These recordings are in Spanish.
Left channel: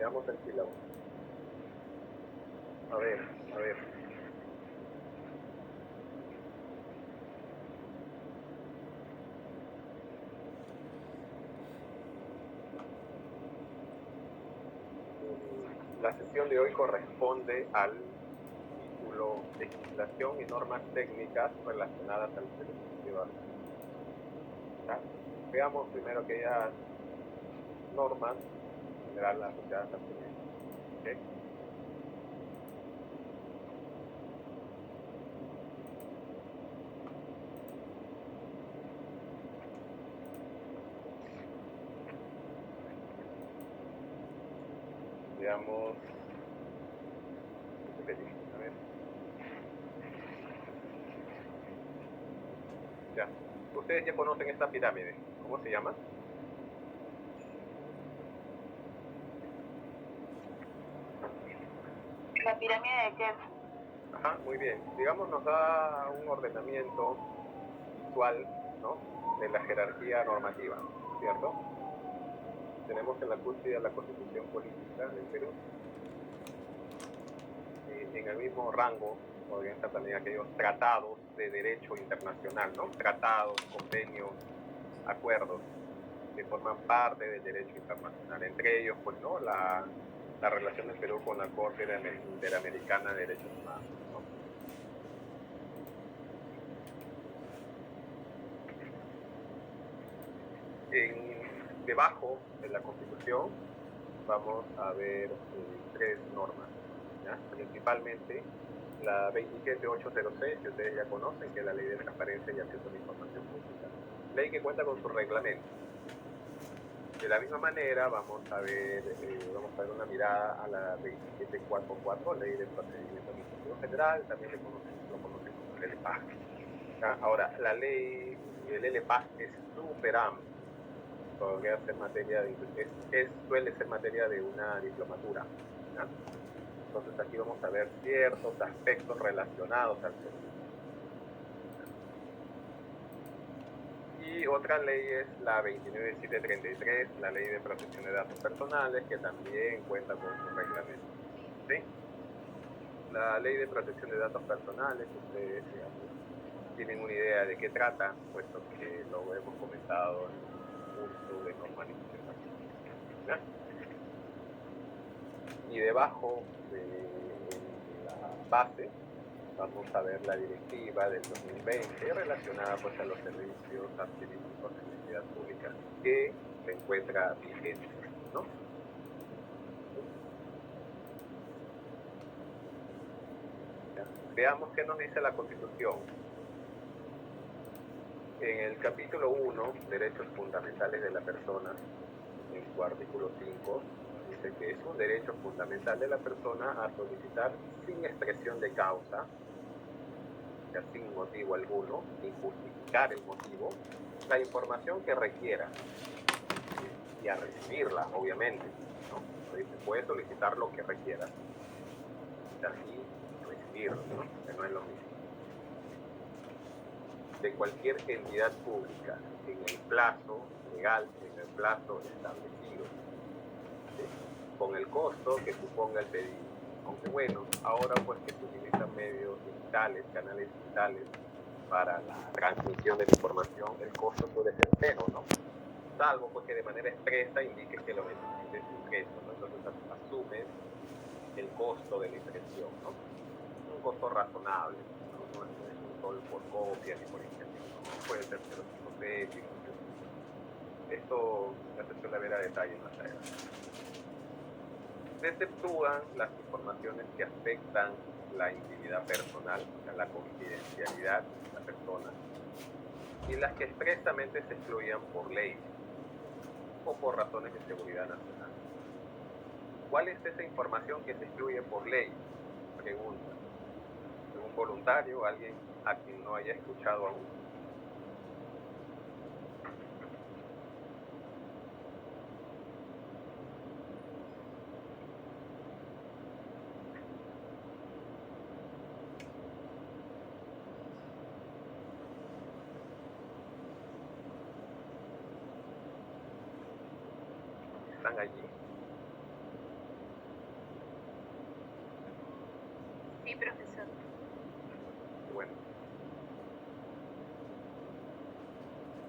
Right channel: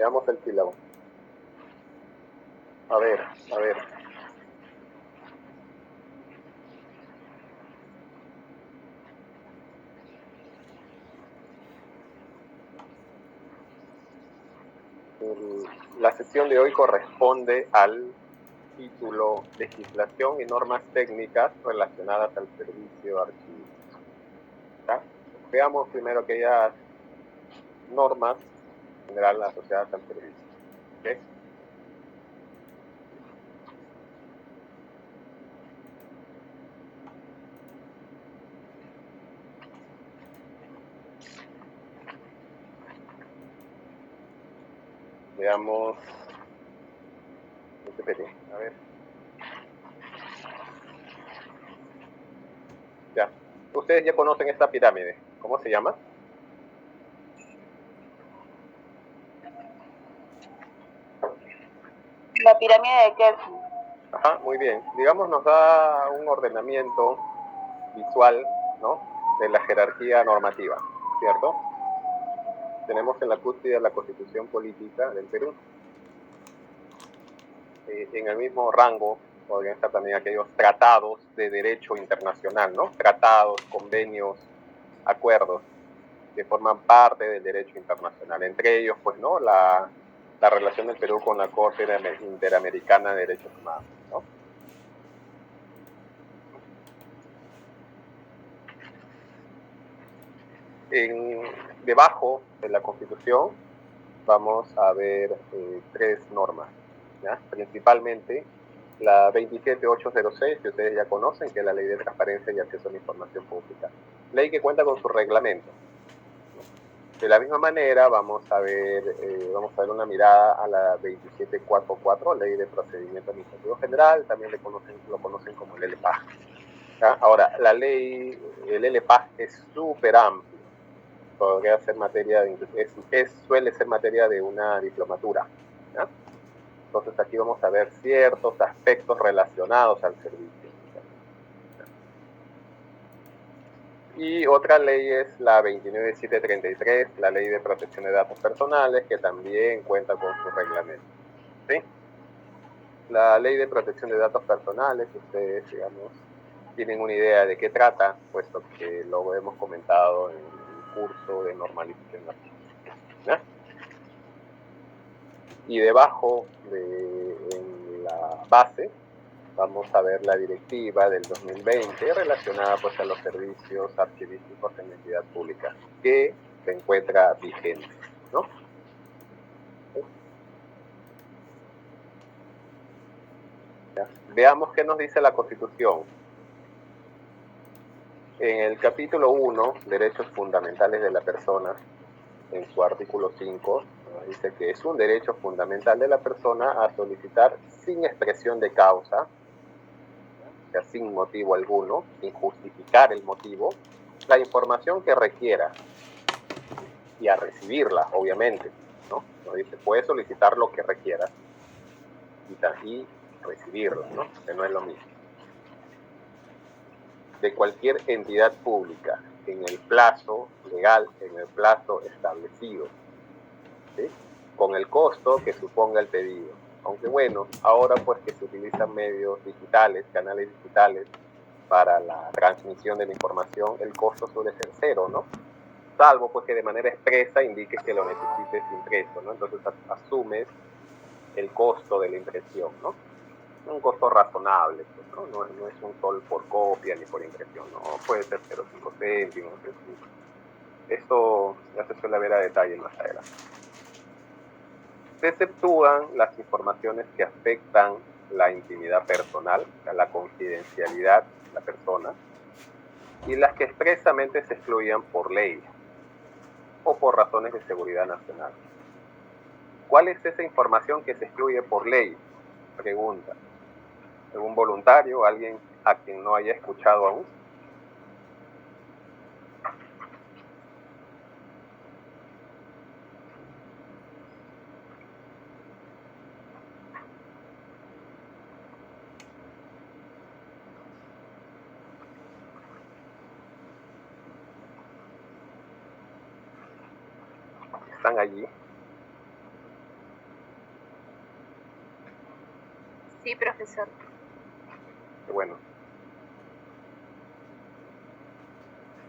Veamos el sílabo. A ver. La sesión de hoy corresponde al título Legislación y normas técnicas relacionadas al servicio de archivos. ¿Ya? Veamos primero aquellas normas en general asociadas al servicio. ¿Okay? Veamos. A ver. Ya. Ustedes ya conocen esta pirámide. ¿Cómo se llama? La pirámide de Keops. Ajá, muy bien. Digamos, nos da un ordenamiento visual, ¿no?, de la jerarquía normativa, ¿cierto? Tenemos en la cúspide la Constitución Política del Perú. En el mismo rango podrían estar también aquellos tratados de derecho internacional, ¿no? Tratados, convenios, acuerdos que forman parte del derecho internacional. Entre ellos, pues, ¿no?, la relación del Perú con la Corte Interamericana de Derechos Humanos, ¿no? Debajo de la Constitución vamos a ver tres normas, ¿ya? Principalmente la 27806, que ustedes ya conocen, que es la Ley de Transparencia y Acceso a la Información Pública. Ley que cuenta con su reglamento. De la misma manera vamos a ver una mirada a la 27444, Ley de Procedimiento Administrativo General, también lo conocen como el LPAG. ¿Ya? Ahora, la ley, el LPAG es súper amplio. Podría ser materia suele ser materia de una diplomatura, ¿ya? Entonces aquí vamos a ver ciertos aspectos relacionados al servicio. Y otra ley es la 29733, la Ley de Protección de Datos Personales, que también cuenta con su reglamento, ¿sí? La Ley de Protección de Datos Personales, ustedes, digamos, tienen una idea de qué trata, puesto que lo hemos comentado en el curso de normalización de archivos, ¿ya? Y debajo de la base vamos a ver la directiva del 2020 relacionada, pues, a los servicios archivísticos en la entidad pública, que se encuentra vigente, ¿no? ¿Ya? Veamos qué nos dice la Constitución. En el capítulo 1, Derechos Fundamentales de la Persona, en su artículo 5, dice que es un derecho fundamental de la persona a solicitar sin expresión de causa, o sea, sin motivo alguno, sin justificar el motivo, la información que requiera, y a recibirla, obviamente, ¿no? Como dice, puede solicitar lo que requiera y recibirlo, ¿no? Que no es lo mismo. De cualquier entidad pública, en el plazo legal, en el plazo establecido, ¿sí?, con el costo que suponga el pedido. Aunque bueno, ahora pues que se utilizan medios digitales, canales digitales para la transmisión de la información, el costo suele ser cero, ¿no? Salvo pues que de manera expresa indiques que lo necesites impreso, ¿no? Entonces asumes el costo de la impresión, ¿no? Un costo razonable, ¿no? No es un sol por copia ni por impresión, ¿no? Puede ser 0,5 céntimos. Esto ya se suele ver a detalle más adelante. Se exceptúan las informaciones que afectan la intimidad personal, la confidencialidad de la persona, y las que expresamente se excluyan por ley o por razones de seguridad nacional. ¿Cuál es esa información que se excluye por ley? Pregunta. ¿Algún voluntario, alguien a quien no haya escuchado aún? ¿Están allí? Sí, profesor. Bueno,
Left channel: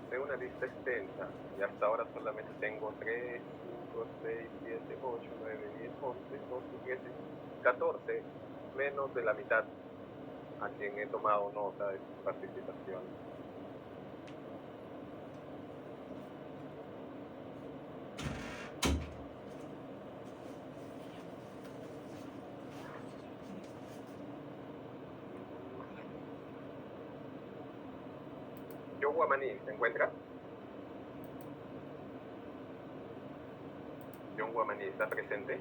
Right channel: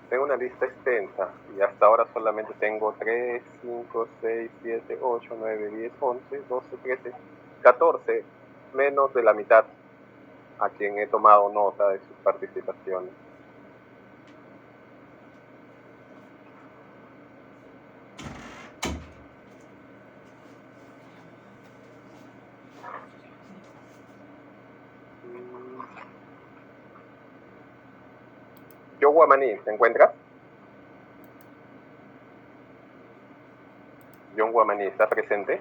tengo una lista extensa y hasta ahora solamente tengo 3, 5, 6, 7, 8, 9, 10, 11, 12, 13, 14, menos de la mitad a quien he tomado nota de sus participaciones. Yo Guamaní, ¿se encuentra? John Guamaní, ¿está presente?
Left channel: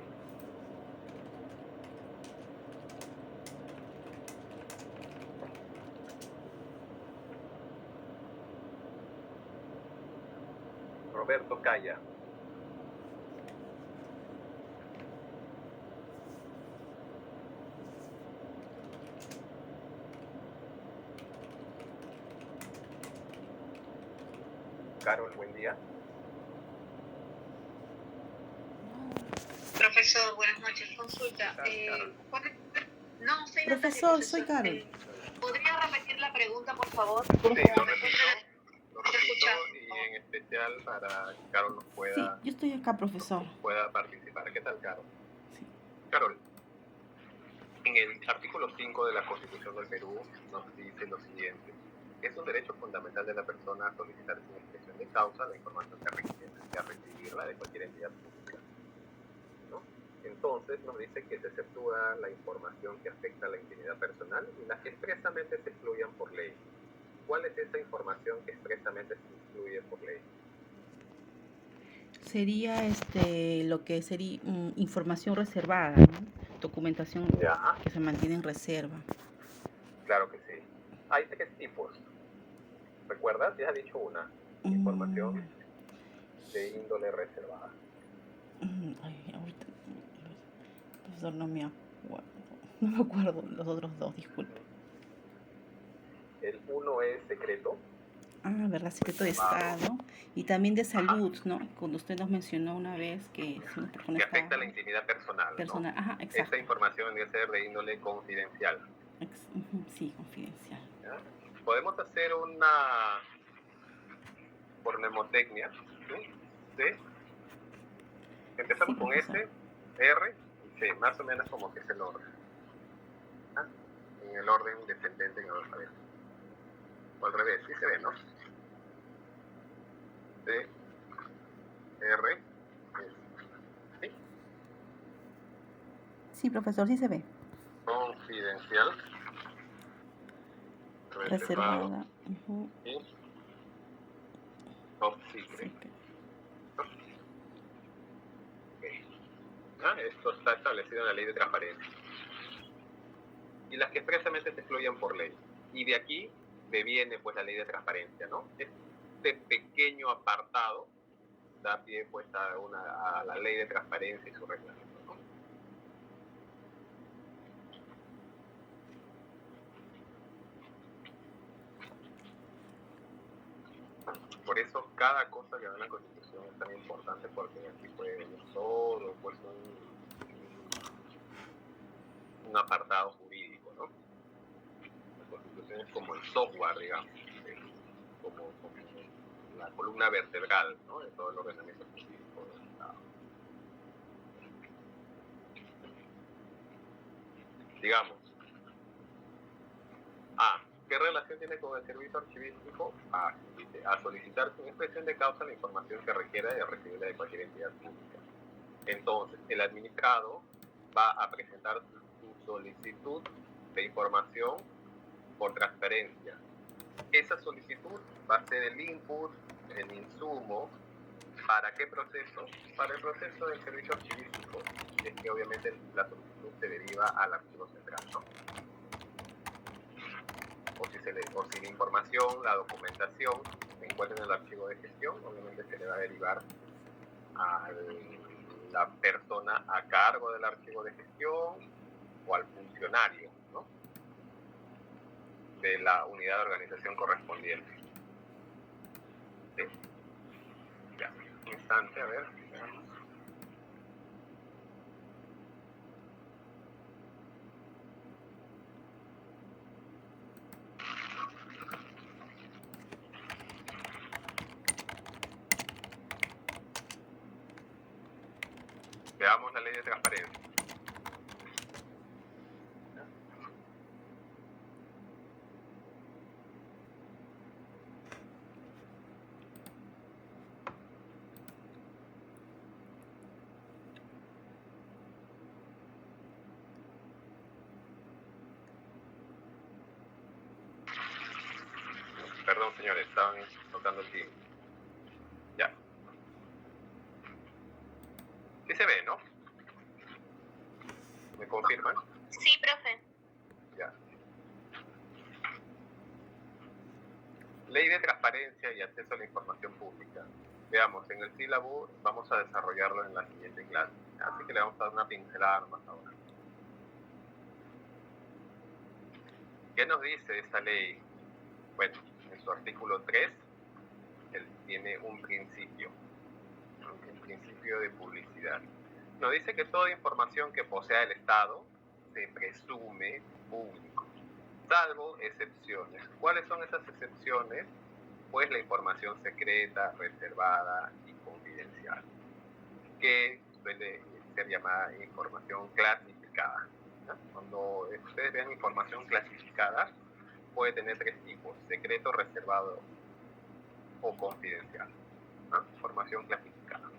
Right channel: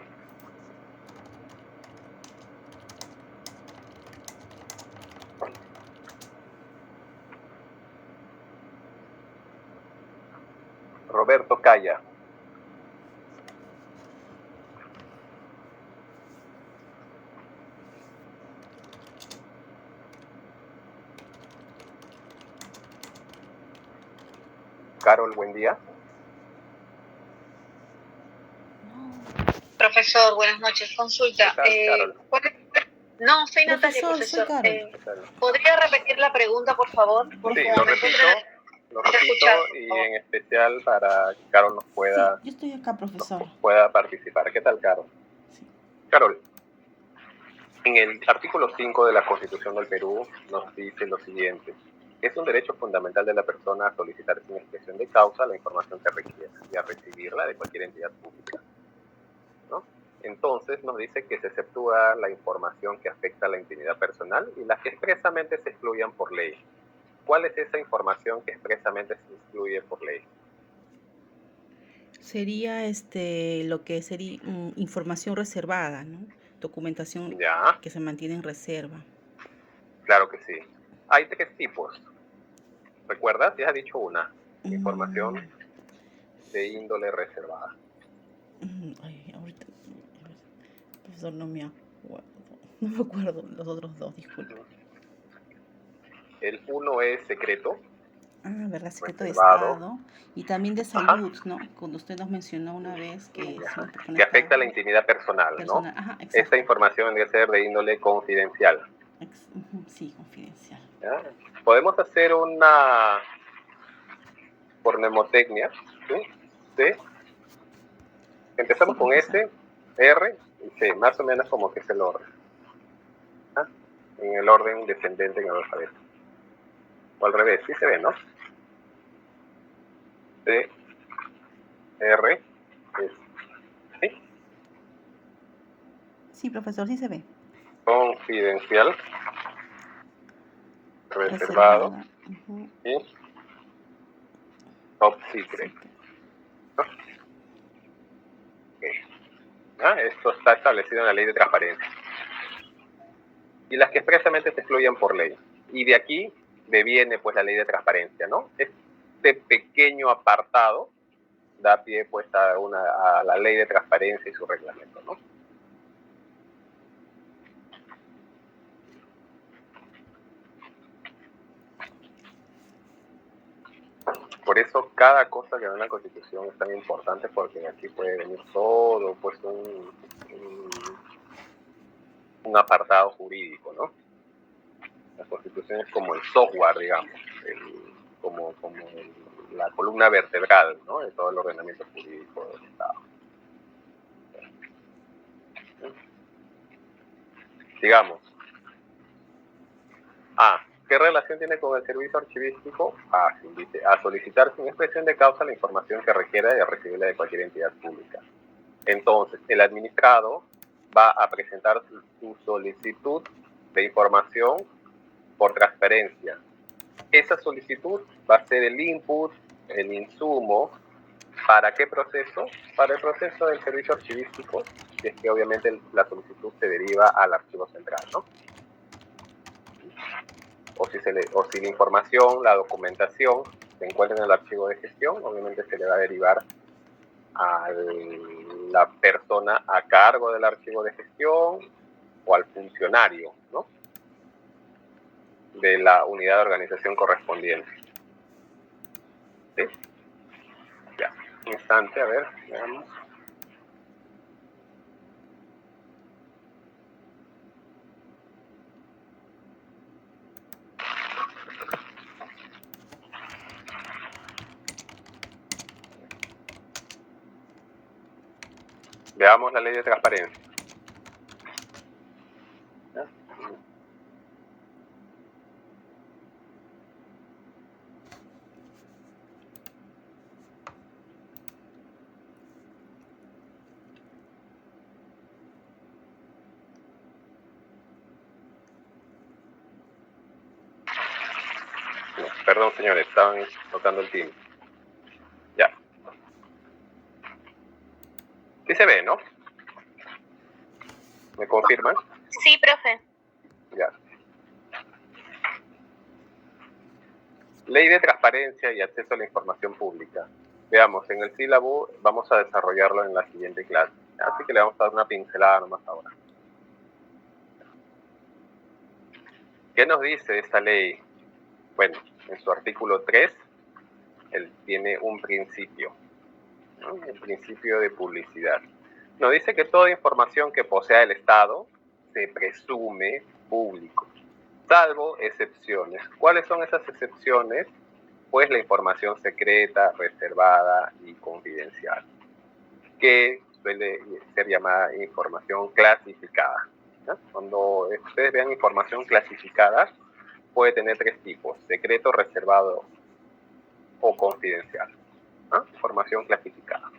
Roberto Calla. Carol, buen día. Profesor, buenas noches. Consulta. ¿Qué tal, Carol? No, soy Natalia, Profesor, soy profesor. Carol. ¿Podría repetir la pregunta, por favor? Sí, Como lo me repito, encuentro escuchar, por y favor. en especial para que Carol nos Sí, pueda, yo estoy acá, profesor. pueda participar. ¿Qué tal, Carol? Sí. Carol, en el artículo 5 de la Constitución del Perú nos dice lo siguiente: es un derecho fundamental de la persona a solicitar sin expresión de causa la información que requiera y a recibirla de cualquier entidad pública, ¿no? Entonces nos dice que se exceptúa la información que afecta a la intimidad personal y las que expresamente se excluyan por ley. ¿Cuál es esa información que expresamente se excluye por ley? Sería lo que sería información reservada, ¿no? Documentación Ya, que se mantiene en reserva. claro que sí. Hay 3 tipos. ¿Recuerdas? Ya has dicho una. Información de índole reservada. Ay, ahorita, profesor, no me acuerdo. No me acuerdo los otros dos, disculpe. El 1 es secreto, Ah, ¿verdad? Secreto de reservado. Estado. Y también de Ajá. salud, ¿no? Cuando usted nos mencionó una vez que si una persona Que está afecta a la intimidad personal, personal. ¿no? Ajá, Esta exacto. información debe ser de índole confidencial. Sí, confidencial. ¿Ya? Podemos hacer una por mnemotecnia, ¿sí? ¿Sí? Empezamos Sí, con profesor. S, R y C, más o menos como que es el orden. ¿Ah? En el orden descendente en el alfabeto. O al revés, sí se ve, ¿no? C, R, S. ¿Sí? Sí, profesor, sí se ve. Confidencial, reservado Reservada. y top secret. Sí. ¿No? Okay. Esto está establecido en la ley de transparencia. Y las que expresamente se excluyen por ley. Y de aquí deviene pues la ley de transparencia, ¿no? Este pequeño apartado da pie pues a la ley de transparencia y su reglamento, ¿no? Por eso cada cosa que va en la Constitución es tan importante, porque aquí puede venir todo pues un apartado jurídico, ¿no? La Constitución es como el software, digamos, como la columna vertebral, ¿no? De todo el ordenamiento jurídico del Estado. Digamos, ¿qué relación tiene con el servicio archivístico? Fácil, dice, a solicitar sin expresión de causa la información que requiera y a recibirla de cualquier entidad pública. Entonces, el administrado va a presentar su solicitud de información por transferencia. Esa solicitud va a ser el input, el insumo. ¿Para qué proceso? Para el proceso del servicio archivístico, y es que obviamente la solicitud se deriva al archivo central, ¿no? O si la información, la documentación se encuentra en el archivo de gestión, obviamente se le va a derivar a la persona a cargo del archivo de gestión o al funcionario, ¿no? De la unidad de organización correspondiente. ¿Sí? Ya, un instante, a ver, veamos. Veamos la ley de transparencia. ¿Ya? Perdón, señores, estaban tocando el timbre. Ya. Sí se ve, ¿no? ¿Me confirman? Sí, profe. Ya. Ley de transparencia y acceso a la información pública. Veamos, en el sílabo vamos a desarrollarlo en la siguiente clase. Así que le vamos a dar una pincelada nomás ahora. ¿Qué nos dice esta ley? Bueno, en su artículo 3, él tiene un principio, ¿no? El principio de publicidad. Nos dice que toda información que posea el Estado se presume público, salvo excepciones. ¿Cuáles son esas excepciones? Pues la información secreta, reservada y confidencial, que suele ser llamada información clasificada, ¿no? Cuando ustedes vean información clasificada, puede tener tres tipos: secreto, reservado o confidencial, ¿no? Información clasificada.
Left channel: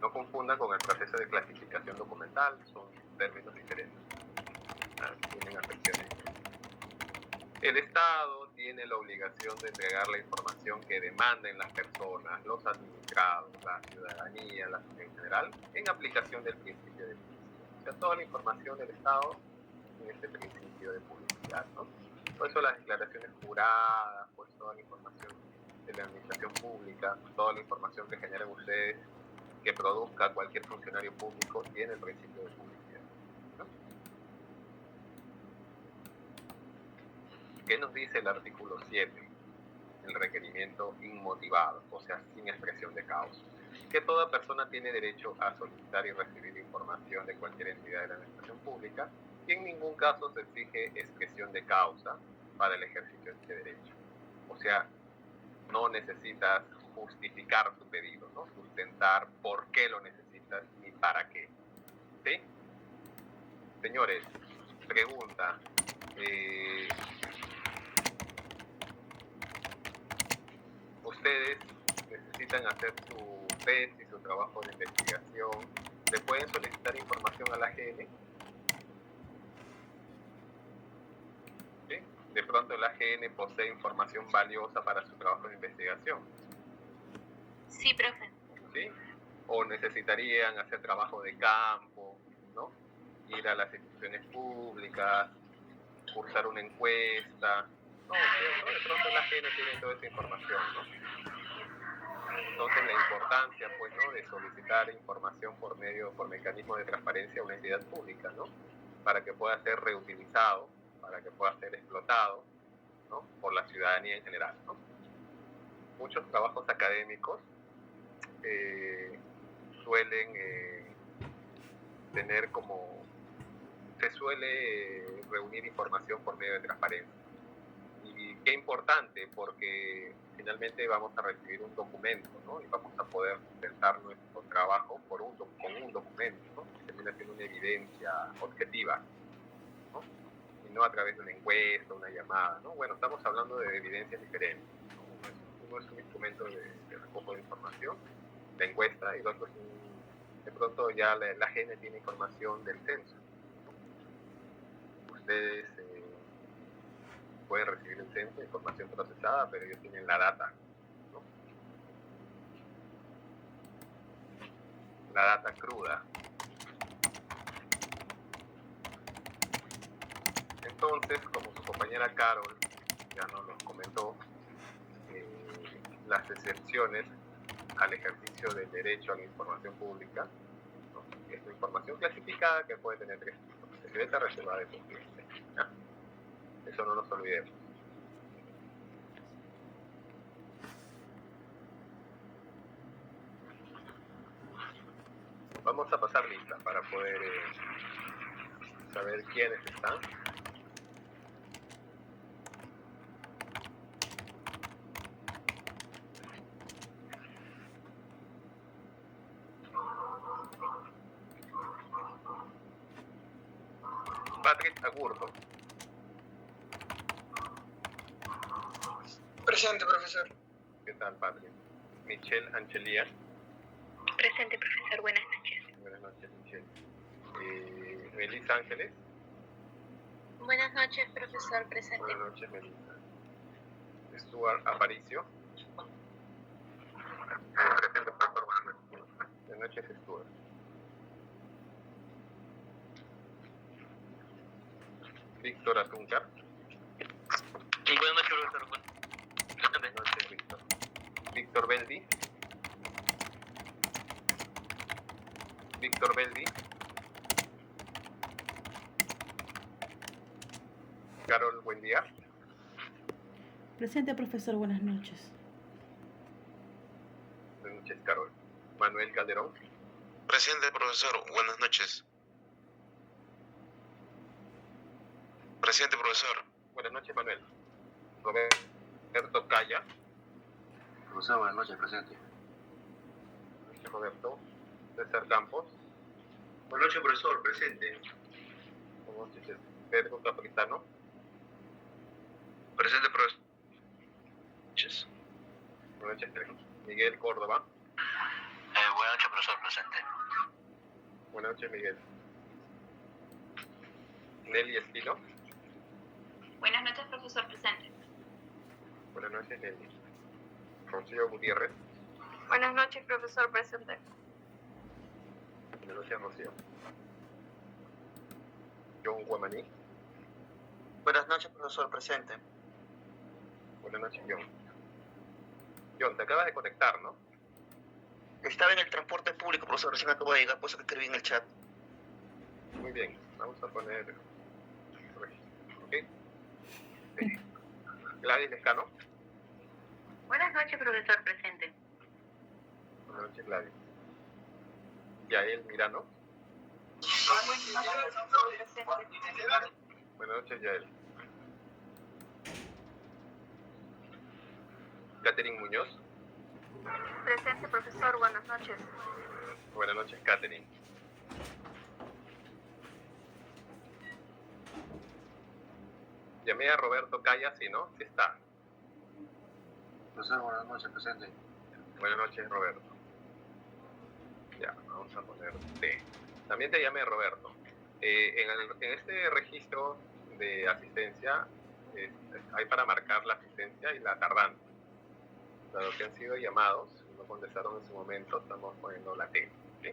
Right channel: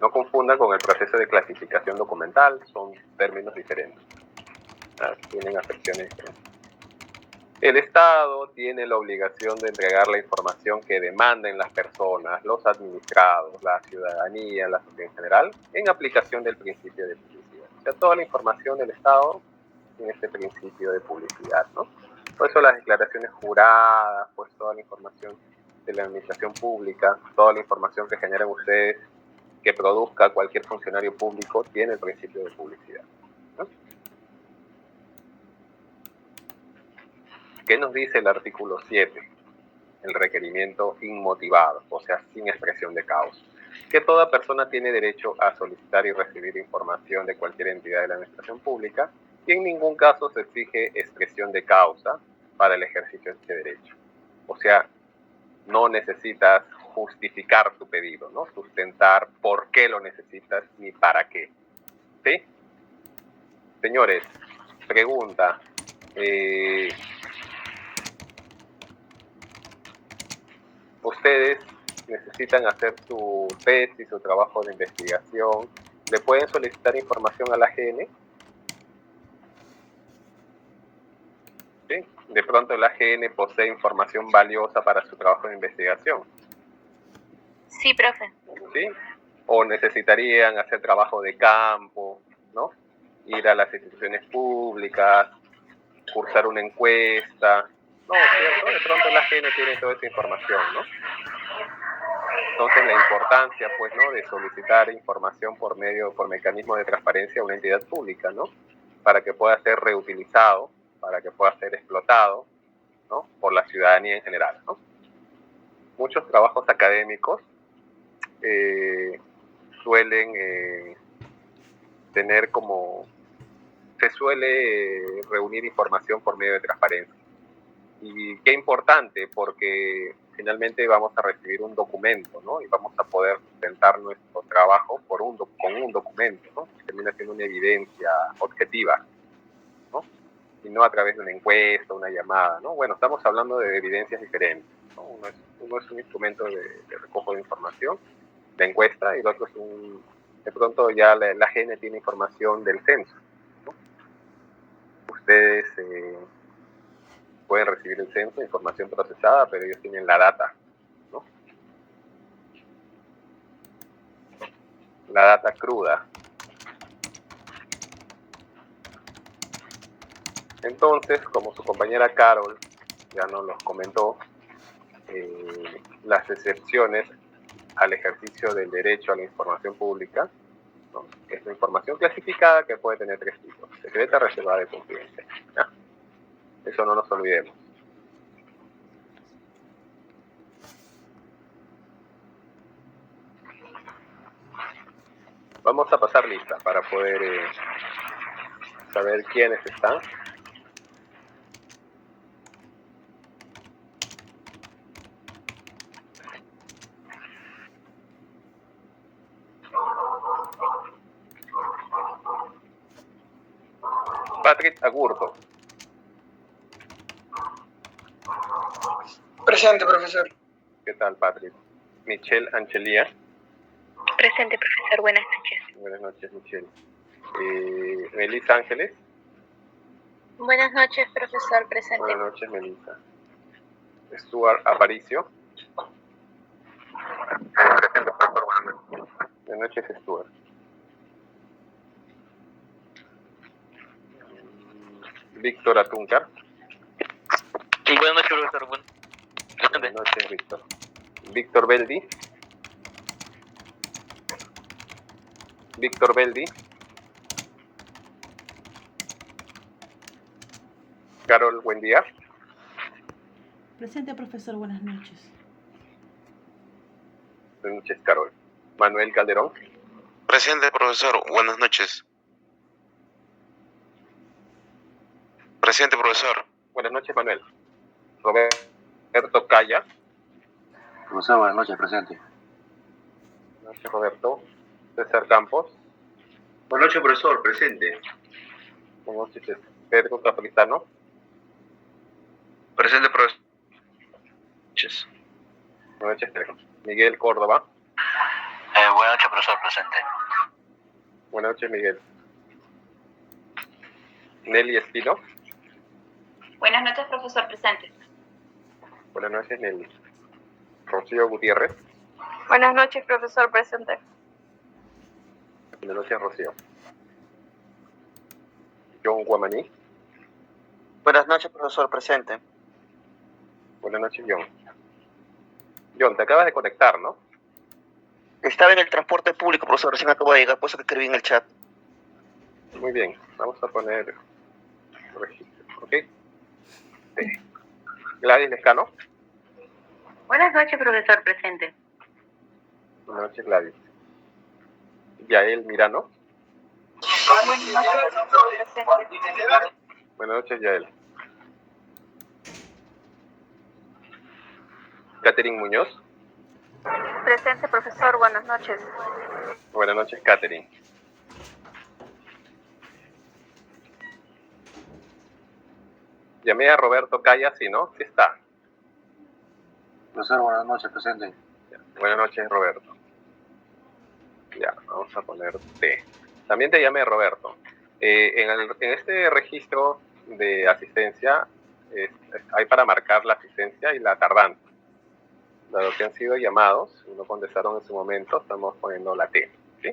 No confundan con el proceso de clasificación documental, son términos diferentes, ¿no? Tienen acepciones diferentes. El Estado tiene la obligación de entregar la información que demanden las personas, los administrados, la ciudadanía, la sociedad en general, en aplicación del principio de publicidad. O sea, toda la información del Estado tiene este principio de publicidad, ¿no? Por eso las declaraciones juradas, pues toda la información de la administración pública, toda la información que generen ustedes, que produzca cualquier funcionario público, tiene el principio de publicidad, ¿no? ¿Qué nos dice el artículo 7? El requerimiento inmotivado, o sea, sin expresión de causa. Que toda persona tiene derecho a solicitar y recibir información de cualquier entidad de la administración pública y en ningún caso se exige expresión de causa para el ejercicio de este derecho. O sea, no necesitas justificar tu pedido, ¿no? Sustentar por qué lo necesitas ni para qué. ¿Sí? Señores, pregunta. Ustedes necesitan hacer su tesis, su trabajo de investigación, ¿le pueden solicitar información a la AGN? ¿Sí? De pronto la AGN posee información valiosa para su trabajo de investigación. Sí, profe. ¿Sí? O necesitarían hacer trabajo de campo, ¿no? Ir a las instituciones públicas, cursar una encuesta. No, ¿cierto? De pronto la AGN tiene toda esa información, ¿no? Entonces la importancia, pues, ¿no?, de solicitar información por mecanismo de transparencia a una entidad pública, ¿no? Para que pueda ser reutilizado, para que pueda ser explotado, ¿no?, por la ciudadanía en general, ¿no? Muchos trabajos académicos suelen tener como, se suele reunir información por medio de transparencia. Y qué importante, porque finalmente vamos a recibir un documento, ¿no? Y vamos a poder sustentar nuestro trabajo con un documento, ¿no? Que termina siendo una evidencia objetiva, ¿no? Y no a través de una encuesta, una llamada, ¿no? Bueno, estamos hablando de evidencias diferentes, ¿no? Uno es un instrumento de recojo de información, la encuesta, y el otro es de pronto ya la AGN tiene información del censo, ¿no? Ustedes pueden recibir el censo, información procesada, pero ellos tienen la data, ¿no? La data cruda. Entonces, como su compañera Carol ya nos los comentó, las excepciones al ejercicio del derecho a la información pública, ¿no?, es la información clasificada, que puede tener tres tipos: secreta, reservada y confidencial, ¿ya? Eso no nos olvidemos. Vamos a pasar lista para poder saber quiénes están. Presente, profesor. ¿Qué tal, Patrick? Michelle Anchelia. Presente, profesor. Buenas noches. Buenas noches, Michelle. Melissa Ángeles. Buenas noches, profesor. Presente. Buenas noches, Melissa. Stuart Aparicio. Presente, profesor. Buenas noches. Buenas noches, Stuart. Víctor Atuncar. Buenas noches, profesor. Buenas noches, Víctor. Víctor Beldi. Víctor Beldi. Carol, buen día. Presente, profesor. Buenas noches. Buenas noches, Carol. Manuel Calderón. Presente, profesor. Buenas noches. Presente, profesor. Buenas noches, Manuel. Roberto Calla. Profesor, buenas noches, presente. Buenas noches, Roberto. César Campos. Buenas noches, profesor, presente. Buenas noches, Pedro Capolitano. Presente, profesor. Buenas noches, Pedro. Miguel Córdoba. Buenas noches, profesor. Presente. Buenas noches, Miguel. Nelly Espino. Buenas noches, profesor. Presente. Buenas noches, Nelly. Rocío Gutiérrez. Buenas noches, profesor. Presente. Buenas noches, Rocío. John Guamaní. Buenas noches, profesor. Presente. Buenas noches, John. John, te acabas de conectar, ¿no? Estaba en el transporte público, profesor. Recién acabo de llegar, por eso que escribí en el chat. Muy bien. Vamos a poner registro, ¿ok? Sí. Gladys Lescano. Buenas noches, profesor. Presente. Buenas noches, Gladys. Yael Mirano. Buenas noches, Yael. Catherine Muñoz. Presente, profesor. Buenas noches. Buenas noches, Catherine. Llamé a Roberto Calla, ¿sí, no? Sí está. Profesor, buenas noches, presente. Buenas noches, Roberto. Ya, vamos a poner T. También te llamé, Roberto. En este registro de asistencia hay para marcar la asistencia y la tardanza. Dado que han sido llamados y no contestaron en su momento, estamos poniendo la T. ¿Sí?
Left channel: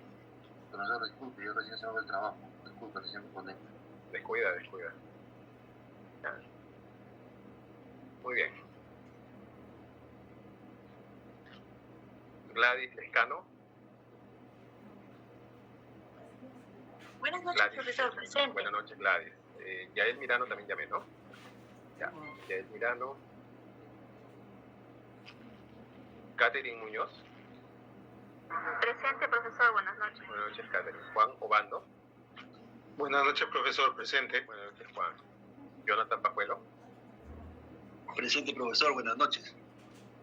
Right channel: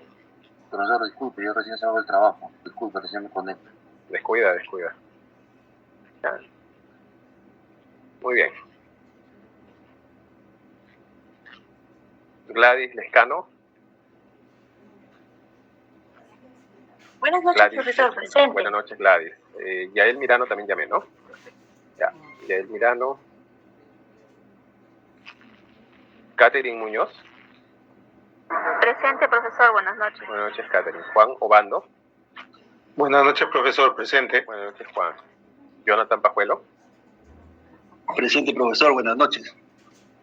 Profesor, disculpe, yo recién salgo del trabajo. Disculpe, recién me conecto. Descuida. Ya. Muy bien. Gladys Lescano. Buenas noches, Gladys, profesor. Presente. Buenas noches, Gladys. Yael Mirano también llamé, ¿no? Ya. Yael Mirano. Catherine Muñoz. Presente, profesor. Buenas noches. Buenas noches, Catherine. Juan Obando. Buenas noches, profesor. Presente. Buenas noches, Juan. Jonathan Pajuelo. Presente, profesor, buenas noches.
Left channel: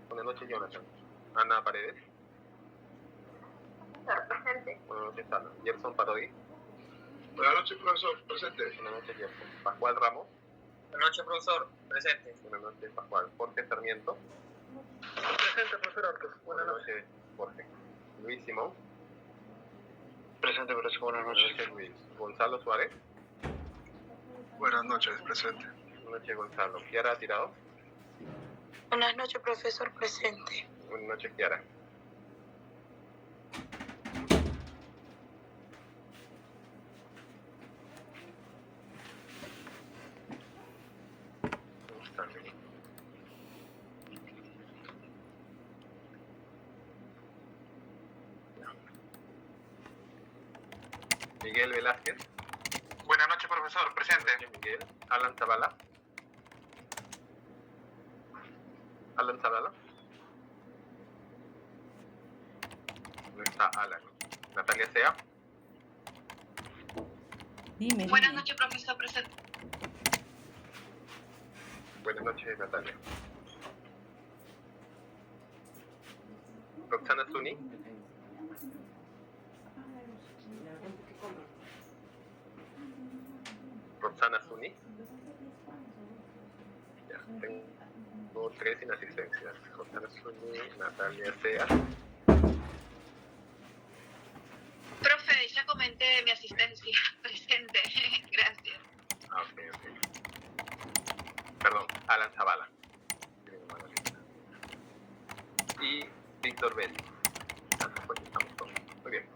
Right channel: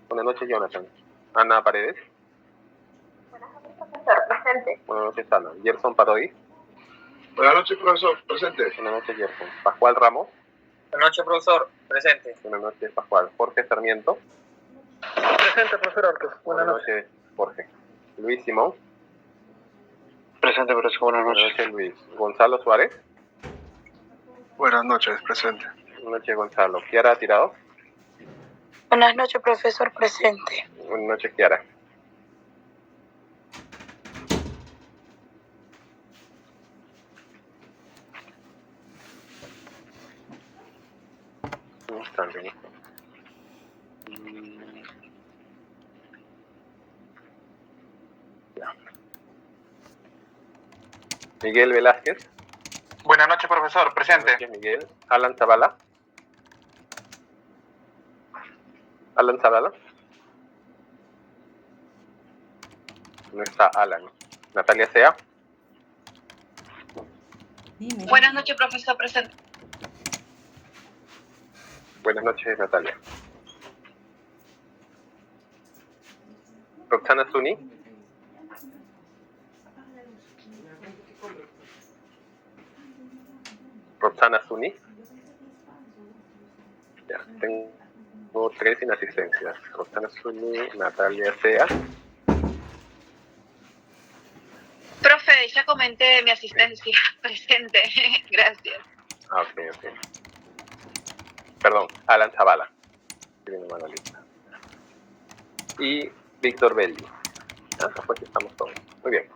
Buenas noches, Jonathan. Ana Paredes. Buenas noches, profesor. Presente. Buenas noches, Ana. Gerson Padoy. Buenas noches, profesor. Presente. Buenas noches, Gerson. Pascual Ramos. Buenas noches, profesor. Presente. Buenas noches, Pascual. Jorge Sarmiento. Presente, profesor Arcos. Buenas noches, Jorge. Luis Simón. Presente, profesor. Buenas Buenas noches, Luis. Gonzalo Suárez. Buenas noches. Presente. Buenas noches, Gonzalo. Kiara Tirado. Buenas noches, profesor. Presente. Buenas noches, Kiara. Un instante, ¿no? Ya. Miguel Velázquez. Buenas noches, profesor. Presente. Buenas noches, Miguel. Alan Zavala. Alan Zavala. No está Alan. Natalia Sea. Dime. Buenas noches, profesor. Presente. Buenas noches, Natalia. Roxana Zuni. Roxana Zuni. Ya, tengo Tengo 3 inasistencias. Rosana Zuni, Natalia Sea. Profe, ya comenté mi asistencia presente. Gracias. Ok. Perdón, Alan Zavala. Tiene mala lista. Y Víctor Belli. Pues estamos todos. Muy bien.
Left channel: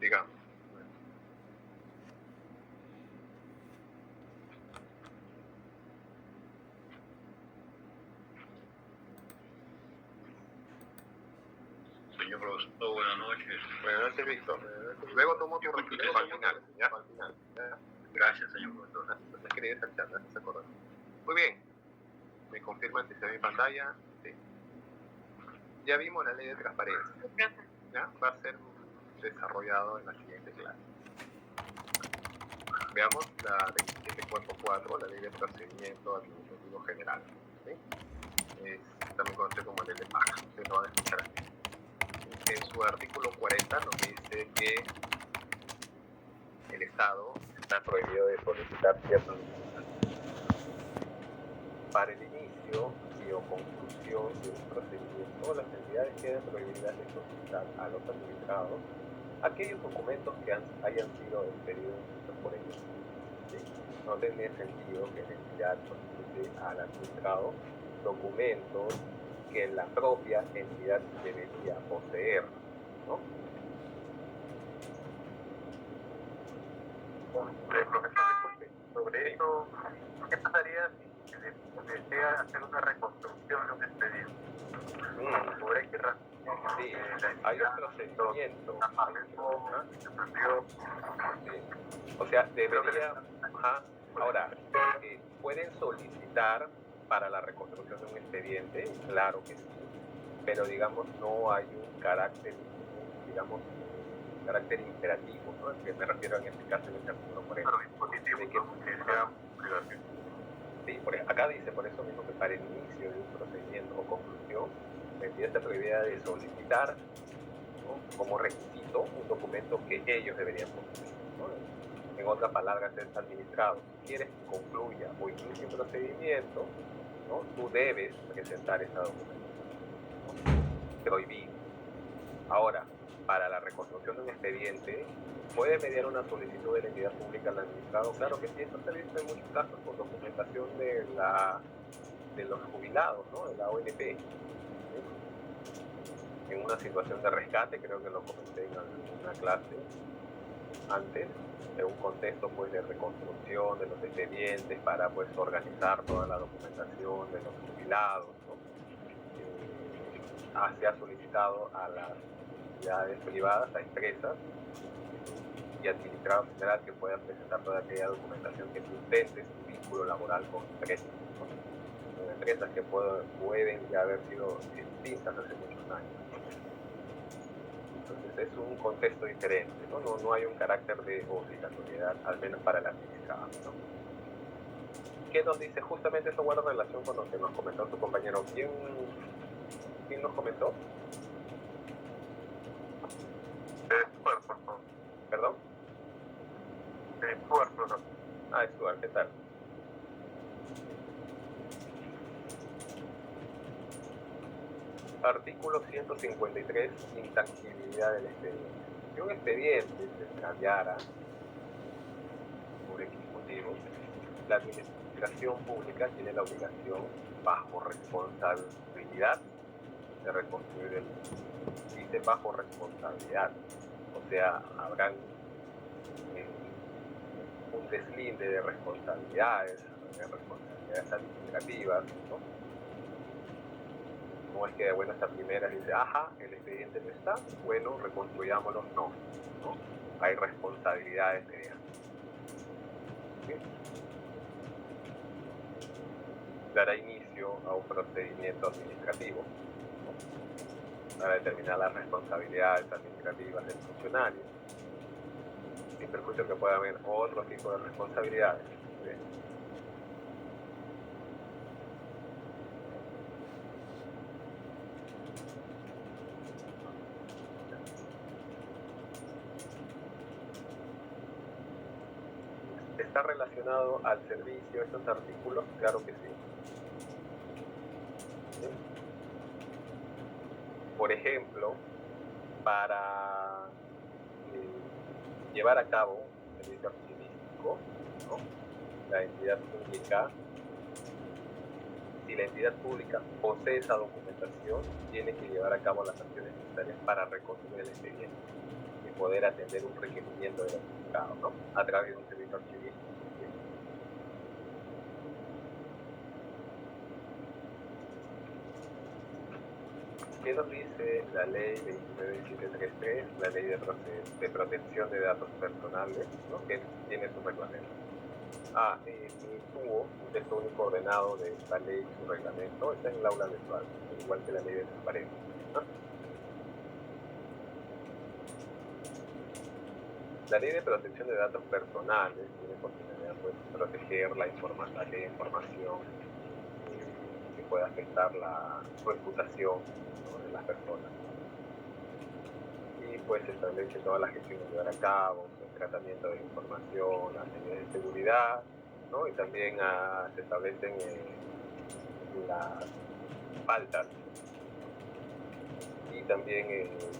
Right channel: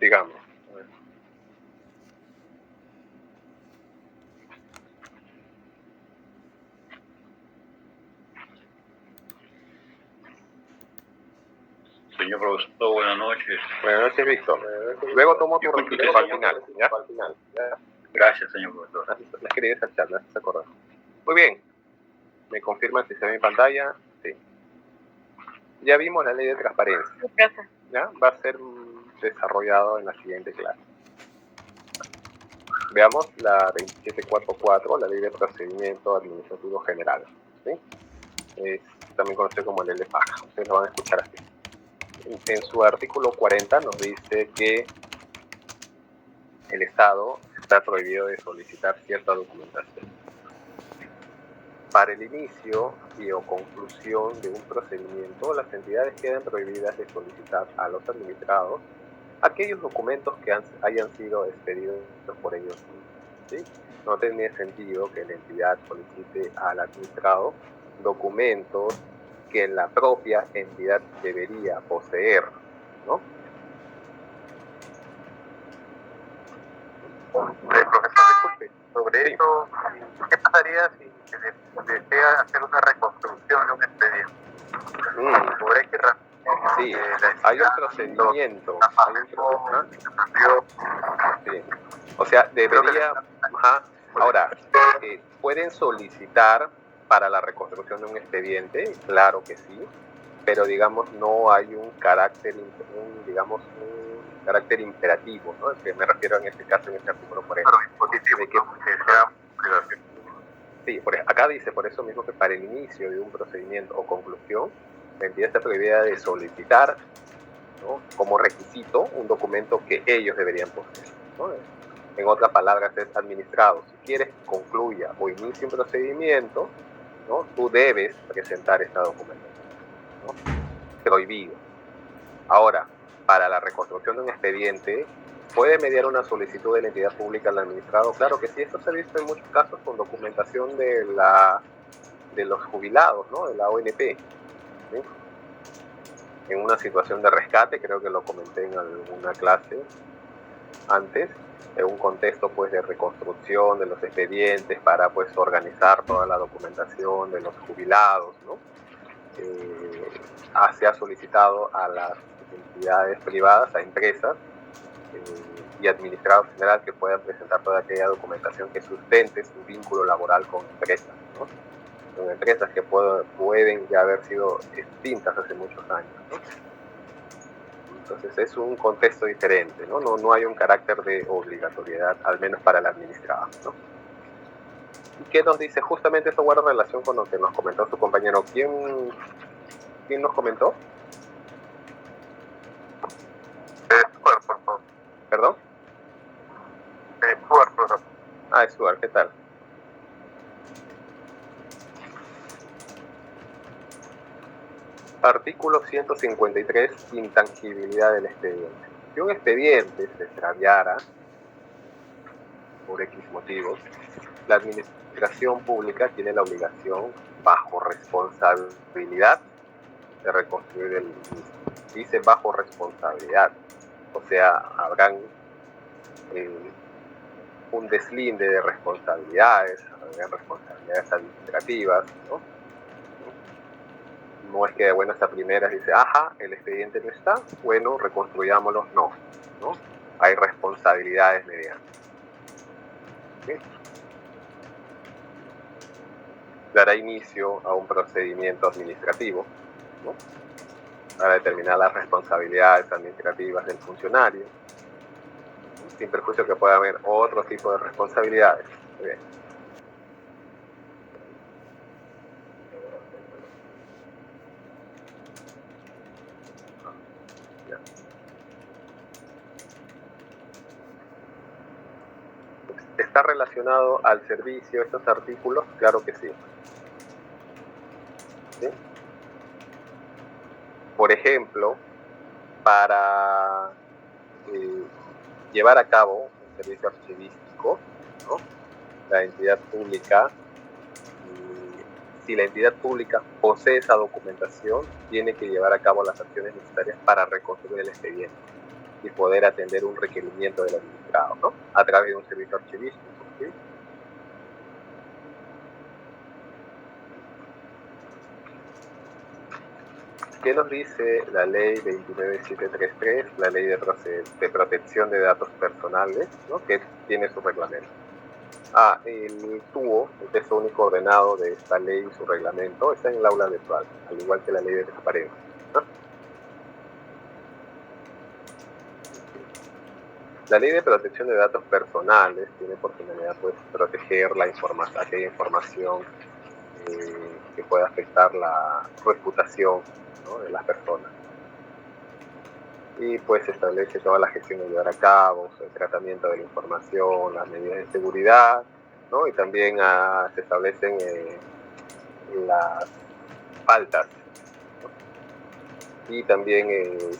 Digamos. Señor profesor, buenas noches. Buenas noches, Víctor. Luego tomo tu registro al final. ¿Ya? Gracias, señor profesor. Las quería desachar, las has acordado. Muy bien. ¿Me confirman si se ve en pantalla? Sí. Ya vimos la ley de transparencia. Gracias. ¿Ya? Va a ser desarrollado en la siguiente clase. Veamos la 2744, la ley de procedimiento administrativo general. ¿Sí? Es también conocido como ley de paga. Ustedes lo van a escuchar así. En su artículo 40 nos dice que el Estado está prohibido de solicitar cierta documentación. Para el inicio y o conclusión de un procedimiento, las entidades quedan prohibidas de solicitar a los administrados aquellos documentos que hayan sido expedidos por ellos mismos, ¿sí? No tiene sentido que la entidad solicite al administrado documentos que la propia entidad debería poseer, ¿no? Profesor, disculpe, sobre eso, ¿qué pasaría si se desea hacer una reconstrucción de un expediente? ¿Sobre qué razón? Sí, hay un procedimiento. Sí. O sea, debería... Ahora, pueden solicitar para la reconstrucción de un expediente, claro que sí, pero digamos no hay un carácter imperativo, ¿no? Que me refiero en este caso, en este artículo, por ejemplo. Sí, acá dice por eso mismo que para el inicio de un procedimiento o conclusión, la entidad está prohibida de solicitar, ¿no?, como requisito un documento que ellos deberían poseer, ¿no? En otras palabras, es administrado. Si quieres que concluya o inicie un procedimiento, ¿no?, tú debes presentar esta documentación, ¿no? Prohibido. Ahora, para la reconstrucción de un expediente, ¿puede mediar una solicitud de la entidad pública al administrado? Claro que sí. Esto se ha visto en muchos casos con documentación de los jubilados, ¿no?, de la ONP, ¿sí? En una situación de rescate, creo que lo comenté en alguna clase antes, en un contexto pues de reconstrucción de los expedientes para pues organizar toda la documentación de los jubilados, ¿no? Se ha solicitado a las entidades privadas, a empresas y administrados en general que puedan presentar toda aquella documentación que sustente su vínculo laboral con empresas, ¿no? Con empresas que pueden ya haber sido extintas hace muchos años, ¿no? Entonces es un contexto diferente, ¿no? No hay un carácter de obligatoriedad, al menos para el administrado, ¿no? ¿Qué nos dice? Justamente eso guarda relación con lo que nos comentó su compañero. ¿Quién nos comentó? Stuart, por favor. ¿Perdón? Stuart, por favor. Stuart, ¿qué tal? Artículo 153, intangibilidad del expediente. Si un expediente se extraviara por X motivos, la administración pública tiene la obligación, bajo responsabilidad, de reconstruir el mismo. Dice bajo responsabilidad, o sea, habrán un deslinde de responsabilidades, habrán responsabilidades administrativas, ¿no? No es que de buenas a primeras dice, el expediente no está, bueno, reconstruyámoslo. No. Hay responsabilidades mediante. ¿Sí? dará inicio a un procedimiento administrativo, ¿no?, para determinar las responsabilidades administrativas del funcionario, sin perjuicio que pueda haber otro tipo de responsabilidades. Muy bien. ¿Está relacionado al servicio estos artículos? Claro que sí. ¿Sí? Por ejemplo, para llevar a cabo un servicio archivístico, ¿no?, la entidad pública, si la entidad pública posee esa documentación, tiene que llevar a cabo las acciones necesarias para reconstruir el expediente y poder atender un requerimiento del administrado, ¿no?, a través de un servicio archivístico. ¿Sí? ¿Qué nos dice la ley 29733, la ley de protección de datos personales, ¿no?, que tiene su reglamento? El TUO, el texto único ordenado de esta ley y su reglamento, está en el aula virtual, al igual que la ley de transparencia, ¿no? La ley de protección de datos personales tiene por finalidad, pues, proteger aquella información que pueda afectar la reputación, ¿no?, de las personas. Y pues establece toda la gestión de llevar a cabo, el tratamiento de la información, las medidas de seguridad, ¿no?, y también se establecen las faltas, ¿no?, y también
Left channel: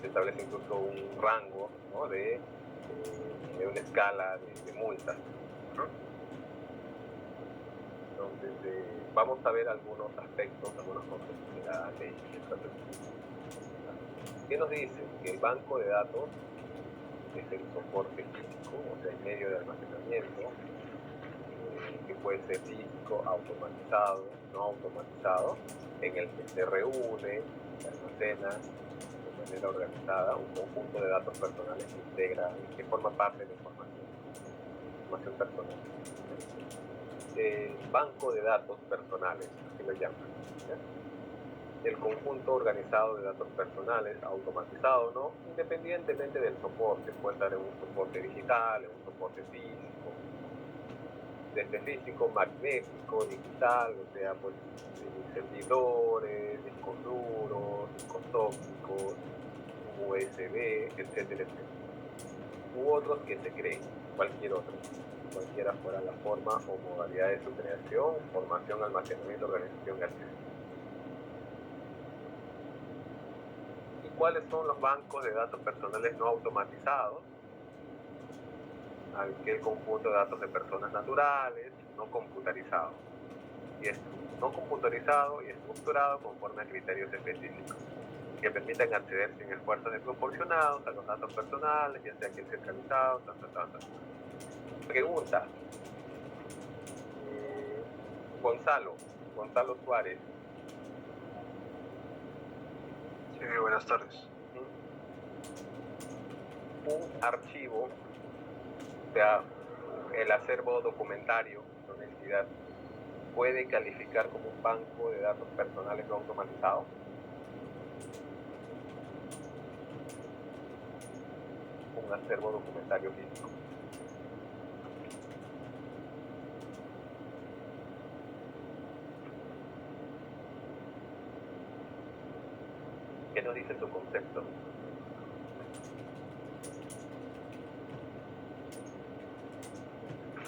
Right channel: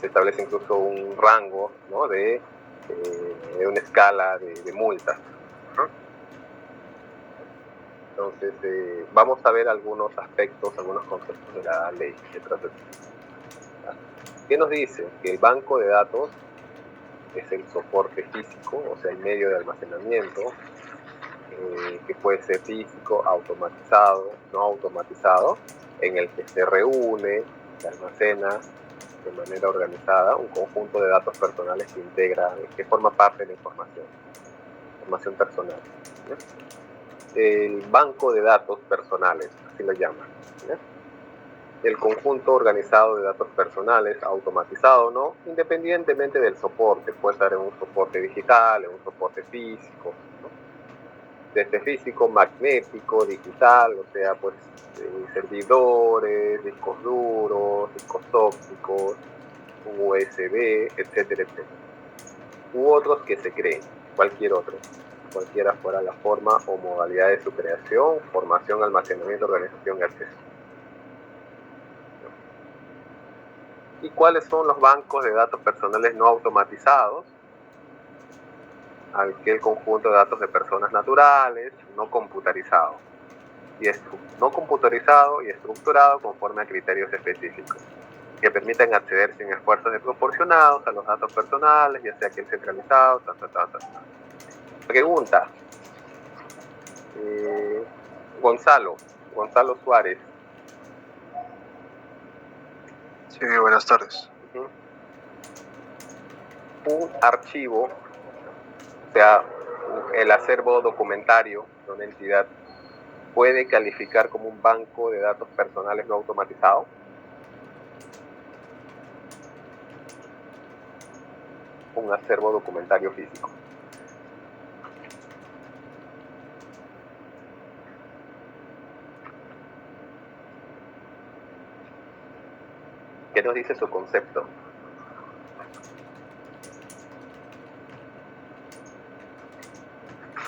se establece incluso un rango, ¿no?, de una escala de multas, ¿no? Entonces, vamos a ver algunos aspectos, algunos conceptos de la ley de protección. ¿Qué nos dice? Que el banco de datos es el soporte físico, o sea, el medio de almacenamiento, que puede ser físico, automatizado, no automatizado, en el que se reúne, se almacena de manera organizada un conjunto de datos personales que forma parte de la información personal, ¿sí? El banco de datos personales, así lo llaman, ¿sí?, el conjunto organizado de datos personales, automatizado o no, independientemente del soporte. Puede estar en un soporte digital, en un soporte físico, ¿no?, desde físico, magnético, digital, o sea, pues servidores, discos duros, discos ópticos, USB, etcétera, etcétera. U otros que se creen, cualquiera fuera la forma o modalidad de su creación, formación, almacenamiento, organización y acceso. ¿Y cuáles son los bancos de datos personales no automatizados? Aquel conjunto de datos de personas naturales, no computarizado. No computarizado y estructurado conforme a criterios específicos, que permitan acceder sin esfuerzos desproporcionados a los datos personales, ya sea que centralizado, Pregunta. Gonzalo Suárez. Sí, buenas tardes. Un archivo, o sea, el acervo documentario de una entidad, ¿puede calificar como un banco de datos personales no automatizado? Un acervo documentario físico. ¿Qué nos dice su concepto?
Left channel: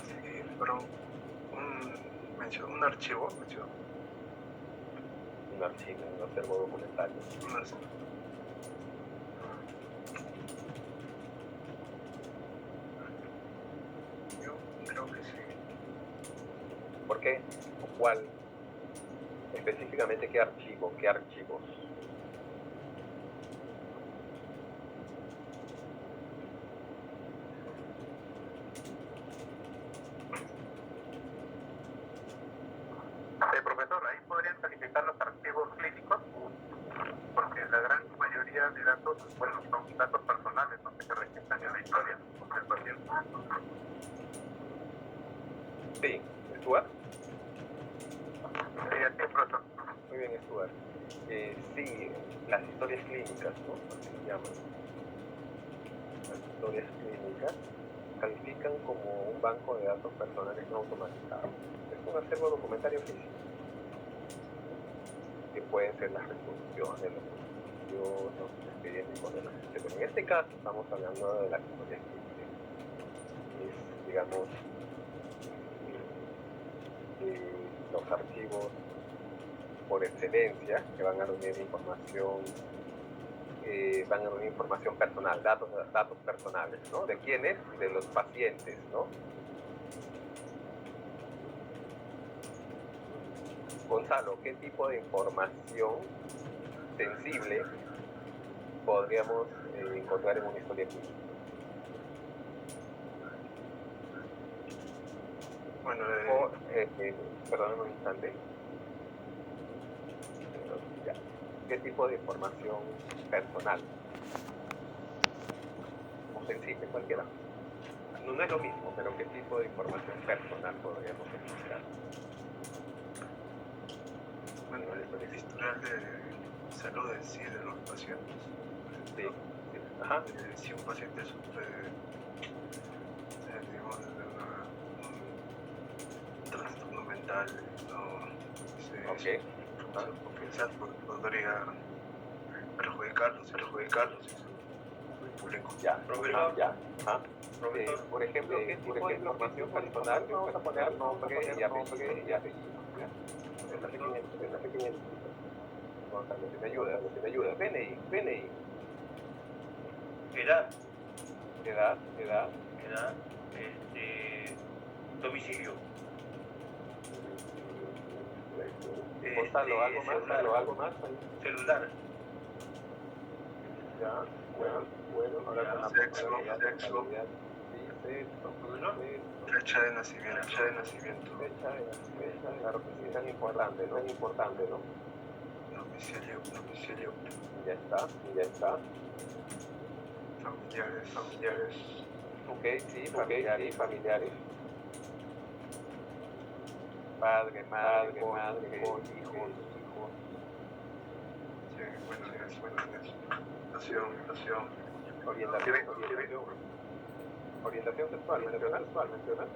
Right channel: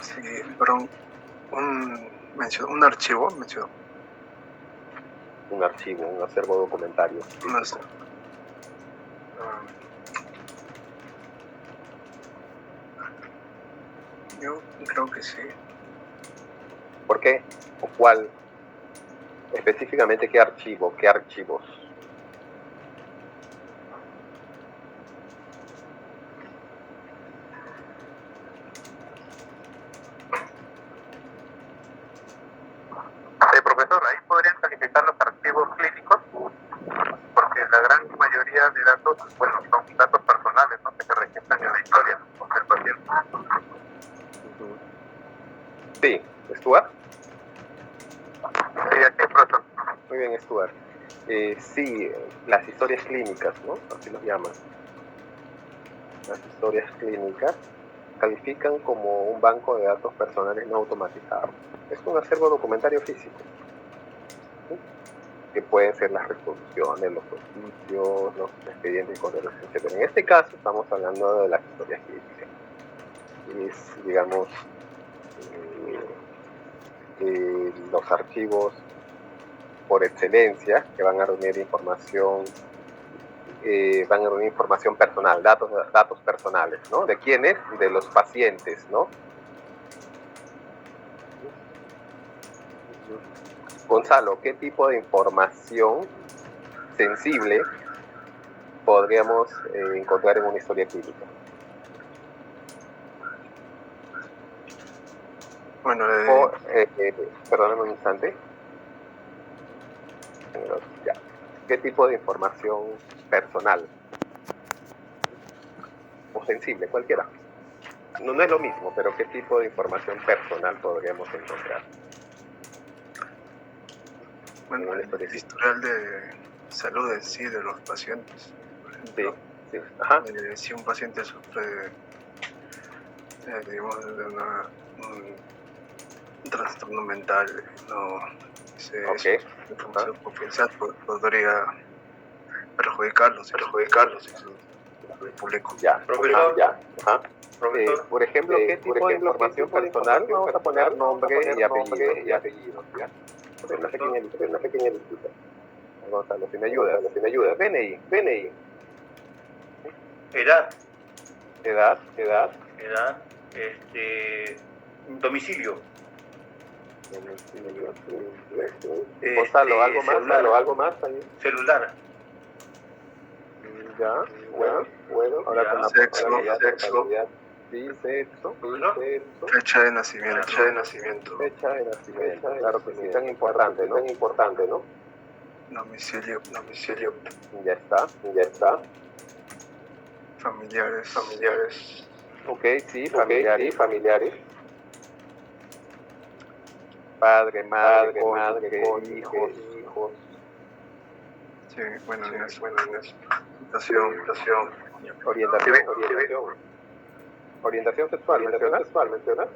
Sí, pero un archivo, mencionó. Un archivo, un acervo documentario. No sé. Yo creo que sí. ¿Por qué? ¿O cuál? Específicamente, ¿qué archivo? ¿Qué archivos? Profesor, ahí podrían calificar los archivos clínicos, porque la gran mayoría de datos, bueno, son datos personales, ¿no?, que se registran en la historia del paciente. Sí, ¿Stuart? muy bien, Stuart. Sí, las historias clínicas, ¿no? Así los llaman. Las historias clínicas califican como un banco de datos personales no automatizados. Es un acervo documentario físico, ¿sí? Que pueden ser las resoluciones, los juicios, los expedientes correos, etc. En este caso estamos hablando de las historias clínicas. Y es, digamos, los archivos por excelencia que van a reunir información personal, datos personales, ¿no? ¿De quiénes? De los pacientes, ¿no? Gonzalo, ¿qué tipo de información sensible podríamos encontrar en una historia clínica? Bueno, perdóname un instante. Ya. ¿Qué tipo de información personal o sensible, cualquiera? No es lo mismo, pero ¿qué tipo de información personal podríamos encontrar? bueno, el historial de salud en sí de los pacientes. Sí, sí. Ajá. Si un paciente sufre, digamos, de un trastorno mental, esa información confidencial podría perjudicarlos en el público. Ya, profesor, ya. Ajá. Por ejemplo, ¿qué tipo de información personal? Vamos a poner nombre y apellido. ¿Ya? Una pequeña disputa. Gonzalo, si me ayudas. DNI. Edad. Domicilio. Gonzalo, ¿algo más? Celular. Ya, bueno. Ahora con la Sexo. Sí, sexo. Fecha de nacimiento. Claro que sí, tan importante, ¿no? Domicilio. Ya está. Familiares. Ok, sí, familiares. Padre, madre, hijos. Sí, bueno, en eso. Orientación. Orientación sexual, ¿mencionas?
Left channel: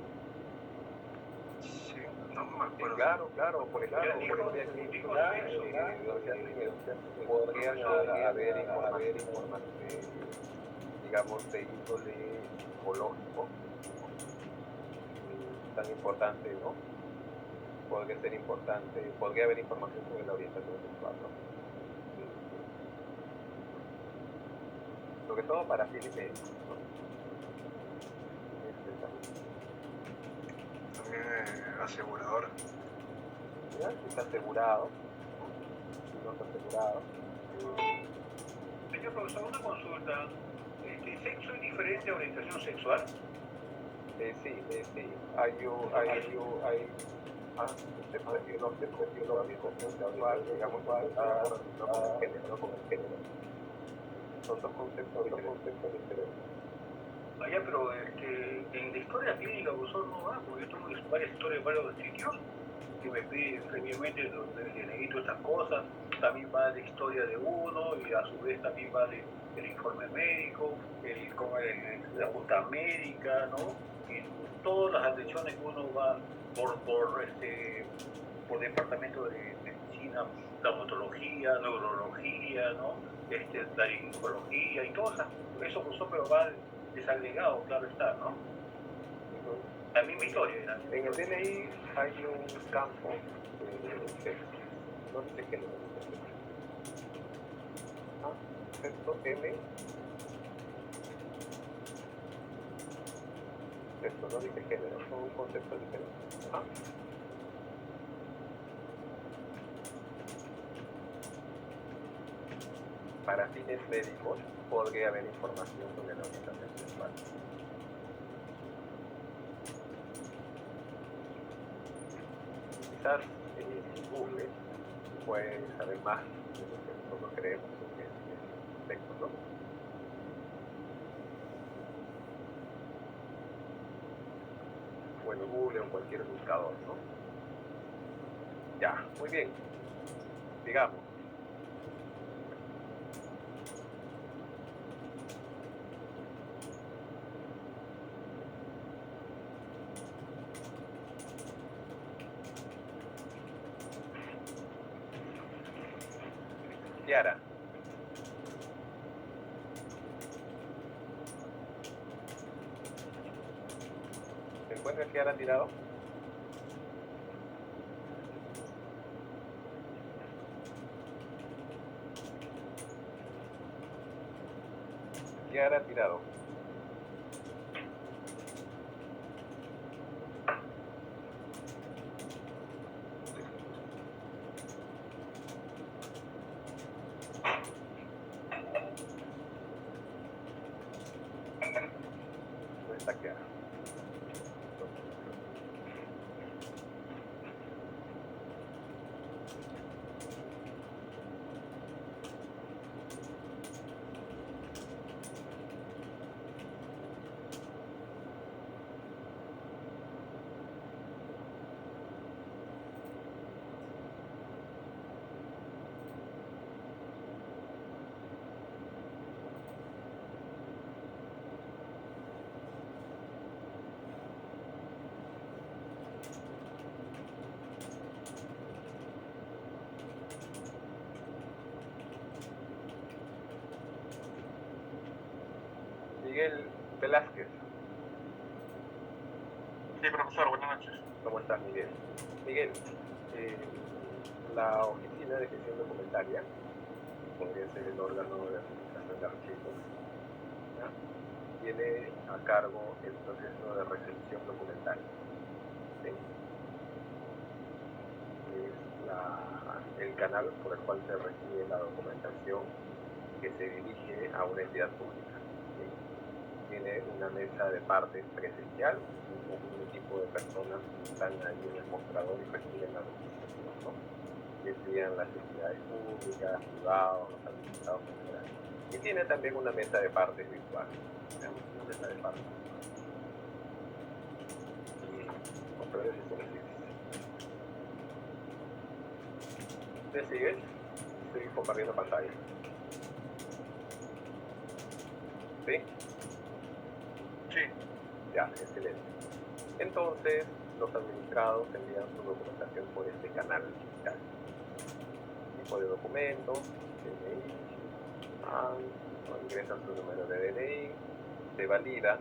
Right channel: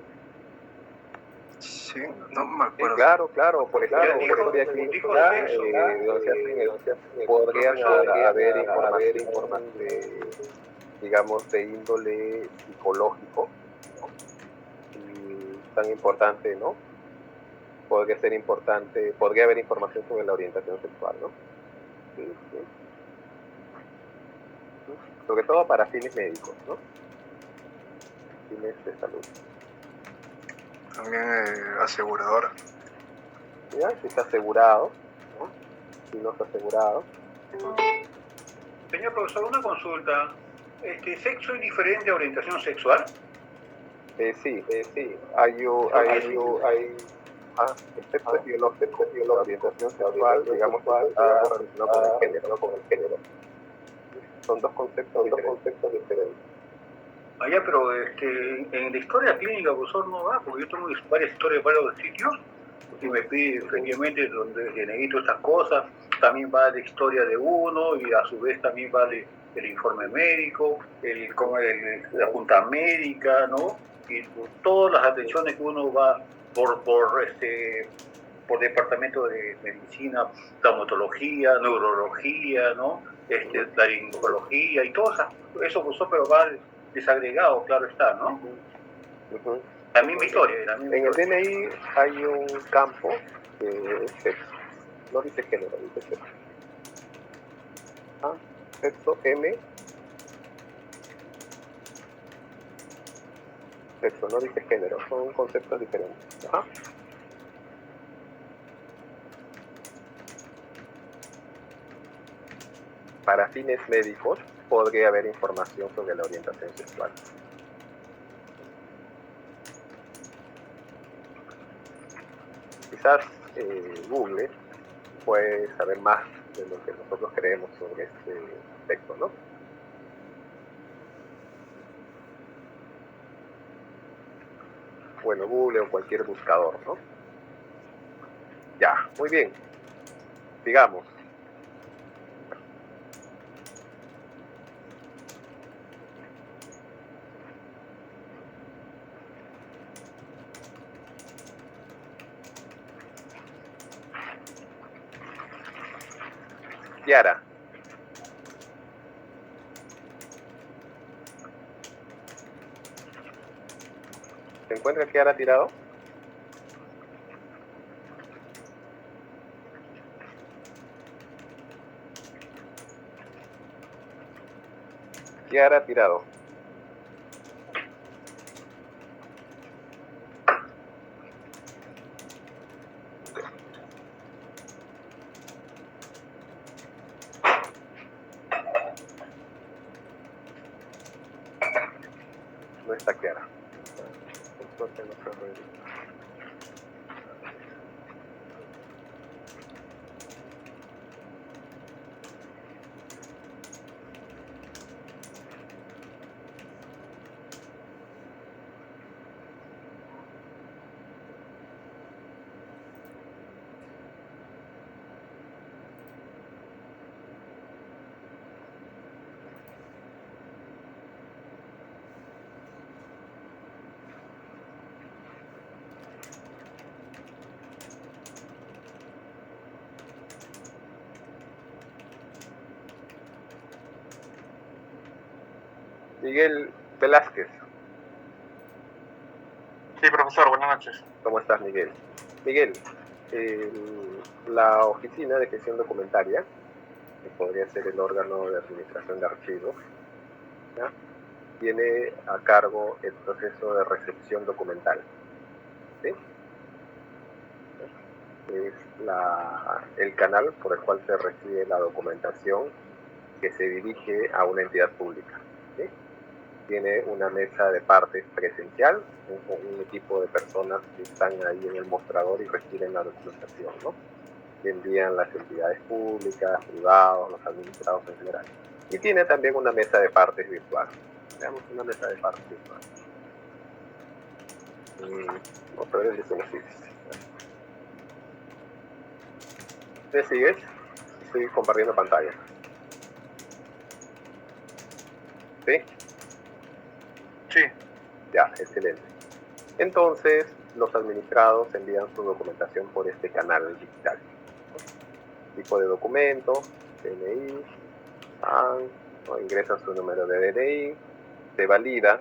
Sí, no me acuerdo. Claro, por ejemplo, historia clínica, podrían haber información digamos, de índole psicológico, tan importante, ¿no? Podría haber información sobre la orientación sexual, ¿no? Sí. Sobre todo para fines médicos, ¿no? Fines de salud. También asegurador. ¿Ya? Si está asegurado, ¿no? Si no está asegurado. Señor profesor, una consulta. ¿Sexo es diferente a orientación sexual? Sí. Hay conceptos biológicos de la orientación sexual, digamos, no con el género. Son dos conceptos diferentes. Allá, pero en la historia clínica, profesor, no va, porque yo tengo varias historias de varios sitios y me pide efectivamente donde necesito estas cosas. También va de historia de uno y a su vez también va el informe médico, la junta médica, ¿no? Y todas las atenciones que uno va por departamento de medicina, traumatología, neurología, ¿no? Laringología y todo eso, profesor, pero va desagregado, claro está, ¿no? La misma historia. En el DNI hay un campo que es sexo. No dice género, dice sexo. Sexo, sexo, no dice género, son conceptos diferentes. Para fines médicos podría haber información sobre la orientación sexual. Quizás Google puede saber más de lo que nosotros creemos sobre este texto, ¿no? Bueno, Google o cualquier buscador, ¿no? Ya, muy bien. Sigamos. Kiara. ¿Se encuentra Kiara tirado? Kiara tirado. No está Kiara. Miguel Velázquez. Sí, profesor, buenas noches. ¿Cómo estás, Miguel? Miguel, la Oficina de Gestión Documentaria, que podría ser el órgano de administración de archivos, ¿ya?, tiene a cargo el proceso de recepción documental. ¿Sí? Es el canal por el cual se recibe la documentación que se dirige a una entidad pública. ¿Sí? Tiene una mesa de partes presencial, un equipo de personas que están ahí en el mostrador y reciben la documentación, ¿no? Que envían las entidades públicas, privados, los administrados en general. Y tiene también una mesa de partes virtual. Veamos una mesa de partes virtual. Otra vez eso no existe. ¿Me sigues? Estoy compartiendo pantalla. ¿Sí? Sí. Ya, excelente. Entonces, los administrados envían su documentación por este canal digital. Tipo de documento, DNI, PAN, o ingresan su número de DNI, se valida,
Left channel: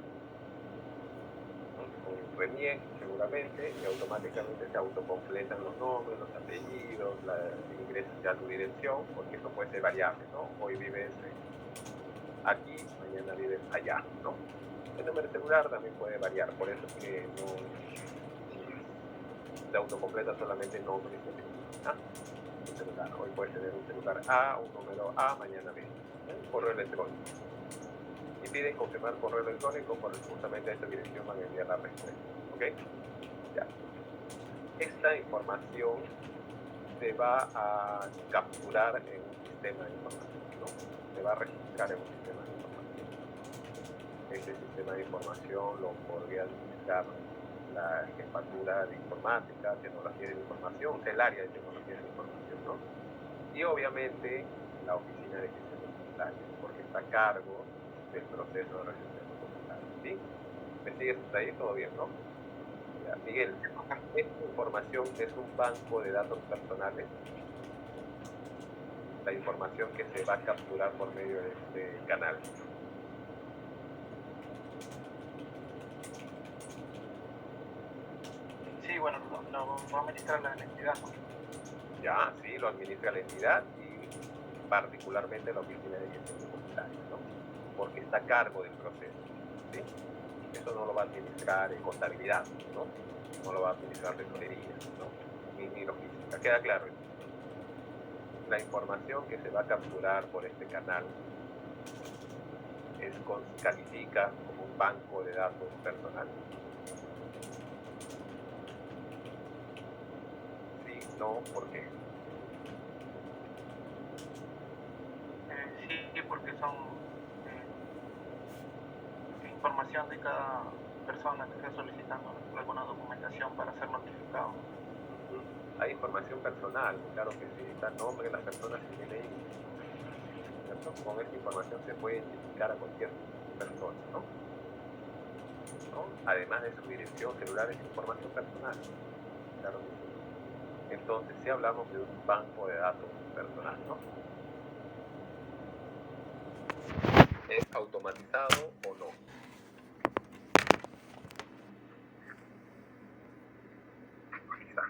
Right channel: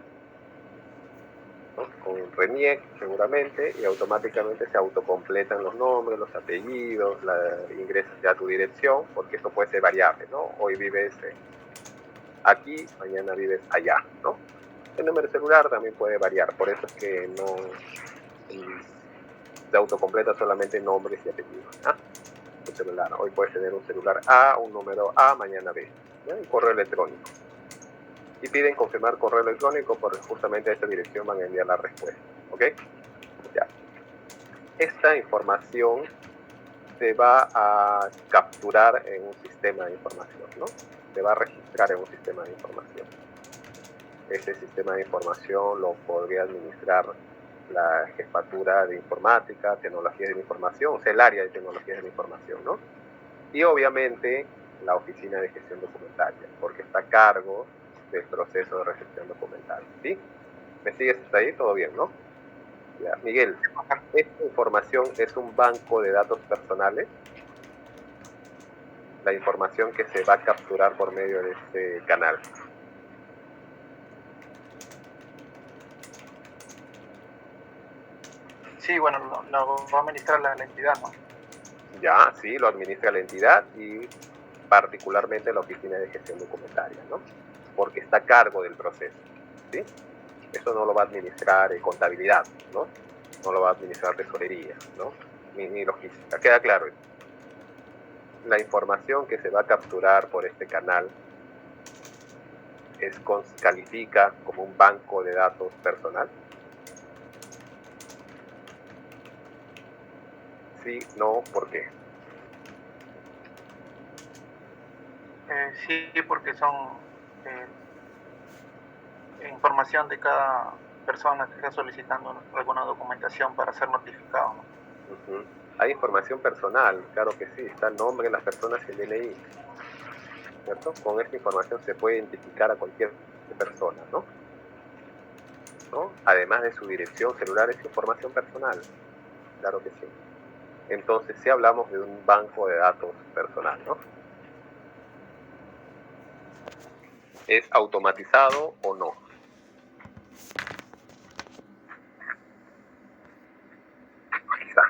¿no?, con RENIEC seguramente, y automáticamente se autocompletan los nombres, los apellidos, ingresas ya tu dirección, porque eso puede ser variable, ¿no? Hoy vives aquí, mañana vives allá, ¿no? El número de celular también puede variar, por eso es que no se autocompleta solamente nombres y apellidos, ¿ah? Tu celular, hoy puedes tener un celular A, un número A, mañana B, ¿ya? Un correo electrónico. Y piden confirmar correo electrónico, porque justamente a esta dirección van a enviar la respuesta, ¿ok? Ya. Esta información se va a capturar en un sistema de información, ¿no? Se va a registrar en un sistema de información. Ese sistema de información lo podría administrar la Jefatura de Informática, Tecnologías de la Información, o sea, el área de Tecnologías de la Información, ¿no? Y obviamente la Oficina de Gestión Documentaria, porque está a cargo del proceso de recepción documentaria, ¿sí? ¿Me sigues hasta ahí? Todo bien, ¿no? Ya. Miguel, esta información es un banco de datos personales. La información que se va a capturar por medio de este canal. Sí, bueno, lo va a administrar la entidad, ¿no? Ya, sí, lo administra la entidad y particularmente la Oficina de Gestión Documentaria, ¿no? Porque está a cargo del proceso, ¿sí? Eso no lo va a administrar contabilidad, ¿no? No lo va a administrar tesorería, ¿no? Ni logística. ¿Queda claro? La información que se va a capturar por este canal califica como un banco de datos personal. Sí, no, ¿por qué? Sí, porque son información de cada persona que está solicitando alguna documentación para ser notificado. Hay información personal, claro que sí, está el nombre de las personas y el DNI, ¿cierto? Con esta información se puede identificar a cualquier persona, ¿no? Además de su dirección celular, es información personal, claro que sí. Entonces, sí hablamos de un banco de datos personal, ¿no? ¿Es automatizado o no? Quizá.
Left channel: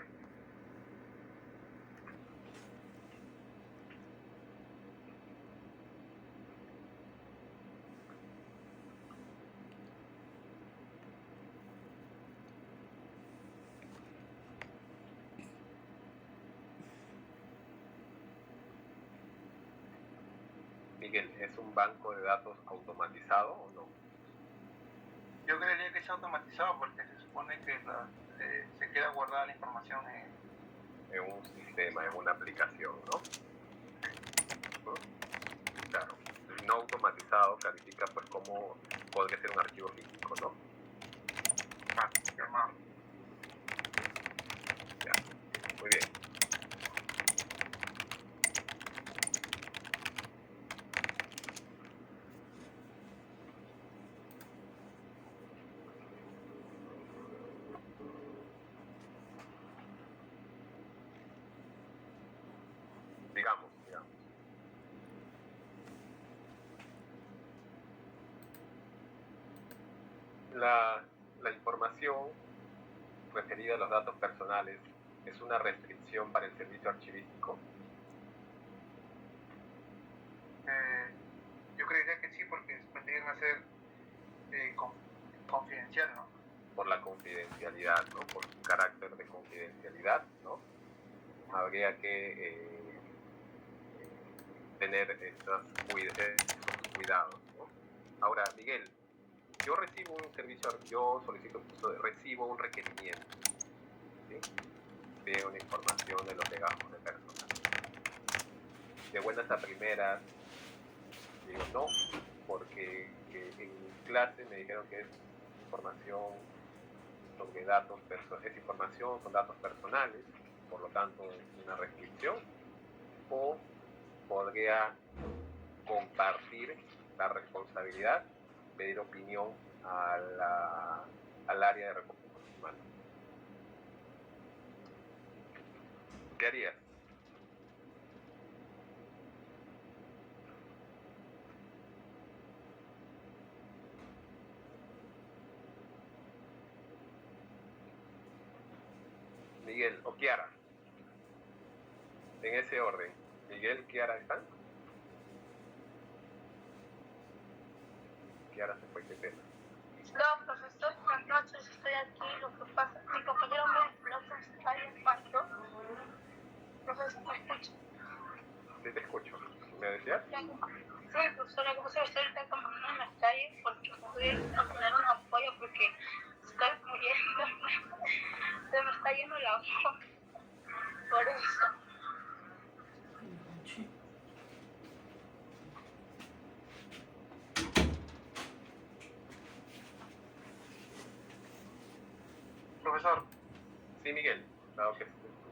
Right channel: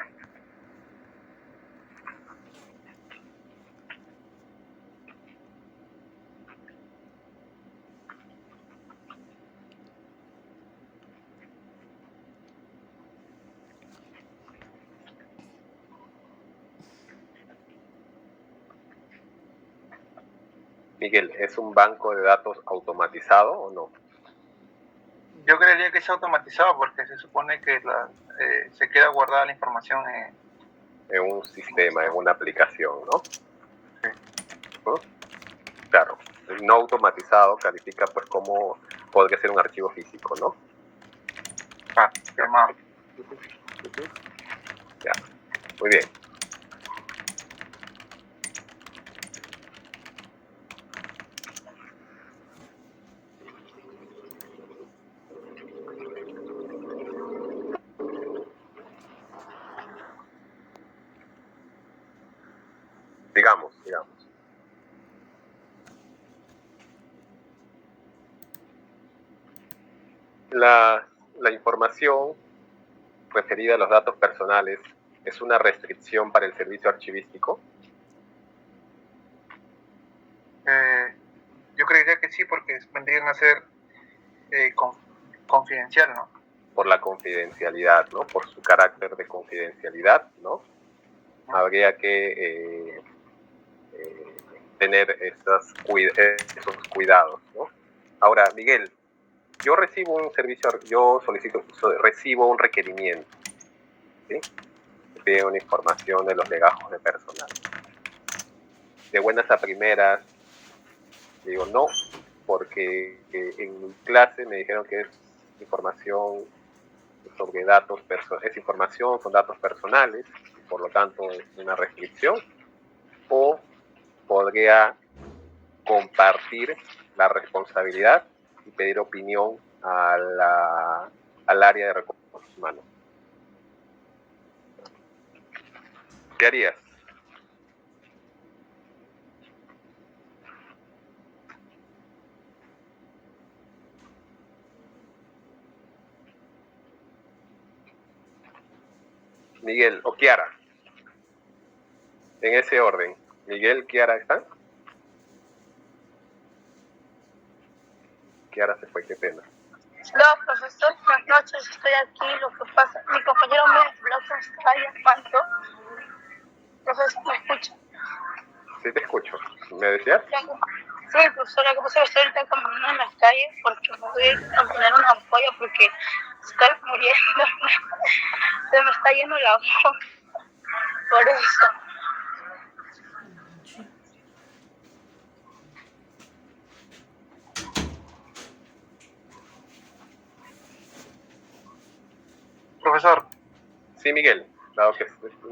Miguel, ¿es un banco de datos automatizado o no? Yo creería que es automatizado porque se supone que se queda guardada la información En un sistema, en una aplicación, ¿no? ¿No? Claro, el no automatizado califica pues como podría ser un archivo físico, ¿no? quemado. Ya, muy bien. Digamos. La información referida a los datos personales es una restricción para el servicio archivístico. Yo creería que sí, porque vendrían a ser confidencial, ¿no? Por la confidencialidad, ¿no? Por su carácter de confidencialidad, ¿no? Habría que tener esos cuidados, ¿no? Ahora, Miguel, yo recibo un servicio, recibo un requerimiento, ¿sí? De una información de los legajos de personal. De buenas a primeras, digo no, porque en mi clase me dijeron que es información sobre datos personales, es información con datos personales, por lo tanto es una restricción, o podría compartir la responsabilidad y pedir opinión al área de recursos humanos. ¿Qué harías? Miguel o Kiara. En ese orden. Miguel, Kiara, ¿están? Kiara se fue, qué pena. No, profesor, buenas noches, estoy aquí. Lo que pasa, mi compañero me está llamando. Profesor, ¿me escucha? Sí, te escucho. ¿Me decías? Sí, profesor, lo que pasa es que estoy ahorita caminando en las calles porque me voy a poner una ampolla porque estoy muriendo. Se me está yendo la voz. Por eso. Profesor. Sí, Miguel. Dado que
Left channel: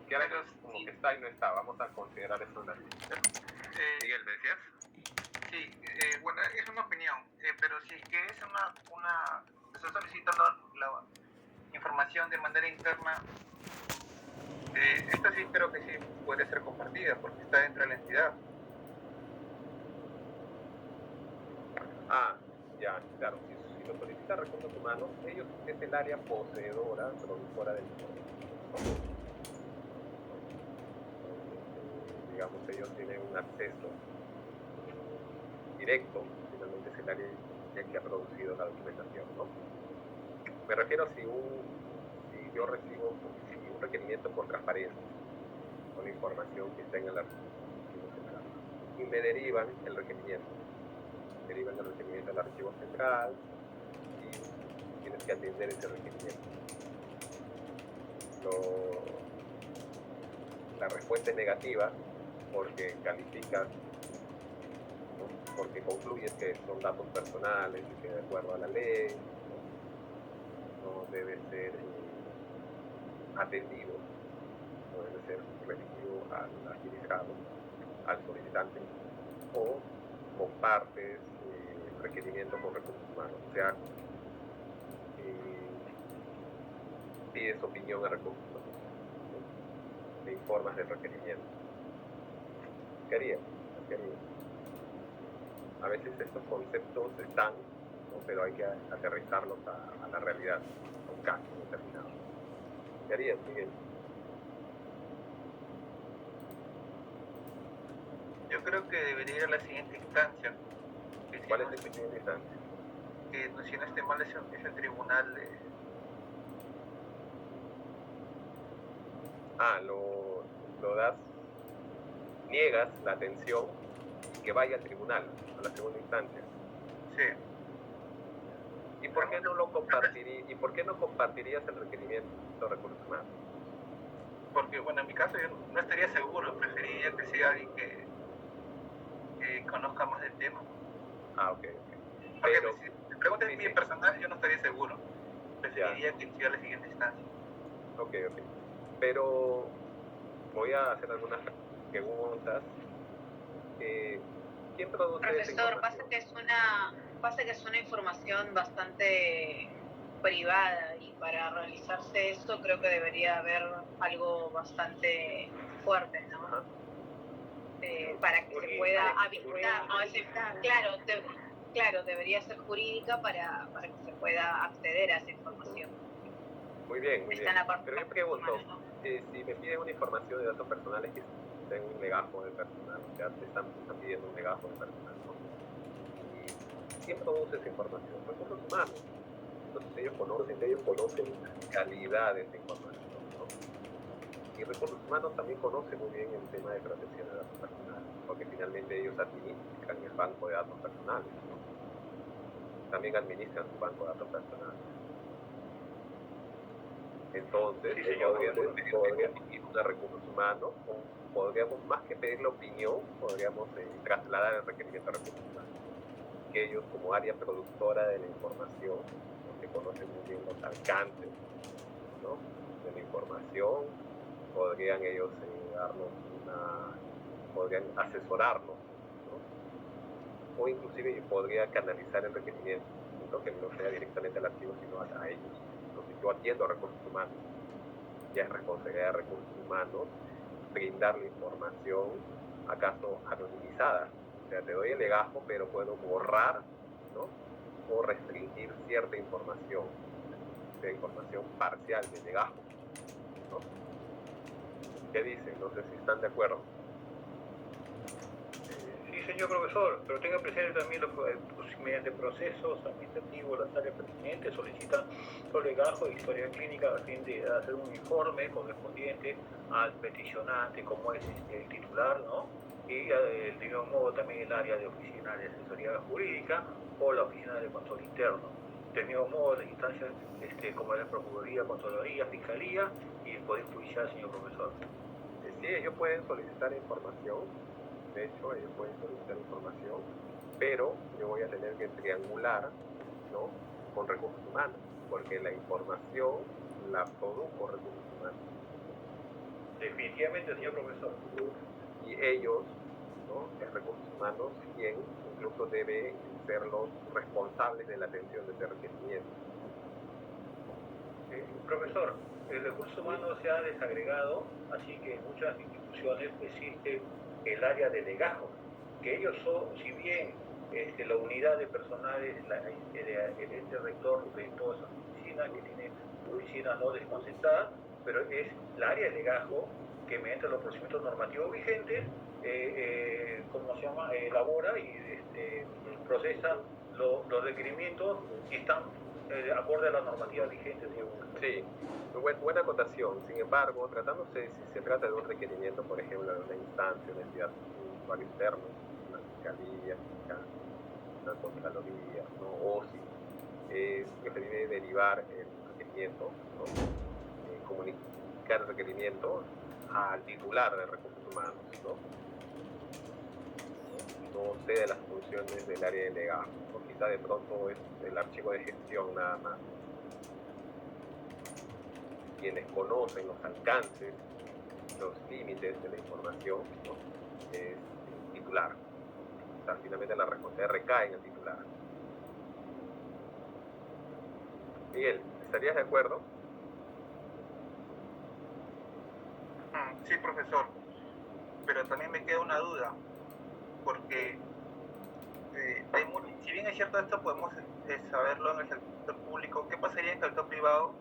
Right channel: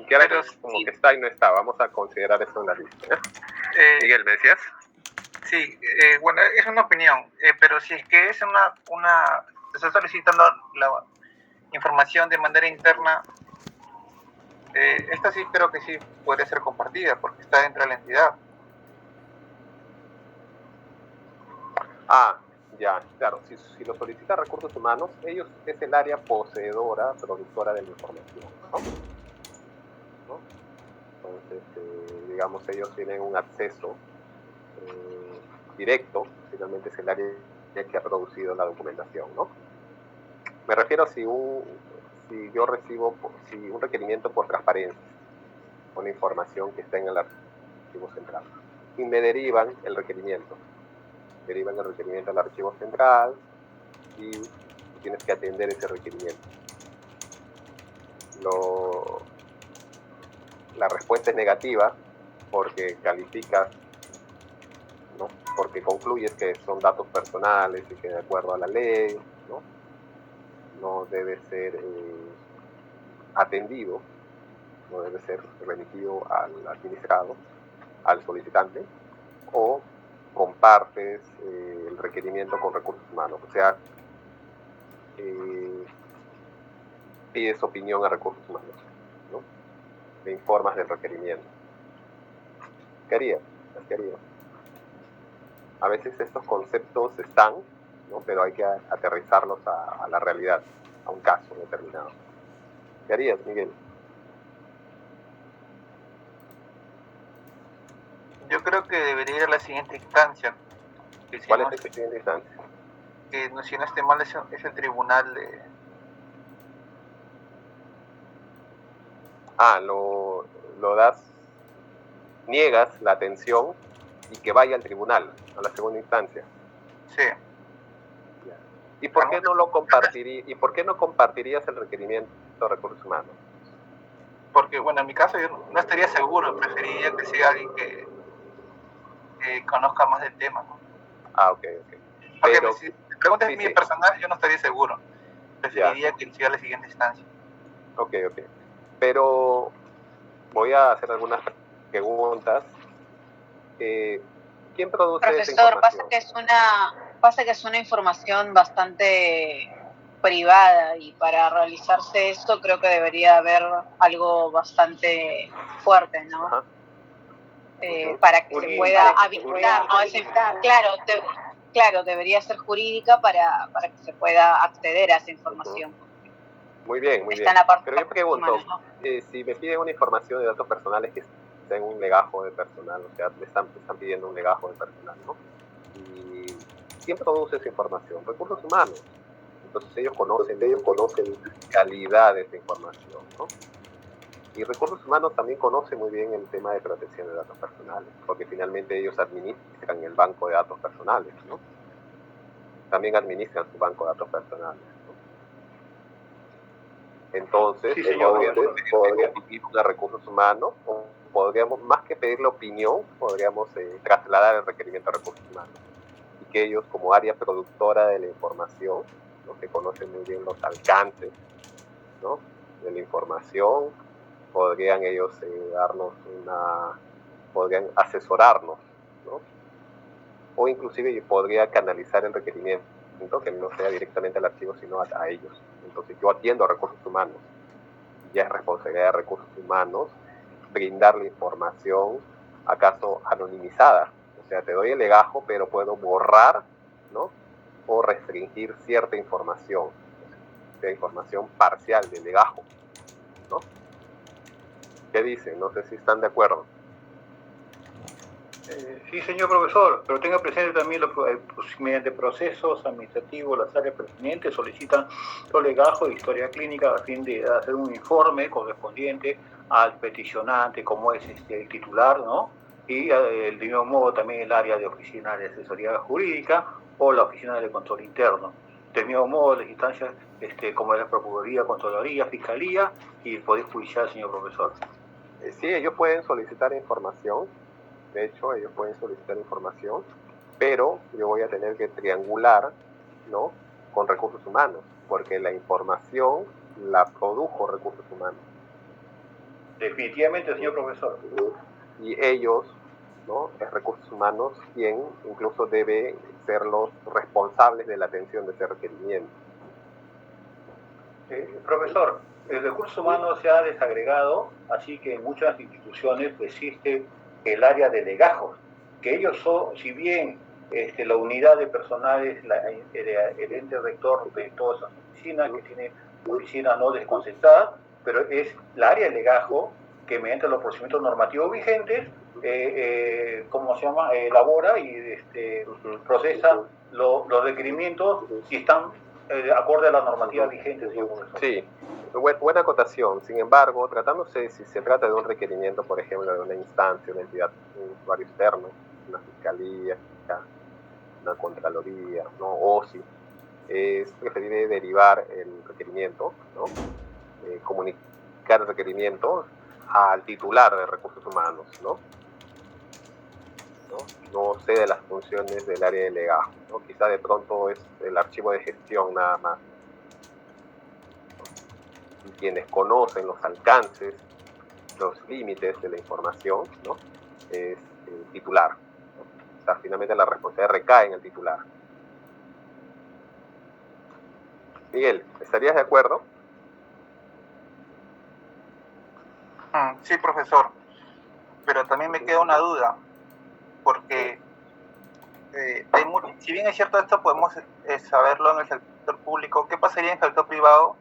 Kiara como que está y no está, vamos a considerar eso en la lista. Miguel, ¿me decías? Sí, bueno, es una opinión, pero si es que es se está solicitando la información de manera interna, esta sí creo que sí puede ser compartida porque está dentro de la entidad. Ah, ya, claro. Si lo solicita Recursos Humanos, ellos es el área poseedora, productora de la información, ¿no? Entonces, digamos, ellos tienen un acceso directo, finalmente es el área que ha producido la documentación, ¿no? Me refiero si yo recibo un requerimiento por transparencia con la información que está en el archivo central y me derivan el requerimiento al archivo central y tienes que atender ese requerimiento. La respuesta es negativa porque calificas, ¿no? Porque concluyes que son datos personales y que de acuerdo a la ley no debe ser atendido no debe ser remitido al administrado, al solicitante, o compartes el requerimiento con recursos humanos, o sea, pides opinión a recursos humanos, ¿no? Le informas del requerimiento. ¿Qué harías? ¿Qué harías? A veces estos conceptos están, ¿no? Pero hay que aterrizarlos a la realidad, a un caso determinado. ¿Qué harías, Miguel? Yo creo que debería ir a la siguiente instancia. ¿Cuál es la siguiente instancia? Que si no esté mal es el tribunal de... Lo das, niegas la atención y que vaya al tribunal, a la segunda instancia. Sí. ¿Y por qué no lo compartirías? ¿Y por qué no compartirías el requerimiento de recursos humanos? Porque, bueno, en mi caso yo no estaría seguro, preferiría que sea alguien que conozca más del tema, ¿no? Ah, ok. Porque si me preguntas mi personal, yo no estaría seguro. Preferiría que sea la siguiente instancia. Ok. Pero voy a hacer algunas preguntas. ¿Quién produce esa Profesor, información? pasa que es una información bastante privada y para realizarse esto creo que debería haber algo bastante fuerte, ¿no? Ajá. Para que se pueda habilitar, ¿no? Claro, debería ser jurídica para que se pueda acceder a esa información. Muy bien. Pero yo pregunto, si me piden una información de datos personales que está en un legajo de personal, o sea, te están pidiendo un legajo de personal, ¿no? Y ¿quién produce esa información? Recursos humanos. Entonces ellos conocen calidad de esa información, ¿no? Y recursos humanos también conocen muy bien el tema de protección de datos personales, porque finalmente ellos administran el banco de datos personales, ¿no? También administran su banco de datos personales. Entonces, sí, señor, podríamos pedir a recursos humanos, o podríamos, más que pedir la opinión, podríamos trasladar el requerimiento a recursos humanos. Y que ellos, como área productora de la información, ¿no? Que conocen muy bien los alcances, ¿no? De la información, podrían ellos podrían asesorarnos, ¿no? O inclusive yo podría canalizar el requerimiento, que no sea directamente al archivo, sino a ellos. Entonces yo atiendo a recursos humanos, ya es responsabilidad de recursos humanos brindar la información, acaso anonimizada, o sea, te doy el legajo, pero puedo borrar, ¿no? O restringir cierta información parcial del legajo, ¿no? ¿Qué dicen? No sé si están de acuerdo. Sí, señor profesor, pero tenga presente también mediante procesos administrativos, las áreas pertinentes solicitan los legajos de historia clínica a fin de hacer un informe correspondiente al peticionante, como es el titular, ¿no? Y del mismo modo también el área de oficina de asesoría jurídica o la oficina de control interno. Del mismo modo, las instancias como la Procuraduría, Contraloría, Fiscalía y el Poder Judicial, señor profesor. Sí, ellos pueden solicitar información. De hecho, ellos pueden solicitar información, pero yo voy a tener que triangular, ¿no? Con recursos humanos, porque la información la produjo recursos humanos. Definitivamente, señor profesor. Y ellos, ¿no? Es recursos humanos quien incluso debe ser los responsables de la atención de ese requerimiento. Profesor, el recurso humano se ha desagregado, así que en muchas instituciones existe el área de legajos, que ellos son, si bien la unidad de personal es el ente rector de todas esas oficinas, que tiene oficinas no desconcentradas, pero es la área de legajo que mediante los procedimientos normativos vigentes, elabora y procesa los requerimientos si están acorde a la normativa vigente, señor profesor. Sí, buena acotación. Sin embargo, tratándose, si se trata de un requerimiento, por ejemplo, de una instancia, una entidad, un usuario externo, una fiscalía, una contraloría, ¿no? O si es preferible derivar el requerimiento, ¿no? Comunicar el requerimiento al titular de recursos humanos, ¿no? No sé de las funciones del área de legajo, ¿no? Quizá de pronto es el archivo de gestión nada más. Quienes conocen los alcances los límites de la información, ¿no? Es el titular, ¿no? O sea, finalmente la responsabilidad recae en el titular. Miguel, ¿estarías de acuerdo? Sí, profesor, pero también me queda una duda, porque si bien es cierto esto podemos saberlo en el sector público, ¿qué pasaría en el sector privado?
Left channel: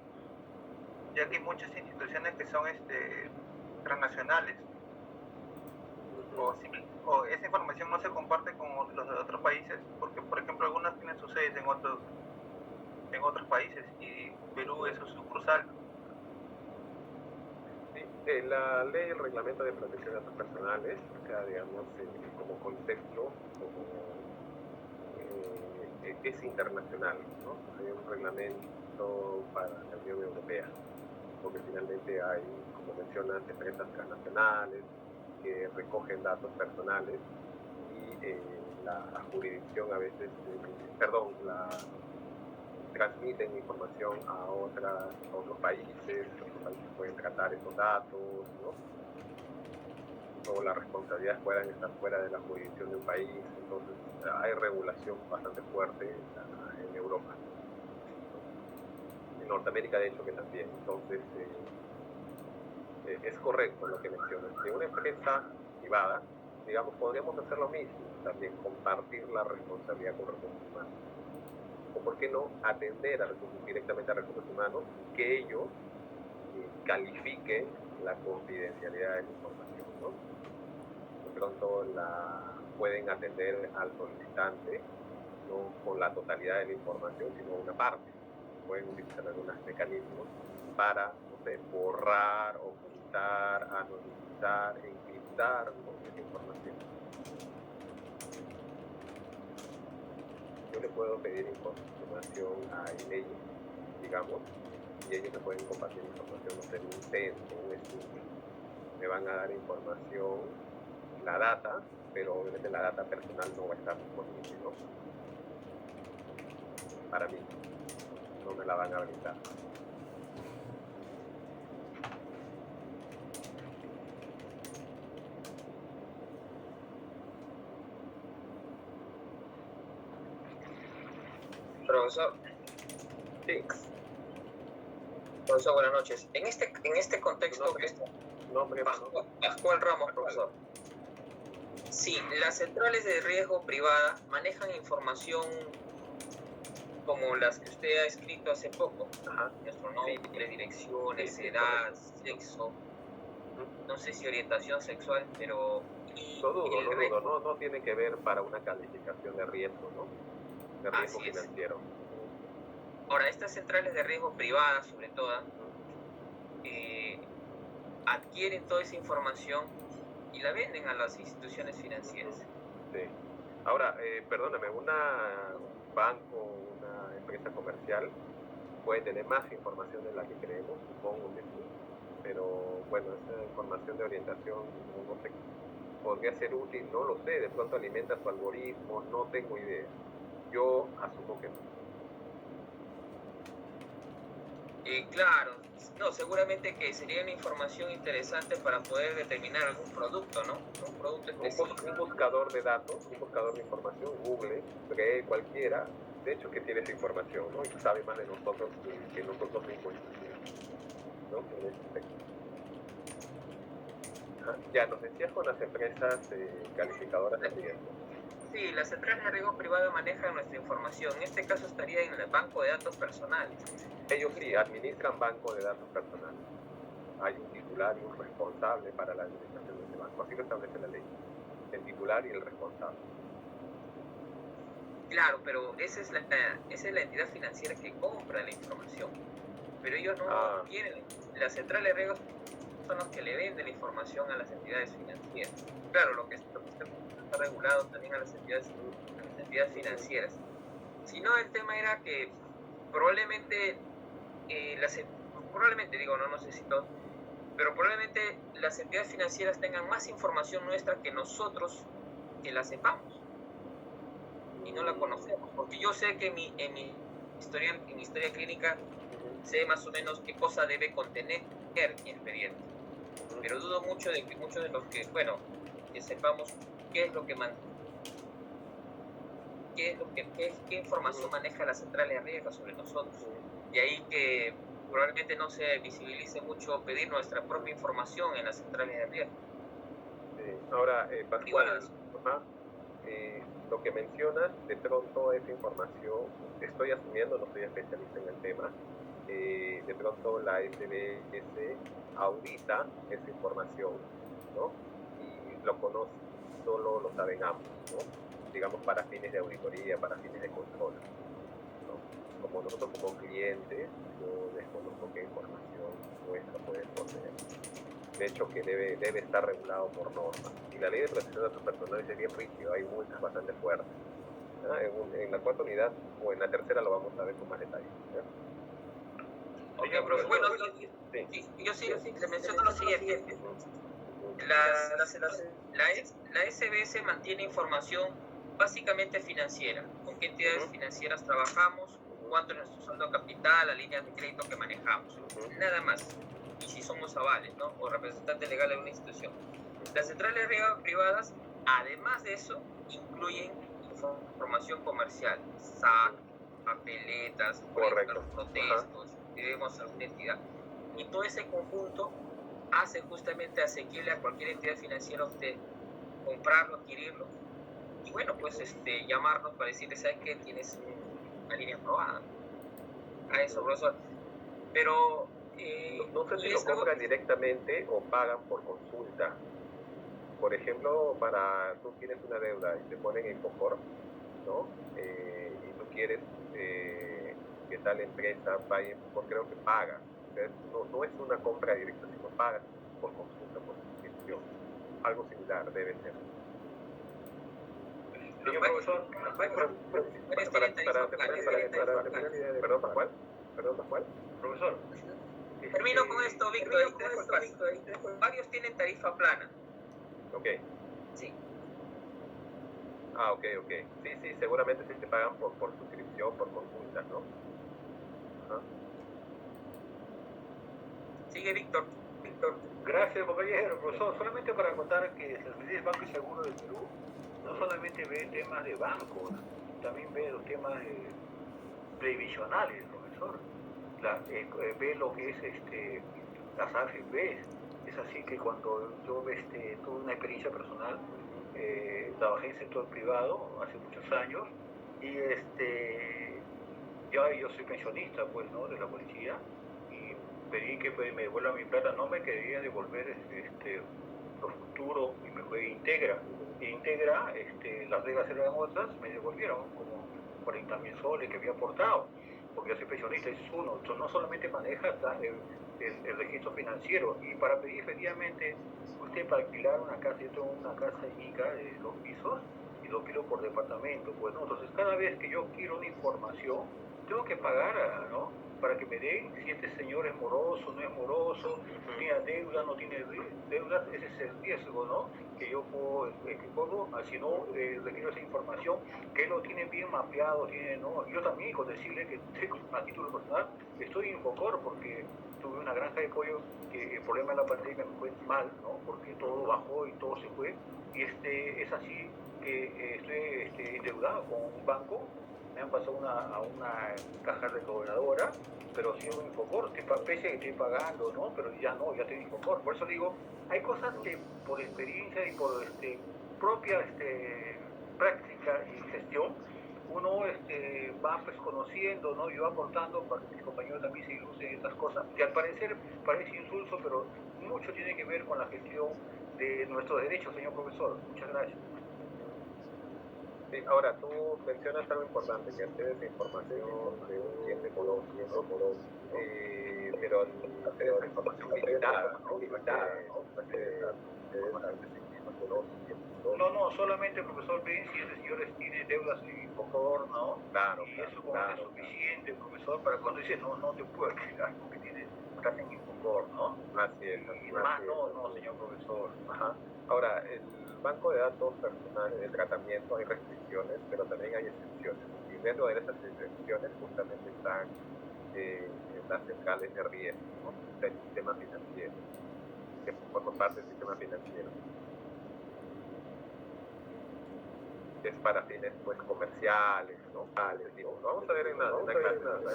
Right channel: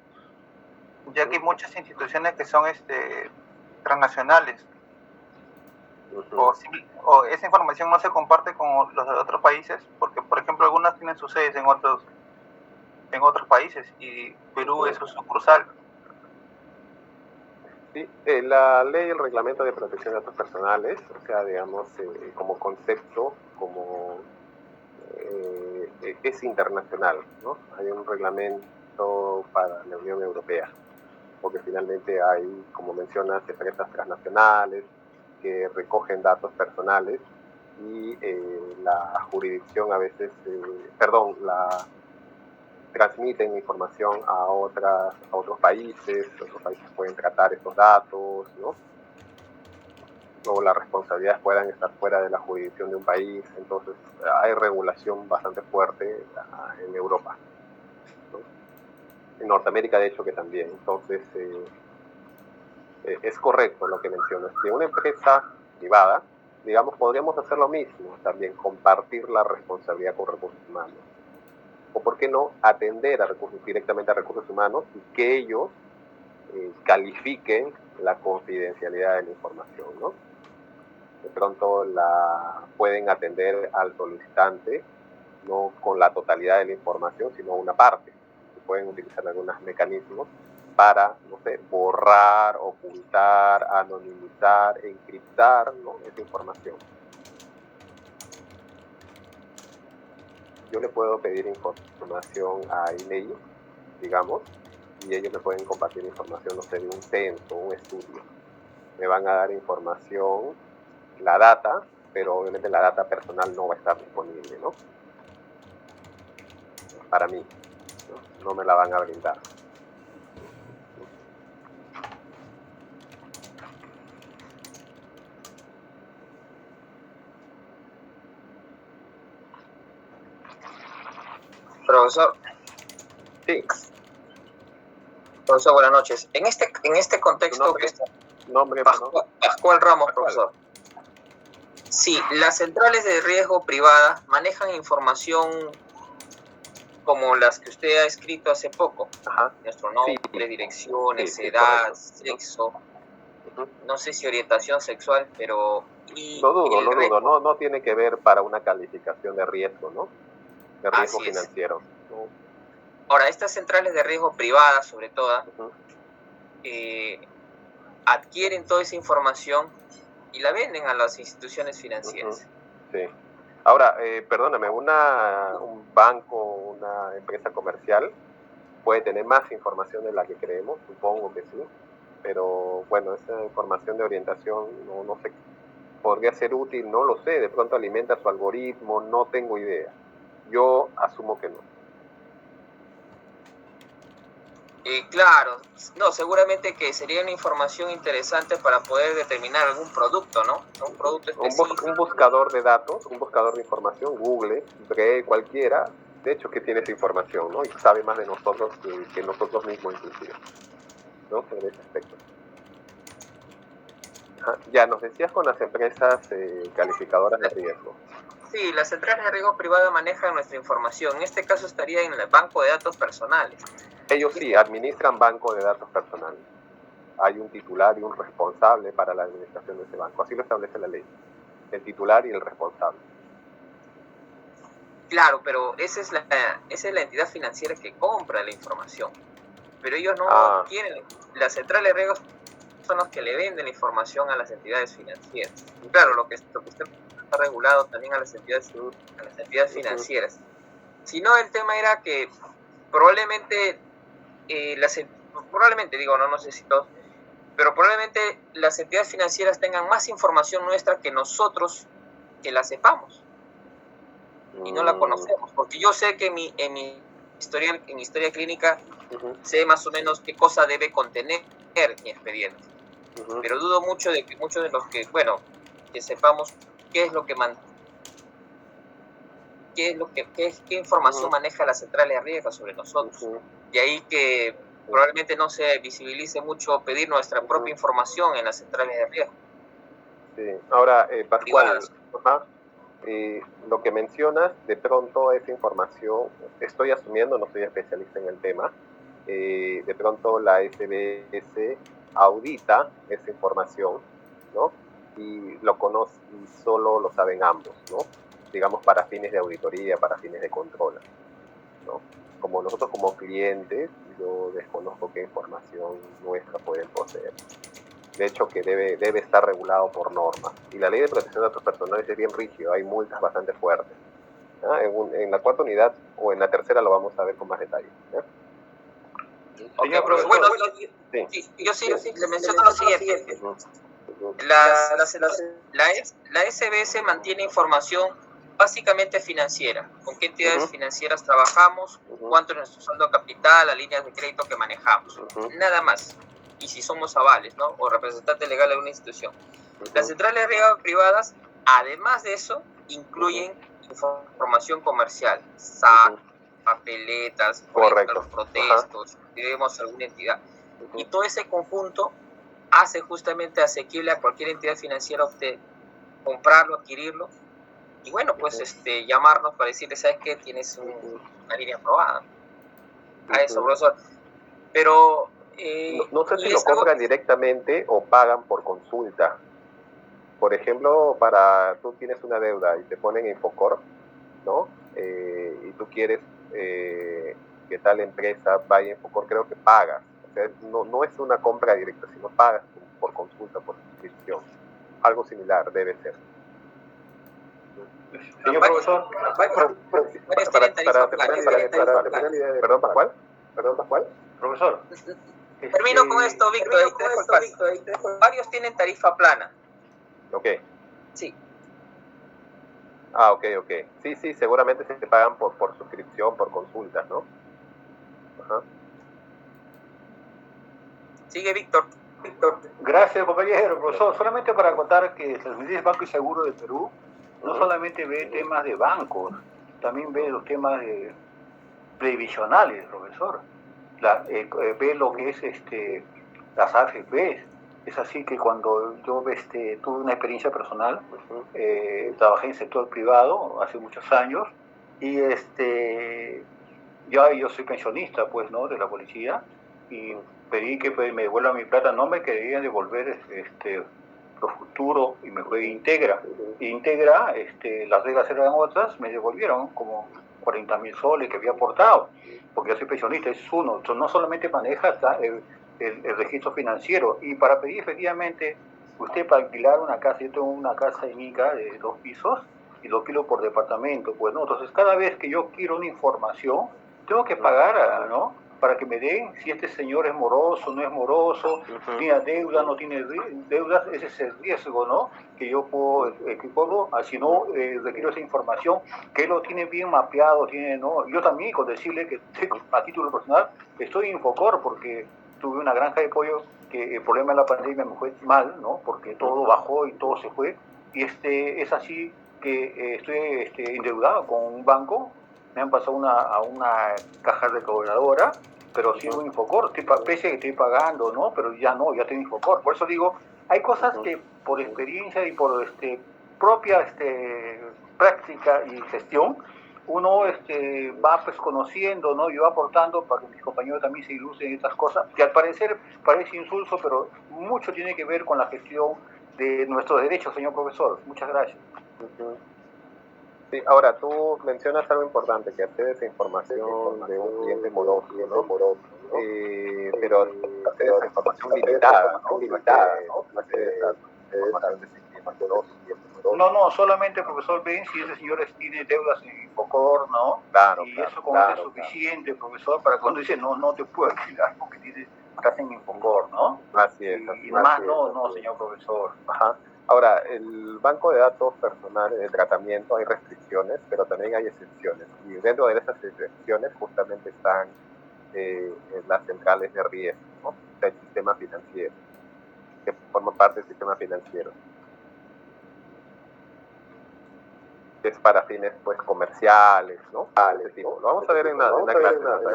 Ya que hay muchas instituciones que son transnacionales, o esa información no se comparte con los de otros países, porque por ejemplo algunas tienen sus sedes en otros países y Perú es su sucursal. Sí, la ley y el reglamento de protección de datos personales, o sea, digamos, como concepto, es internacional, ¿no? Hay un reglamento para la Unión Europea, porque finalmente hay, como mencionas, empresas transnacionales que recogen datos personales y la jurisdicción a veces, transmiten información a otros países pueden tratar estos datos, ¿no? O las responsabilidades puedan estar fuera de la jurisdicción de un país, entonces hay regulación bastante fuerte en Europa, ¿no? En Norteamérica de hecho que también, entonces es correcto lo que mencionas, que una empresa privada, digamos, podríamos hacer lo mismo, también compartir la responsabilidad con recursos humanos. O por qué no atender directamente a recursos humanos y que ellos califiquen la confidencialidad de la información, ¿no? De pronto pueden atender al solicitante no con la totalidad de la información, sino una parte. Pueden utilizar algunos mecanismos para, no sé, borrar, ocultar, anonimizar, encriptar, ¿no? Esa información. Yo le puedo pedir información a email, digamos, y ellos me pueden compartir información, no sé, de un censo, un estudio. Me van a dar información, la data, pero obviamente la data personal no va a estar disponible, ¿no? Para mí, no me la van a brindar. Profesor. Sí. Profesor, buenas noches. En este contexto que está... Pascual Ramos, profesor. Sí, las centrales de riesgo privadas manejan información como las que usted ha escrito hace poco. Ajá. Nuestro nombre, direcciones, edad, correcto. Sexo, no sé si orientación sexual, pero... Lo dudo, no tiene que ver para una calificación de riesgo, ¿no? De riesgo financiero. Ahora, estas centrales de riesgo privadas, sobre todo, adquieren toda esa información y la venden a las instituciones financieras. Sí. Ahora, perdóname, un banco, una empresa comercial puede tener más información de la que creemos, supongo que sí, pero bueno, esa información de orientación no sé, podría ser útil, no lo sé, de pronto alimenta su algoritmo, no tengo idea. Yo asumo que no. Claro, no, seguramente que sería una información interesante para poder determinar algún producto, ¿no? Un producto específico. Un buscador de datos, un buscador de información, Google, Brave, cualquiera, de hecho que tiene esa información, ¿no? Y sabe más de nosotros que nosotros mismos inclusive, ¿no? En ese aspecto. Ya, nos decías con las empresas calificadoras de riesgo. Sí, las centrales de riesgo privada manejan nuestra información. En este caso estaría en el banco de datos personales. Ellos sí, administran banco de datos personales. Hay un titular y un responsable para la administración de ese banco. Así lo establece la ley. El titular y el responsable. Claro, pero esa es la entidad financiera que compra la información. Pero ellos no tienen... Las centrales de riesgo son los que le venden la información a las entidades financieras. Claro, lo que está regulado también a las entidades financieras. Si no, el tema era que probablemente no sé si todos, pero probablemente las entidades financieras tengan más información nuestra que nosotros que la sepamos y no la conocemos, porque yo sé que en mi historia clínica sé más o menos qué cosa debe contener mi expediente, pero dudo mucho de que muchos de los que, bueno, que sepamos qué es lo que qué información maneja la central de riesgo sobre nosotros. De ahí que probablemente no se visibilice mucho pedir nuestra propia información en las centrales de riesgo. Sí. Ahora, Pascual, lo que mencionas, de pronto esa información, estoy asumiendo, no soy especialista en el tema, de pronto la SBS audita esa información, ¿no? Y lo conoce, y solo lo saben ambos, ¿no? Digamos, para fines de auditoría, para fines de control, ¿no? Como nosotros como clientes, yo desconozco qué información nuestra pueden poseer. De hecho, que debe estar regulado por norma. Y la ley de protección de datos personales es bien rígida, hay multas bastante fuertes. En la cuarta unidad o en la tercera lo vamos a ver con más detalle. Okay, pero bueno, yo sí le menciono lo siguiente. La SBS mantiene información básicamente financiera, con qué entidades financieras trabajamos, cuánto es nuestro saldo capital, las líneas de crédito que manejamos, nada más. Y si somos avales, ¿no? O representante legal de una institución. Las centrales de riesgo privadas, además de eso, incluyen información comercial, SAC, papeletas, los protestos, si vemos alguna entidad. Y todo ese conjunto hace justamente asequible a cualquier entidad financiera usted comprarlo, adquirirlo, y bueno, pues llamarnos para decirle, ¿sabes qué? Tienes una línea aprobada. A eso, profesor. Pero no sé si lo compran directamente o pagan por consulta. Por ejemplo, tú tienes una deuda y te ponen en Infocor, ¿no? Y tú quieres que tal empresa vaya en Infocor, creo que pagas. O sea, no es una compra directa, sino pagas por consulta, por suscripción. Algo similar debe ser. Señor profesor, Perdón, Pascual. Profesor. Termino con esto, Víctor. Varios tienen tarifa plana. Ok. Sí. Ok. Sí, seguramente se te pagan por suscripción, por consultas, ¿no? Sigue, Víctor. Gracias, compañero. Profesor, solamente para contar que el Servicio de Banco y Seguro de Perú no solamente ve temas de bancos, también ve los temas previsionales, profesor. Ve lo que es las AFPs. Es así que cuando yo tuve una experiencia personal, trabajé en el sector privado hace muchos años y yo soy pensionista, pues, ¿no? De la policía, y pedí que me devuelvan mi plata. No me querían devolver Pro Futuro y me fue Integra. Integra, las reglas eran otras, me devolvieron como 40.000 soles que había aportado, porque yo soy pensionista, es uno. Entonces, no solamente maneja el registro financiero. Y para pedir efectivamente, usted para alquilar una casa, yo tengo una casa en Ica de 2 pisos y lo alquilo por departamento, pues, ¿no? Entonces, cada vez que yo quiero una información, tengo que pagar, ¿no? Para que me den si este señor es moroso, no es moroso, tiene deuda, no tiene deudas. Ese es el riesgo, ¿no? Que yo puedo, si no requiero esa información, que él lo tiene bien mapeado, ¿no? Yo también, con decirle que a título personal estoy en Infocor porque tuve una granja de pollo que el problema de la pandemia me fue mal, ¿no? Porque todo bajó y todo se fue. Y es así que estoy endeudado con un banco. Me han pasado a una caja recaudadora, pero sigo en Infocor, pese a que estoy pagando, ¿no? Pero ya tengo Infocor. Por eso digo, hay cosas que por experiencia y por propia práctica y gestión, uno va pues conociendo, ¿no? Y va aportando para que mis compañeros también se ilustren en estas cosas, que al parecer parece insulso, pero mucho tiene que ver con la gestión de nuestros derechos, señor profesor. Muchas gracias. Sí, ahora tú mencionas algo importante, que accedes a información de un cliente moroso, ¿no? Pero accedes a información limitada, ¿no? No, solamente, profesor, ven si ese señor tiene deudas en Infocor, ¿no? Claro, y eso con eso es suficiente, profesor, para cuando dice no te puedo explicar porque estás en Infocor, ¿no? Así es. Y más no, señor profesor. Ajá. Ahora, el banco de datos personales de tratamiento hay restricciones, pero también hay excepciones. Y dentro de esas excepciones justamente están las centrales de riesgo, ¿no? El sistema financiero. que forma parte del sistema financiero. Que es para fines pues comerciales, ¿no? Ese tipo. Lo vamos a ver en la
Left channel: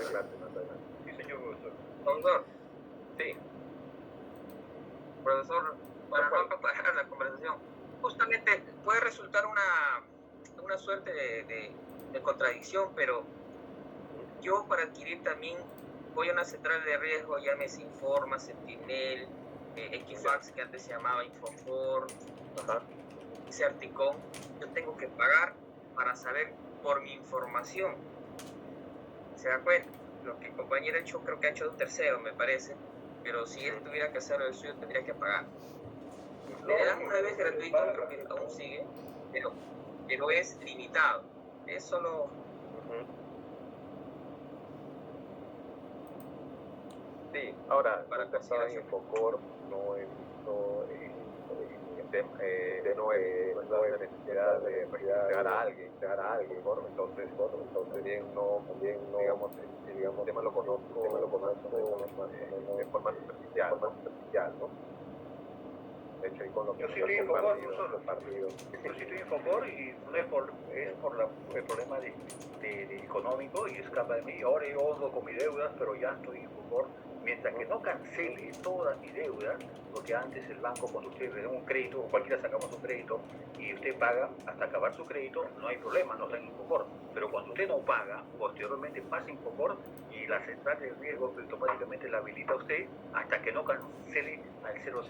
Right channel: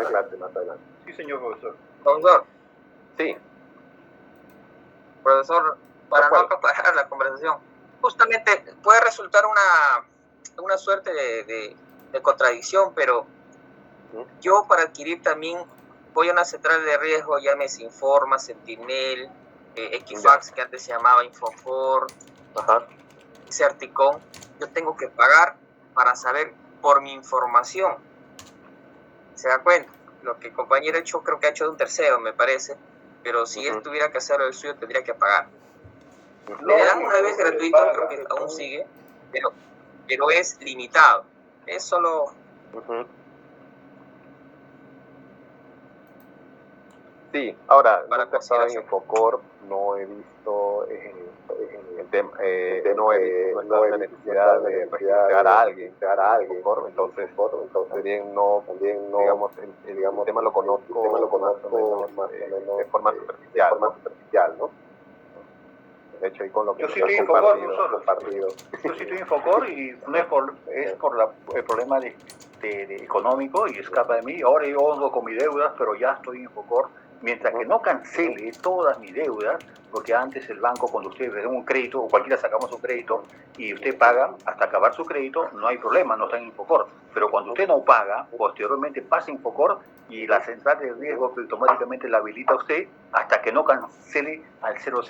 clase más adelante. Sí, señor profesor. Profesor, Sí, profesor, para no acaparar la conversación, justamente puede resultar una suerte de contradicción, pero yo para adquirir también voy a una central de riesgo, llámese Informa, Sentinel, Equifax, que antes se llamaba Infocor, Certicom. Yo tengo que pagar para saber por mi información. ¿Se da cuenta? Lo que el compañero ha hecho, creo que ha hecho de un tercero, me parece, pero si él tuviera que hacerlo del suyo, tendría que pagar. Le dan una vez gratuito, creo que aún sigue, pero es limitado. Es solo... Sí, ahora, nunca he estado en Infocor, no he visto el tema, no he visto la necesidad de registrar a alguien, Infocor, entonces también no, digamos, el tema lo conozco de forma superficial, ¿no? De hecho, ahí con lo que Yo sí nos estoy ha en Infocor, compartido. Yo sí estoy en Infocor y no es por el problema de económico y escapa de mí. Ahora yo ando con mis deudas, pero ya estoy en Infocor. Mientras que no cancele todas mis deudas, porque antes el banco, cuando usted le da un crédito, o cualquiera sacamos un crédito, y usted paga hasta acabar su crédito, no hay problema, no está en Infocor. Pero cuando usted no paga, posteriormente pasa Infocor y la central de riesgo que automáticamente la habilita a usted hasta que no cancele al 000,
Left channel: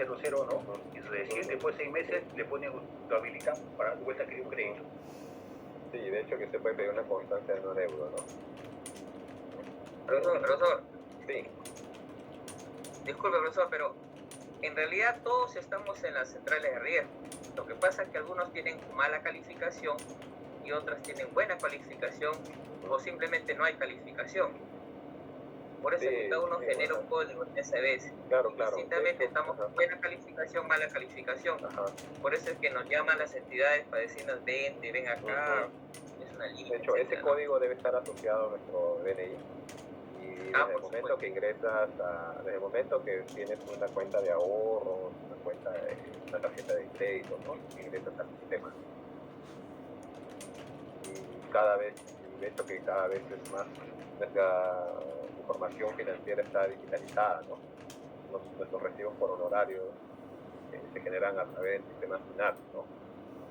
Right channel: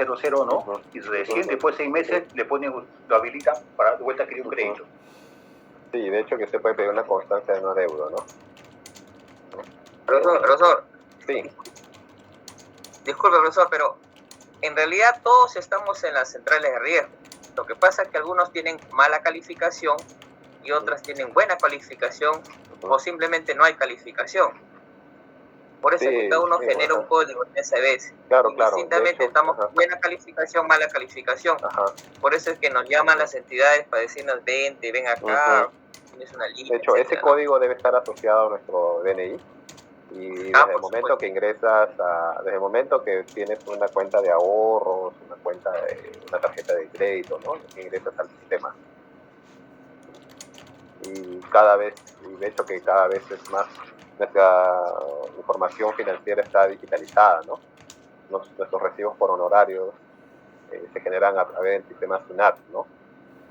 ¿no? Y recién después de 6 meses lo habilitan para de vuelta a adquirir un crédito. Sí, de hecho que se puede pedir una constancia de no adeudo, ¿no? Profesor. Sí. Disculpe, profesor, pero en realidad todos estamos en las centrales de riesgo. Lo que pasa es que algunos tienen mala calificación y otras tienen buena calificación o simplemente no hay calificación. Por eso es que cada uno genera un código en SBS. Claro. Distintamente estamos con buena calificación, mala calificación. Por eso es que nos llaman las entidades para decirnos, ven acá, tienes una línea. De hecho, ese código debe estar asociado a nuestro DNI. Y desde el momento que ingresas, desde el momento que tienes una cuenta de ahorros, una tarjeta de crédito, ¿no? Ingresas al sistema. Y de hecho que cada vez es más, nuestra información financiera está digitalizada, ¿no? Nuestros recibos por honorarios se generan a través del sistema SUNAT, ¿no?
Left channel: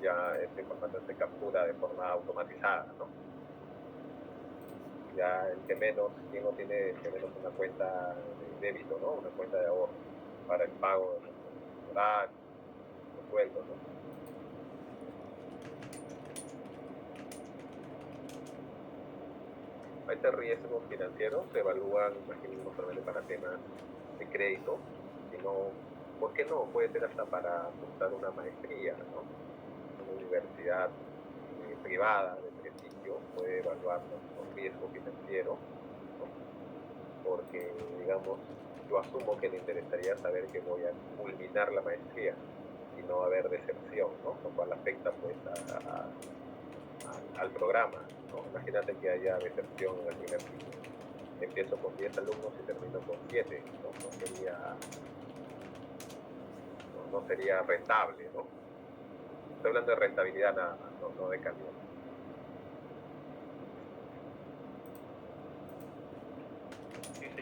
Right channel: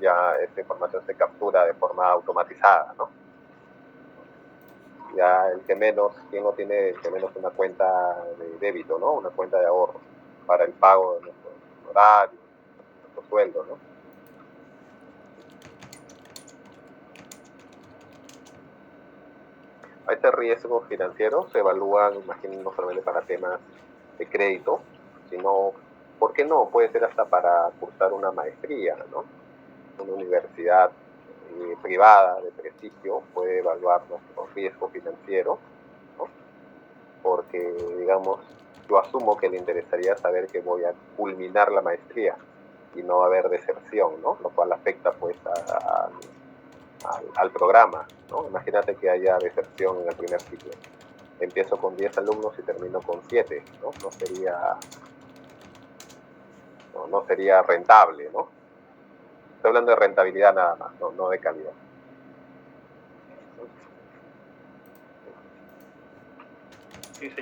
Ya esta información se captura de forma automatizada, ¿no? Ya quien no tiene una cuenta de débito, ¿no? Una cuenta de ahorro para el pago de nuestros horarios, nuestros sueldos, ¿no? A este riesgo financiero se evalúan, imagino, no solamente para temas de crédito, sino, ¿por qué no? Puede ser hasta para cursar una maestría, ¿no? Una universidad privada de prestigio puede evaluar nuestro riesgo financiero, ¿no? Porque, digamos, yo asumo que le interesaría saber que voy a culminar la maestría y no va a haber deserción, ¿no? Lo cual afecta pues al programa, ¿no? Imagínate que haya deserción en el primer ciclo. Empiezo con 10 alumnos y termino con 7, ¿no? No sería rentable, ¿no? Estoy hablando de rentabilidad nada más, no de calidad. Sí,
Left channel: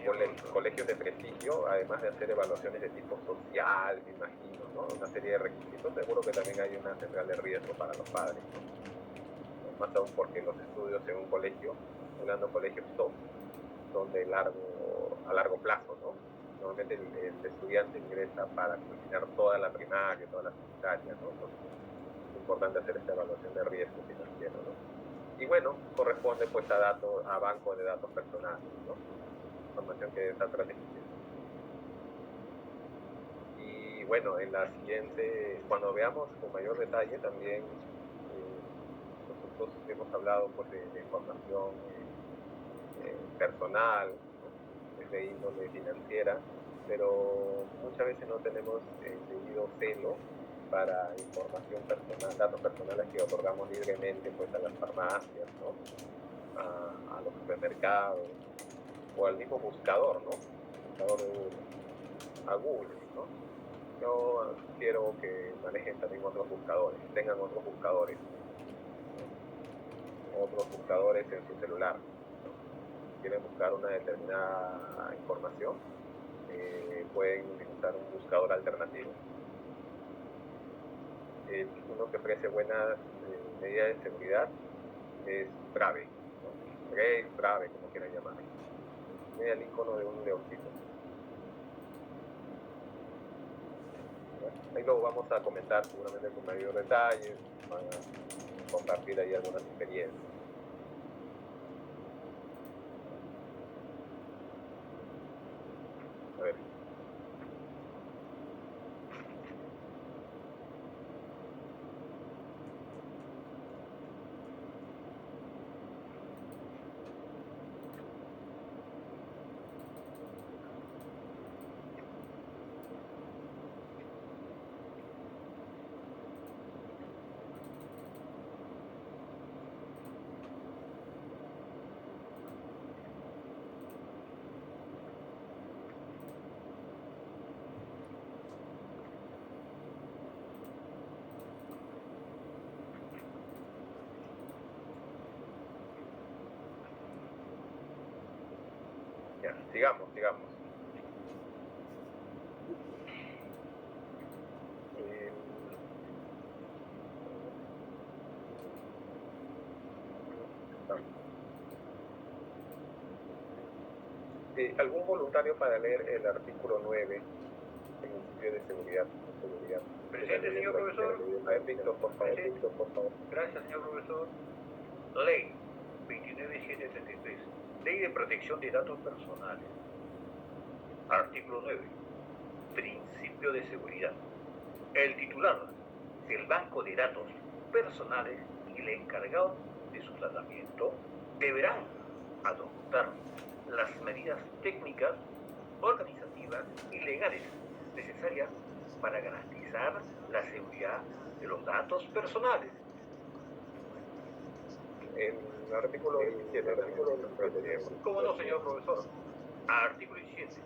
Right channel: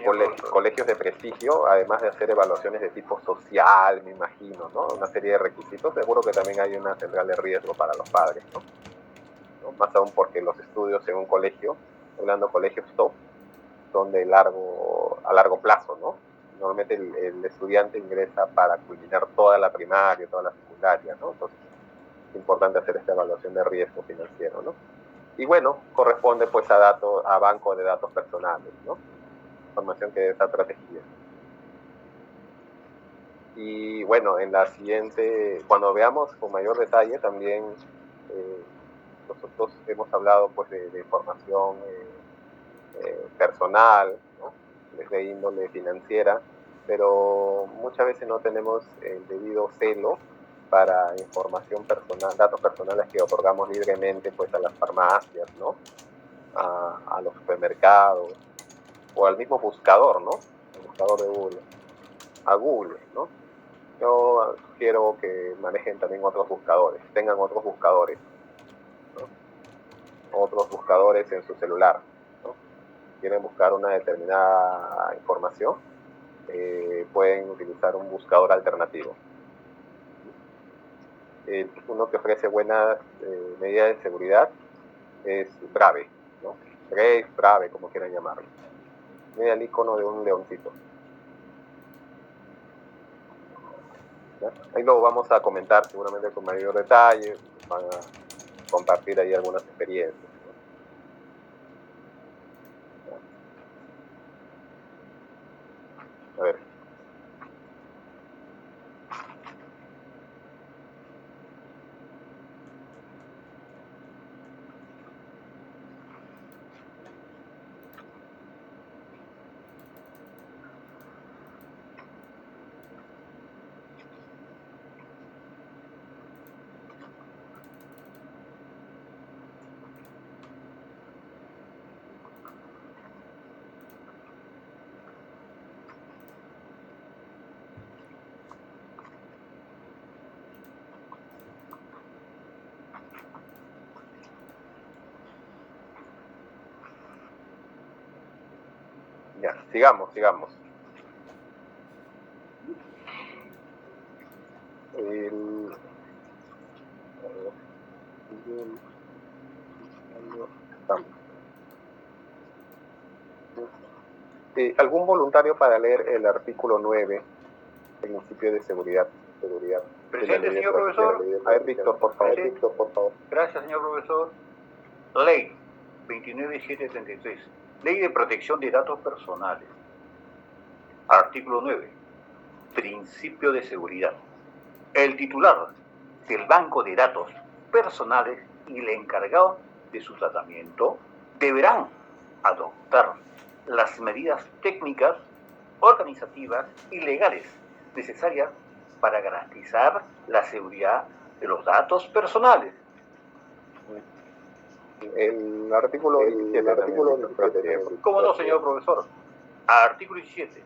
colegios de prestigio, además de hacer evaluaciones de tipo social, me imagino, ¿no? Una serie de requisitos, seguro que también hay una central de riesgo para los padres, ¿no? Más aún porque los estudios en un colegio, hablando de colegios top, son a largo plazo, ¿no? Normalmente el estudiante ingresa para culminar toda la primaria, toda la secundaria, ¿no? Entonces es importante hacer esta evaluación de riesgo financiero, ¿no? Y bueno, corresponde pues a banco de datos personales, ¿no? Información que debe estar protegida. Y bueno, en la siguiente, cuando veamos con mayor detalle también, nosotros hemos hablado pues de información personal, ¿no? Desde índole financiera, pero muchas veces no tenemos el debido celo para información personal, datos personales que otorgamos libremente pues a las farmacias, ¿no? A los supermercados o al mismo buscador, ¿no? El buscador de Google, a Google, ¿no? yo quiero que manejen también otros buscadores, tengan otros buscadores, ¿no? Otros buscadores en su celular, ¿no? Quieren buscar una determinada información, pueden utilizar un buscador alternativo. Uno que ofrece buenas medidas de seguridad es Brave, ¿no? Brave, como quieran llamarlo. Mira el icono de un leoncito. ¿Ya? Ahí lo vamos a comentar seguramente con mayor detalle, van a compartir ahí algunas experiencias. A ver. Ya, sigamos. ¿Algún voluntario para leer el artículo 9, principio de seguridad? Presente, señor profesor. A ver, Víctor, por favor. Gracias, señor profesor. Ley 29733. Ley de protección de datos personales. Artículo 9. Principio de seguridad. El titular del banco de datos personales y el encargado de su tratamiento deberán adoptar las medidas técnicas, organizativas y legales necesarias para garantizar la seguridad de los datos personales. El artículo 17. ¿Cómo no, señor profesor? Artículo 17.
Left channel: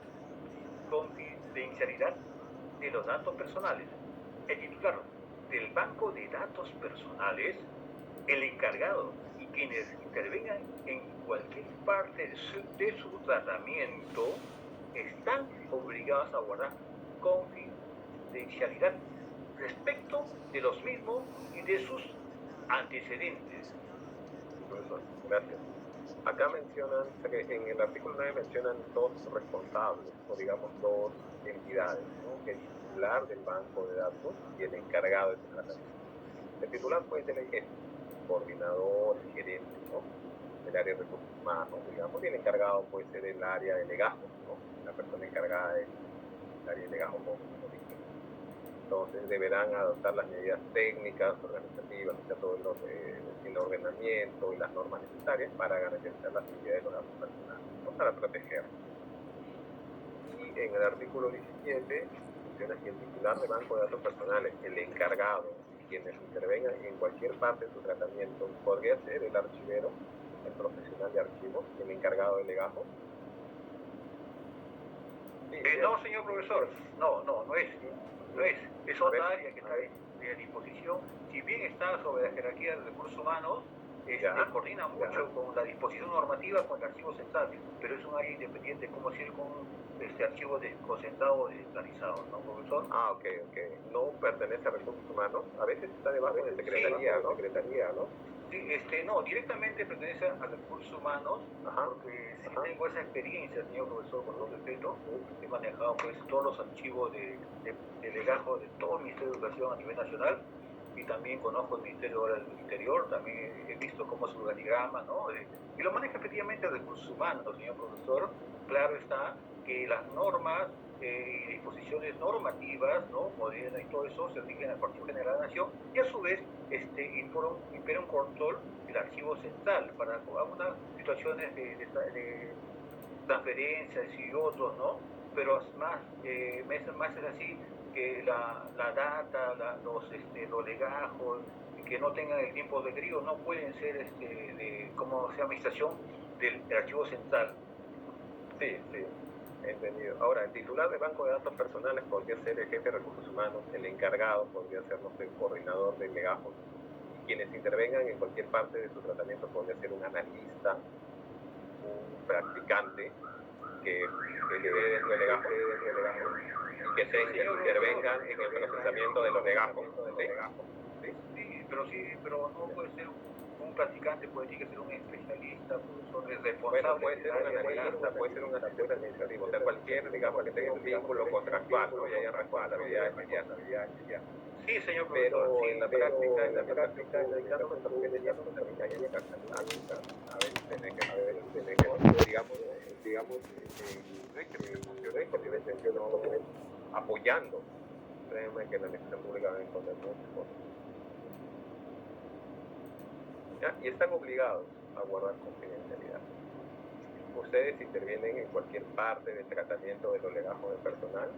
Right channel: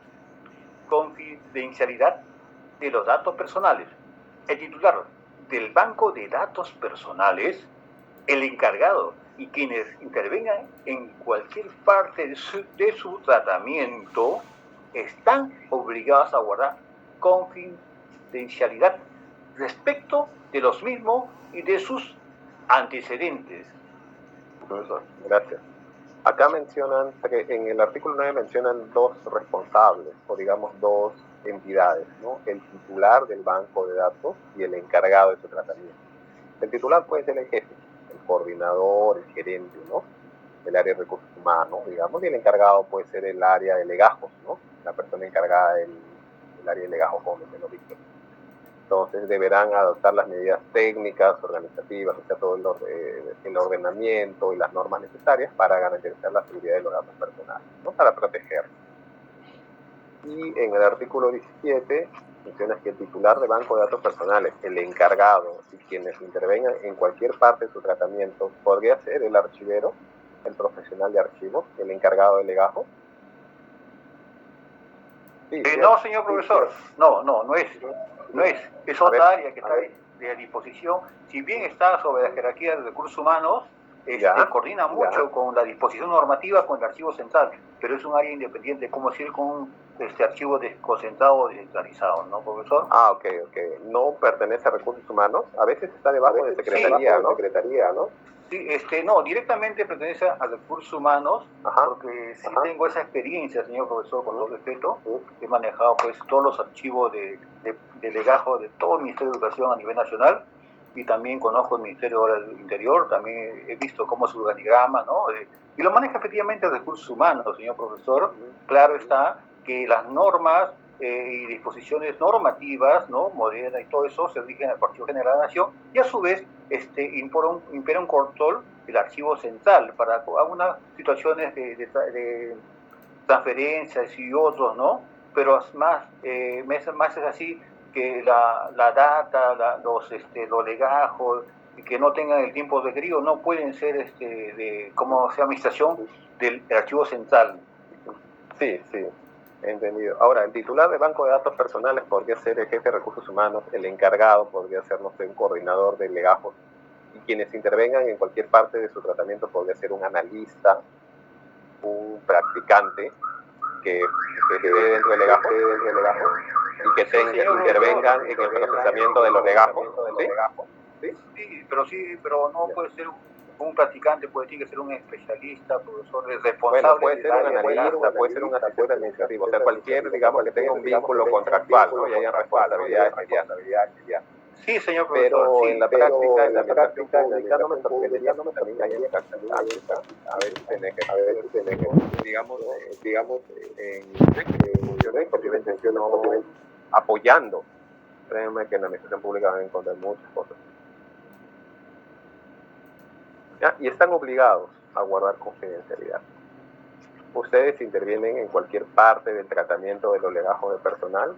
Confidencialidad de los datos personales. El titular del banco de datos personales, el encargado y quienes intervengan en cualquier parte de su tratamiento están obligados a guardar confidencialidad respecto de los mismos y de sus antecedentes. Profesor, gracias. Acá mencionan, en el artículo 9 mencionan dos responsables, o digamos dos entidades, ¿no? El titular del banco de datos y el encargado de su tratamiento. El titular puede ser el jefe, el coordinador, el gerente, ¿no? El área de recursos humanos, digamos, y el encargado puede ser el área de legajos, ¿no? La persona encargada del área de legajos, como me lo dije. Entonces deberán adoptar las medidas técnicas, organizativas, o sea, todo el ordenamiento y las normas necesarias para garantizar la seguridad de los datos personales, ¿no? Para proteger. Y en el artículo 17 menciona que el titular de banco de datos personales, el encargado y quienes intervengan en cualquier parte de su tratamiento, podría ser el archivero, el profesional de archivos, el encargado de legajo. Sí, no, señor profesor, no es. Es otra área que está a disposición. Si bien está sobre la jerarquía de recursos humanos, coordina mucho con la disposición normativa con el archivo central, pero es un área independiente, como decir, con un archivo desconcentrado o descentralizado, ¿no, profesor? Ah, ok. No pertenece a recursos humanos, a veces está debajo de secretaría, ¿no? Sí, no, directamente pertenece a recursos humanos, porque sí tengo esa experiencia, señor profesor, con todo respeto. He manejado pues todos los archivos de legajo de todo el Ministerio de Educación a nivel nacional, y también conozco el Ministerio del Interior, también he visto cómo es su organigrama, ¿no? Y lo maneja efectivamente recursos humanos, señor profesor. Claro está que las normas y disposiciones normativas, ¿no? Modernas y todo eso se rigen al Archivo General de la Nación, y a su vez impera un control del Archivo Central para algunas situaciones de transferencias y otros, ¿no? Pero más es así que la data, los legajos, que no tengan el tiempo requerido, no pueden ser como sea administración del Archivo Central. Sí. Entendido. Ahora, el titular del banco de datos personales podría ser el jefe de recursos humanos, el encargado podría ser, no sé, un coordinador de legajos, y quienes intervengan en cualquier parte de su tratamiento podría ser un analista, un practicante que esté dentro del legajo y que intervengan en el procesamiento de los legajos. ¿Sí? Pero no puede ser un practicante, puede que ser un especialista, profesor, es responsable. Bueno, puede ser un analista, puede ser un asesor administrativo, o sea, cualquier, digamos, que tenga un vínculo contractual, ¿no? Y haya responsabilidades. Sí, señor pero profesor, en la práctica, en la administración pública no me sorprendería también haya a ver, digamos, en funciones posiblemente no apoyando. Créanme que en la administración pública van a encontrar muchas cosas. ¿Ya? Y están obligados a guardar confidencialidad. Ustedes intervienen en cualquier parte del tratamiento de los legajos de personal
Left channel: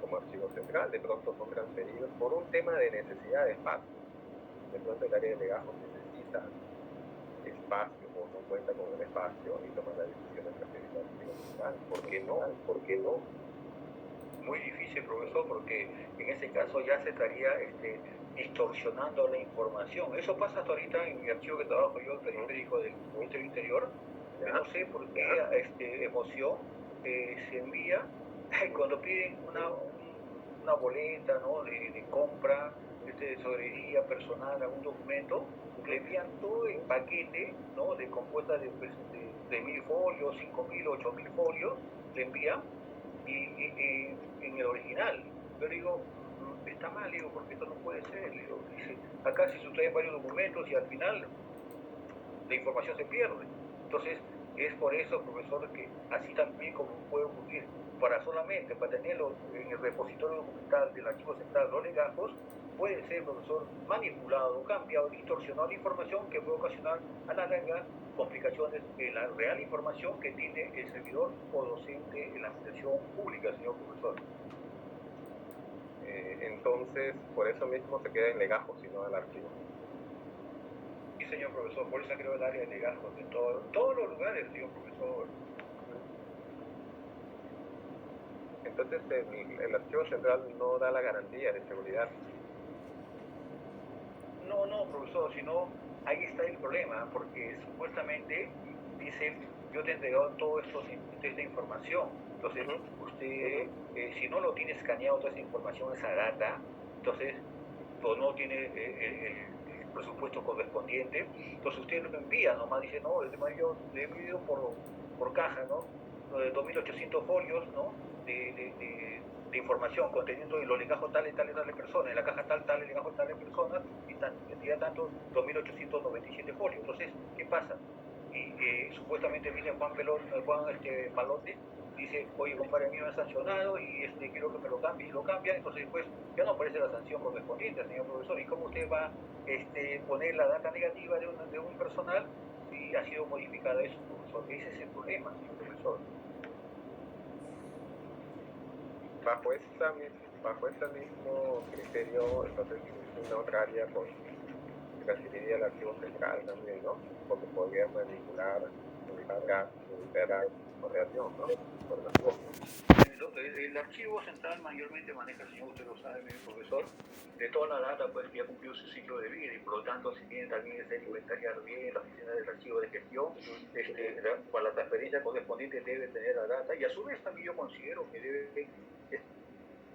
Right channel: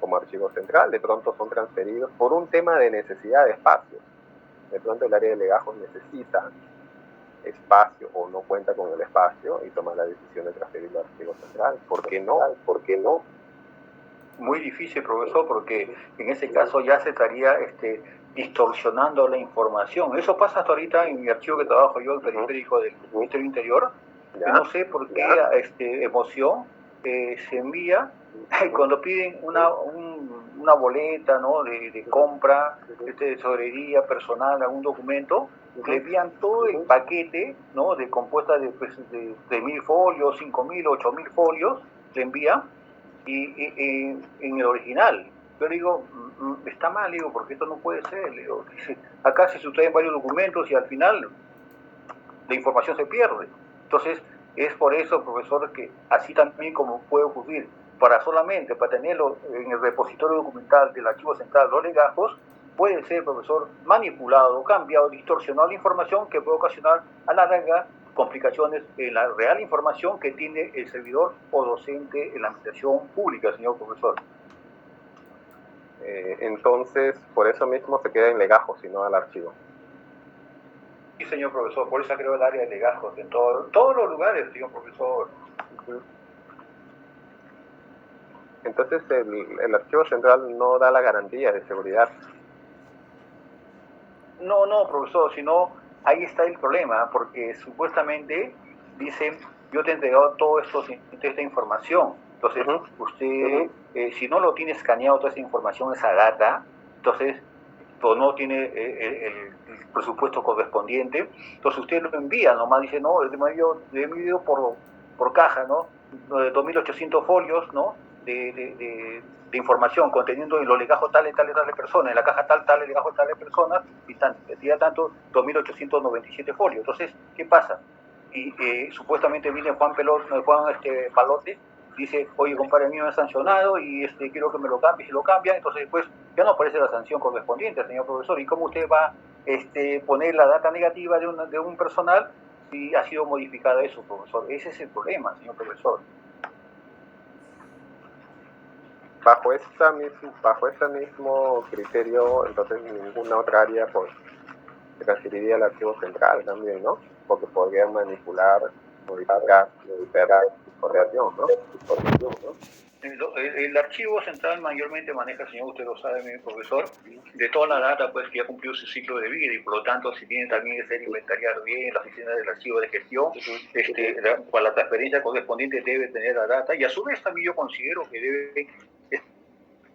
como archivo central, de pronto son transferidos por un tema de necesidad de espacio. De pronto el área de legajos necesita espacio o no cuenta con el espacio y toma la decisión de transferirlo al archivo central. ¿Por qué no? ¿Por qué no? Muy difícil, profesor, porque en ese caso ya se estaría distorsionando la información. Eso pasa hasta ahorita en mi archivo que trabajo yo, el periférico del Ministerio Interior. No sé por qué emoción se envía cuando piden una boleta, ¿no? de compra, de tesorería personal, algún documento, le envían todo el paquete, ¿no? de compuesta de 1.000 folios, 5.000, 8.000 folios, le envían y en el original. Yo le digo, está mal, digo, porque esto no puede ser. Le digo, acá se sustraen varios documentos y al final la información se pierde. Entonces, es por eso, profesor, que así también como puede ocurrir, para tenerlo en el repositorio documental del archivo central, los legajos, puede ser, profesor, manipulado, cambiado, distorsionado la información que puede ocasionar a la larga complicaciones en la real información que tiene el servidor o docente en la administración pública, señor profesor. Entonces, por eso mismo se queda en legajos y no al archivo. Sí, señor profesor, por eso creo el área de legajos en todos los lugares, señor profesor. Entonces, el archivo central no da la garantía de seguridad. No, profesor, sino ahí está el problema, porque supuestamente dicen, yo te he entregado toda esta información. Entonces, usted, si no lo tiene escaneado toda esa información, esa data, entonces, pues no tiene el presupuesto correspondiente, entonces usted lo envía, nomás dice, no, le envío por caja, ¿no? 2.800 folios, ¿no? De información conteniendo en los legajos tales personas, en la caja tales legajos tales personas, y cantidad tanto 2.897 folios. Entonces, ¿qué pasa? Y supuestamente viene Juan Palote, dice, oye, compadre, mío me ha sancionado y quiero que me lo cambie, y lo cambia, entonces después ya no aparece la sanción correspondiente, señor profesor. ¿Y cómo usted va a poner la data negativa de un personal si ha sido modificada eso, profesor? Ese es el problema, señor profesor. Bajo ese mismo criterio, entonces ninguna otra área pues, se transferiría al archivo central también, ¿no? Porque podrían manipular, modificar información, ¿no? El archivo central mayormente maneja, señor, usted lo sabe, mi profesor, de toda la data pues que ya cumplió su ciclo de vida y por lo tanto si tiene también que ser inventariado bien en la oficina del archivo de gestión, para la transferencia correspondiente debe tener la data y a su vez también yo considero que debe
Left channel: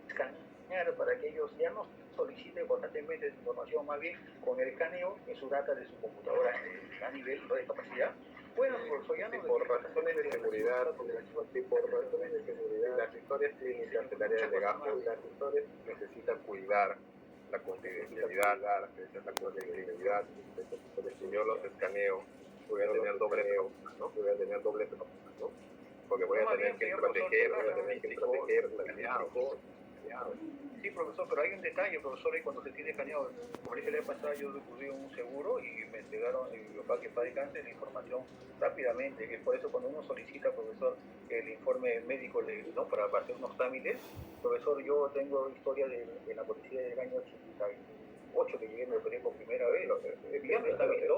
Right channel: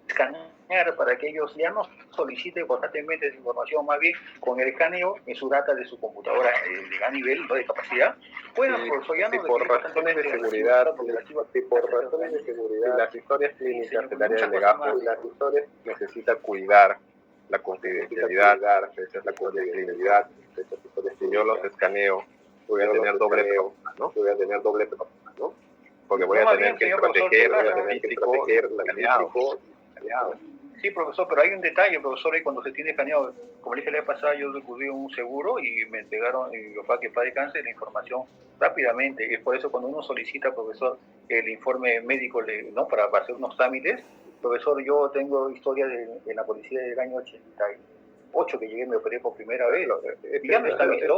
escanear para que ellos ya no soliciten constantemente esa información, más bien con el escaneo en su data de su computadora de gran nivel, no de capacidad, puedan por razones de seguridad, las historias clínicas del área de legajos, las historias necesita cuidar la confidencialidad, la confidencialidad, si yo los escaneo, voy a tener doble problema, ¿no? Porque voy a tener que proteger el escaneado. Sí, profesor, pero hay un detalle, profesor, y cuando se tiene escaneado, como le dije la vez pasada, yo recurrí a un seguro y me entregaron, que fue de cáncer, la información rápidamente. Es por eso cuando uno solicita, profesor, el informe médico, ¿no? para hacer unos trámites, profesor, yo tengo historia de la policía del año 2008 que llegué, me operé por primera vez. Y ya me está mi Esta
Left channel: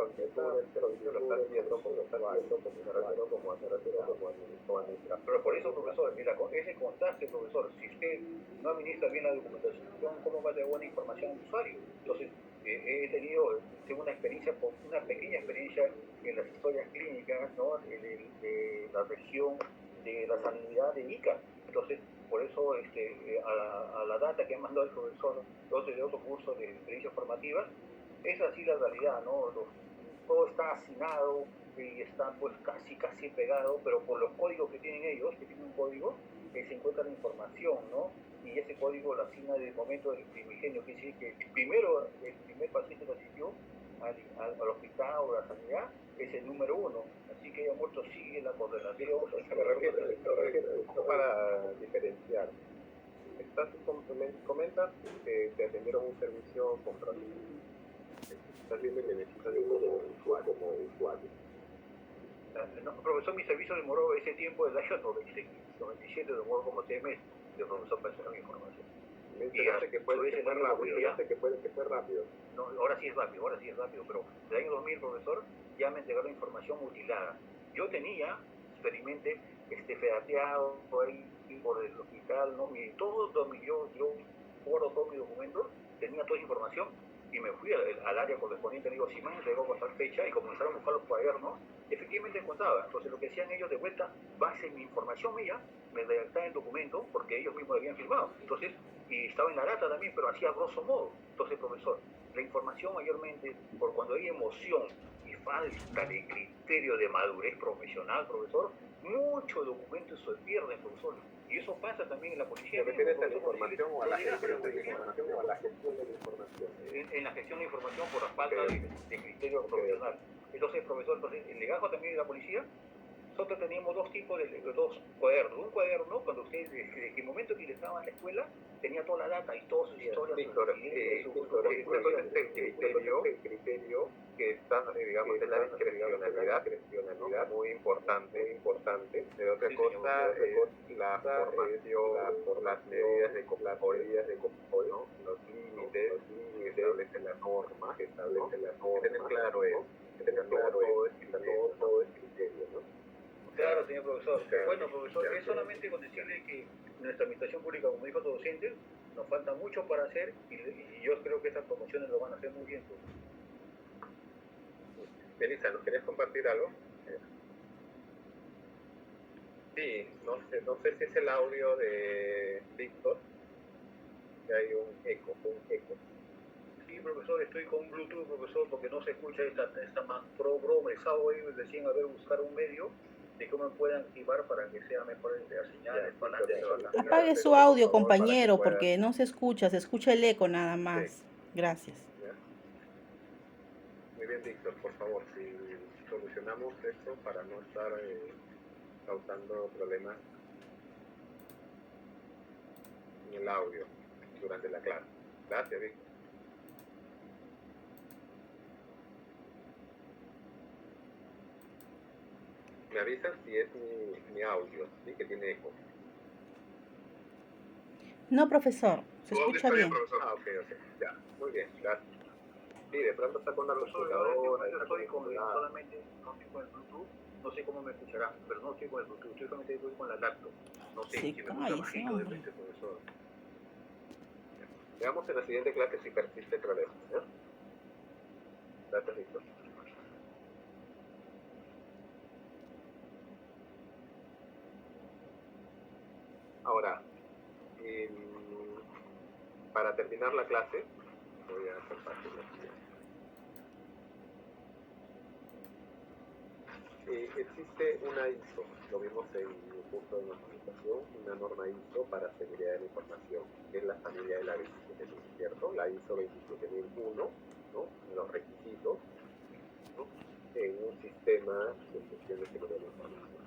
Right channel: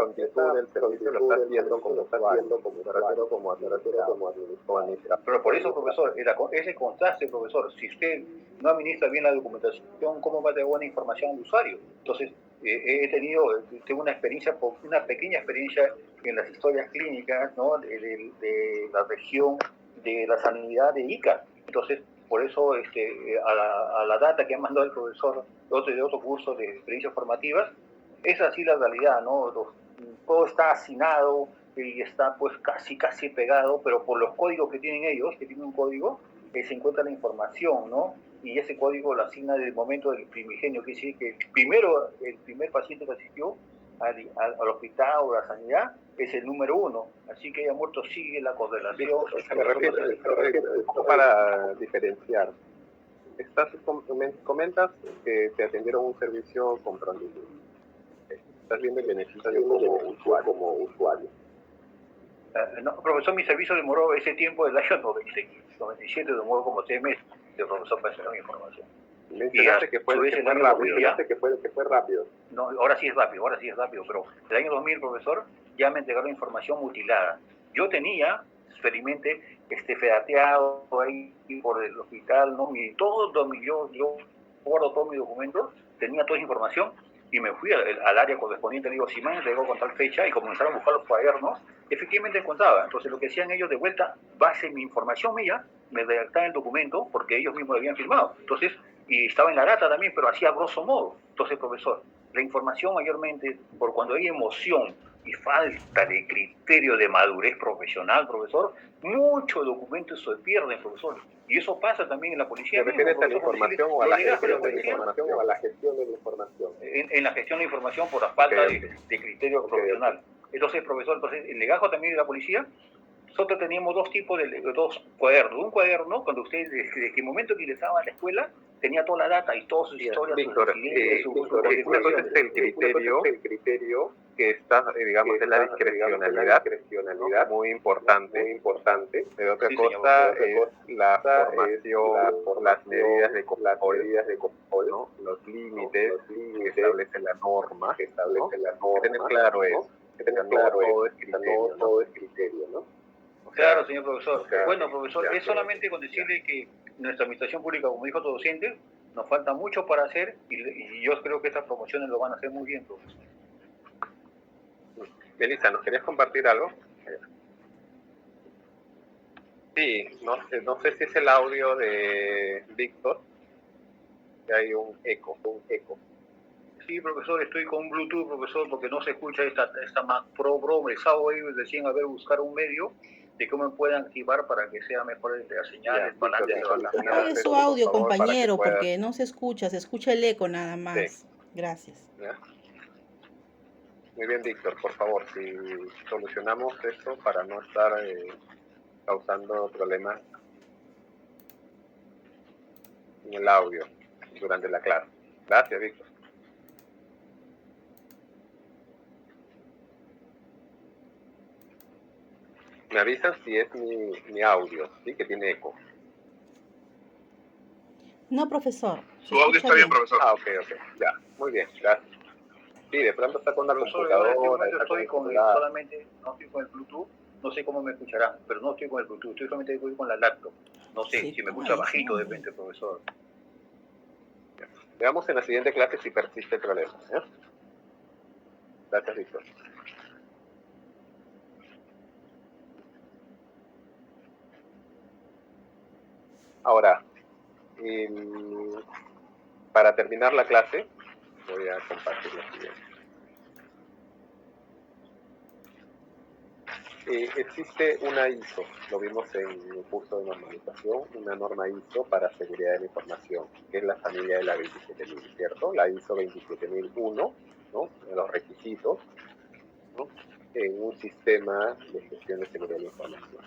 longitud del servicio lo está haciendo como administrador. Pero por eso, profesor, ese contraste, profesor, si usted no administra bien la documentación, ¿cómo va a tener buena información al usuario? Entonces, tengo una pequeña experiencia en las historias clínicas, ¿no? de la región de la sanidad de Ica. Entonces, por eso a la data que ha mandado el profesor de otro curso de experiencias formativas, es así la realidad, ¿no? Todo está hacinado y está pues casi pegado, pero por los códigos que tienen ellos, que tienen un código, se encuentra la información, ¿no? Y ese código lo asigna desde el momento del primigenio, que dice que el primer paciente que asistió al hospital o a la sanidad es el número 1, así que haya muerto sigue la correlación. Me refiero para diferenciar. Comentas que te atendieron un servicio comprendido. Estás viendo el beneficio como usuario. No, profesor, mi servicio demoró ese tiempo del año 97, demoró como 3 meses de profesor para hacer la información. Mencionaste que fue rápido. No, ahora sí es rápido, pero el año 2000, profesor, ya me entregaron información mutilada. Yo tenía, felizmente, fedateado ahí por el hospital, ¿no? Y yo guardo todos mis documentos, tenía toda esa información, y me fui al área correspondiente, le digo, si me han entregado con tal fecha, y comenzaron a buscar los cuadernos, efectivamente encontraba. Entonces lo que hacían ellos de vuelta, base mi información mía, me redactaban el documento, porque ellos mismos lo habían firmado. Entonces, y estaba en la data también, pero hacía grosso modo. Entonces, profesor, la información mayormente, por cuando hay emoción y falta de criterio de madurez profesional, profesor, muchos documentos se pierden, profesor. Y eso pasa también en la policía. ¿Te refieres a la información o a la gestión de la información o a la gestión de la información? En la gestión de información por la falta de criterio profesional. Entonces, profesor, el legajo también de la policía, nosotros teníamos dos tipos dos cuadernos. Un cuaderno, cuando usted, desde el momento que ingresaba a la escuela, tenía toda la data y todas sus historias. Víctor, una cosa es el criterio que está, digamos, en la discrecionalidad, muy importante. Pero otra cosa es la formación, las medidas de control, ¿no? Los límites que establece la norma, que tener claro eso, que tengan todo es criterio, ¿no? Claro, señor profesor. Bueno, profesor, es solamente con decirle que nuestra administración pública, como dijo todo docente, nos falta mucho para hacer y yo creo que estas promociones lo van a hacer muy bien, profesor. Melissa, ¿nos querías compartir algo? Sí, no sé si es el audio de Víctor, que hay un eco. Sí, profesor, estoy con Bluetooth, profesor, porque no se escucha esta Mac Pro broma. El sábado ahí recién buscar un medio de cómo me puedan activar para que sea mejor la señal. Apague su audio, compañero, porque no se escucha el eco nada más. Sí. Gracias. ¿Ya? Muy bien, Víctor, por favor, si solucionamos esto para no estar causando problemas en el audio durante la clase. Gracias, Víctor. Me avisan si es mi audio, ¿sí? Que tiene eco. No, profesor. Su audio está bien, profesor. Ah, ok, ya. Muy bien, gracias. Sí, de pronto está con la computadora. Estoy solamente, no estoy con el Bluetooth, no sé cómo me escuchará, pero no estoy con el Bluetooth, estoy solamente con la laptop. No sé, si me escucha bajito de repente, profesor. Veamos en la siguiente clase si persiste el problema. Gracias, Víctor. Ahora, para terminar la clase, voy a compartir lo siguiente. Existe una ISO, lo vimos en el curso de normalización, una norma ISO para seguridad de la información, que es la familia de la 27000, ¿cierto? La ISO 27001, ¿no? Los requisitos, ¿no? En un sistema de gestión de seguridad de la información.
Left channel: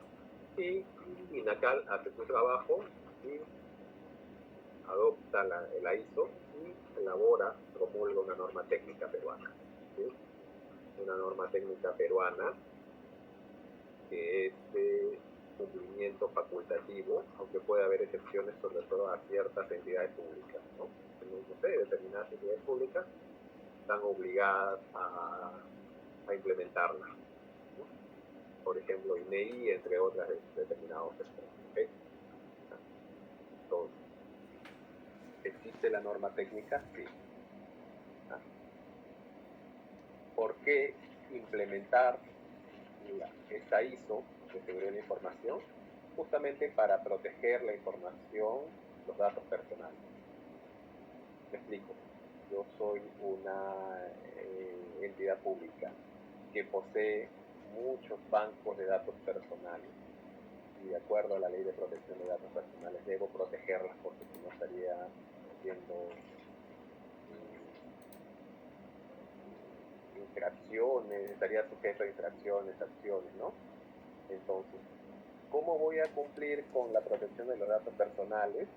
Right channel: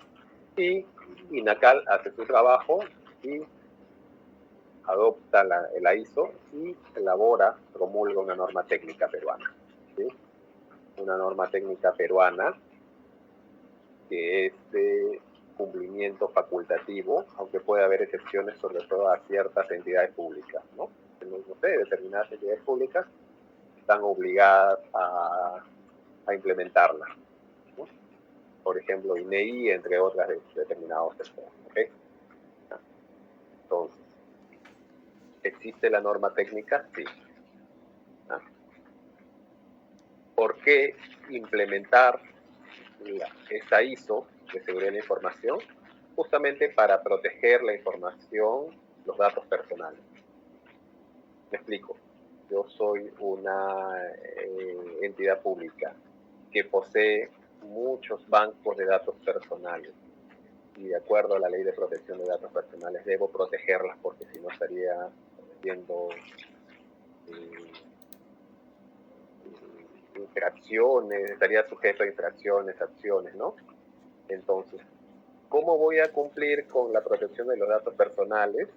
Y INACAL hace su trabajo y adopta la ISO y promulga una norma técnica peruana, ¿sí? Una norma técnica peruana que es de cumplimiento facultativo, aunque puede haber excepciones, sobre todo a ciertas entidades públicas, ¿no? no sé, determinadas entidades públicas están obligadas a implementarla, ¿no? Por ejemplo, INEI, entre otras de determinados sectores, ¿ok? Entonces, ¿existe la norma técnica? Sí. ¿Por qué implementar esta ISO de seguridad de la información? Justamente para proteger la información, los datos personales. Me explico. Yo soy una entidad pública que posee muchos bancos de datos personales y de acuerdo a la ley de protección de datos personales debo protegerlas porque si no estaría haciendo infracciones, estaría sujeto a infracciones, acciones, ¿no? Entonces, ¿cómo voy a cumplir con la protección de los datos personales?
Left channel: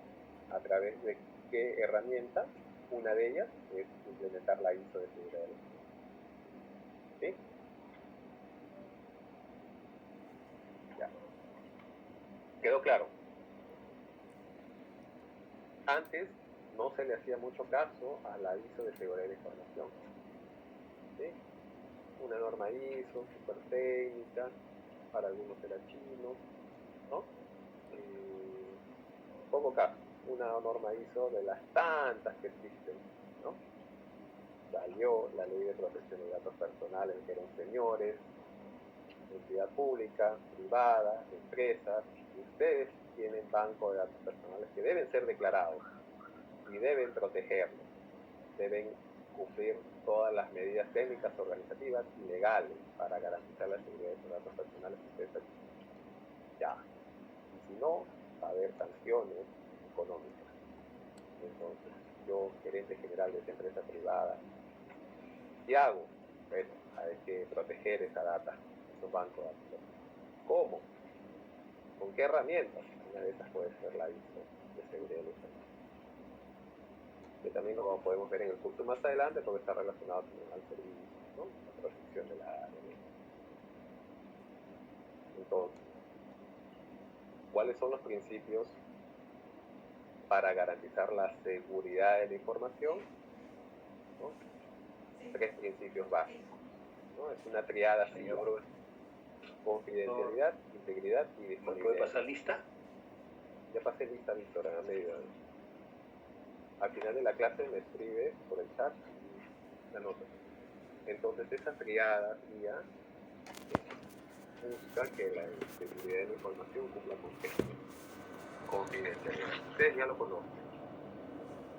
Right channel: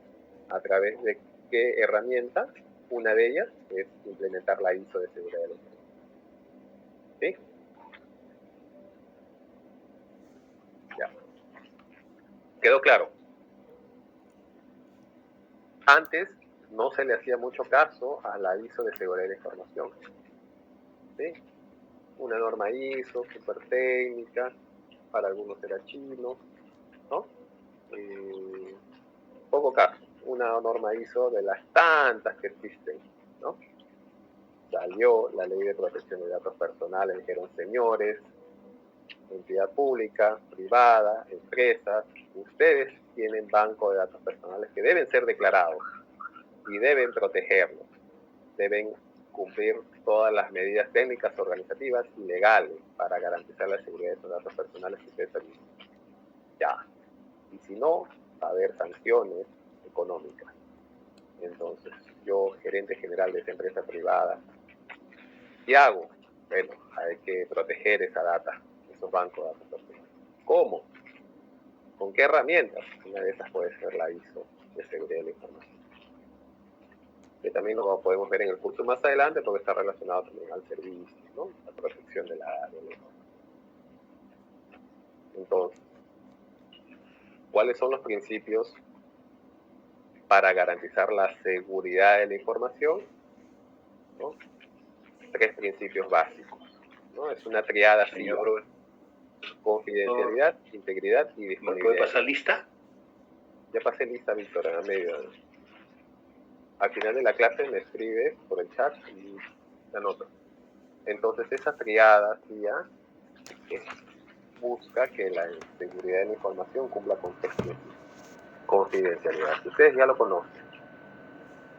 ¿A través de qué herramienta? Una de ellas es implementar la ISO de seguridad de la información. ¿Sí? Ya. ¿Quedó claro? Antes no se le hacía mucho caso a la ISO de seguridad de la información. ¿Sí? Una norma ISO súper técnica, para algunos era chino, ¿no? Poco caso, una norma ISO de las tantas que existen, ¿no? Salió la ley de protección de datos personales, dijeron señores, entidad pública, privada, empresas, ustedes tienen banco de datos personales que deben ser declarados y deben protegerlos, deben cumplir todas las medidas técnicas, organizativas y legales para garantizar la seguridad de esos datos personales que ustedes permiten. Ya. Y si no, va a haber sanciones económicas. Entonces, yo, gerente general de esa empresa privada, ¿qué hago? Bueno, hay que proteger esa data, esos bancos de datos personales. ¿Cómo? ¿Con qué herramientas? Una de esas puede ser la ISO de seguridad de la información, que también lo podemos ver en el curso más adelante porque está relacionado también al servicio, ¿no? La protección de la información. Entonces, ¿cuáles son los principios para garantizar la seguridad de la información? ¿No? 3 principios básicos, ¿no? Es una triada así: confidencialidad, integridad y disponibilidad. ¿Me puede pasar lista? Ya pasé lista, Víctor, a medio. Al final de la clase me escribes por el chat y anoto. Entonces, esa triada ya busca que la seguridad de la información cumpla con 3 principios. Confidencialidad. Ustedes ya lo conocen.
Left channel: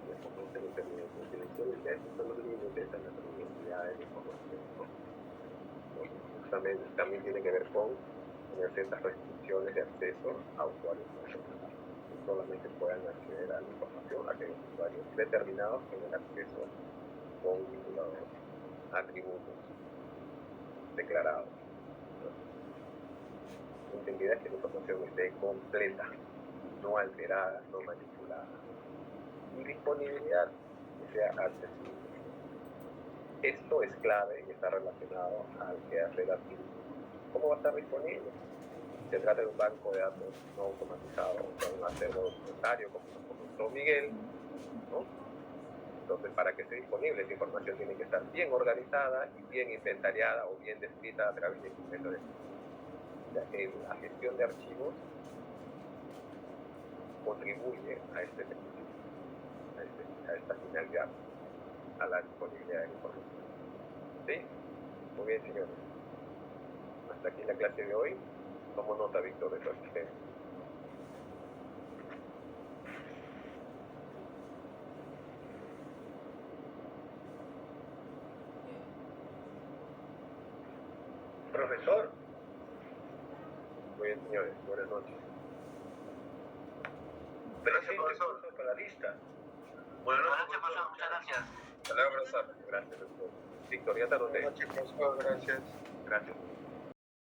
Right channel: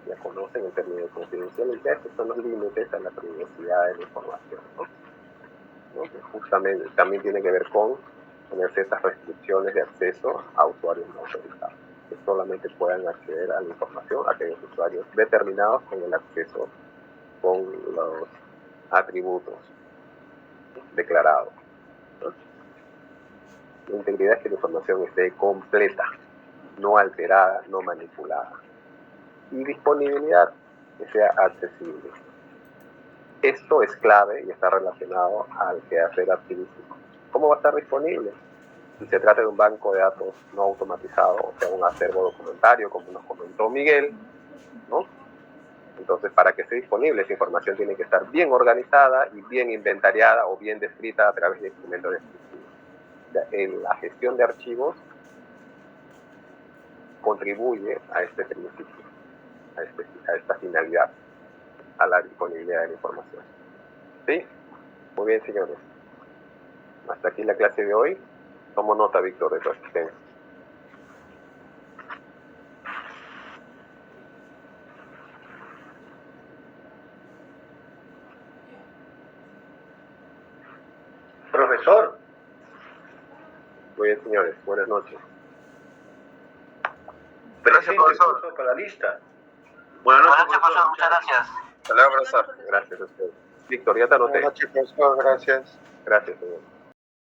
Ya conocen el término de confidencialidad, estos son los límites a la privacidad de la información, ¿no? Que justamente también tiene que ver con poner ciertas restricciones de acceso a usuarios no autorizados, que solamente puedan acceder a la información a aquellos usuarios determinados con el acceso con los atributos declarados, ¿no? La integridad es que la información esté completa, no alterada, no manipulada. Y disponibilidad, que sea accesible. Esto es clave y está relacionado al quehacer archivístico. ¿Cómo va a estar disponible? Si se trata de un banco de datos no automatizado, o sea, un acervo documentario, como nos comentó Miguel, ¿no? Entonces, para que esté disponible, esa información tiene que estar bien organizada y bien inventariada o bien descrita a través de instrumentos descriptivos. En la gestión de archivos contribuye a este principio, a esta finalidad, a la disponibilidad de la información. ¿Sí? Muy bien, señores. Hasta aquí la clase de hoy. Tomo nota, Víctor, de tu asistencia. Profesor. Muy bien, señores. Buenas noches. Gracias, profesor, para la lista. Buenas noches, profesor. Muchas gracias. Hasta luego, profesor. Gracias a ustedes. Víctor, ya te anoté. Buenas noches, profesor. Gracias. Gracias, señor.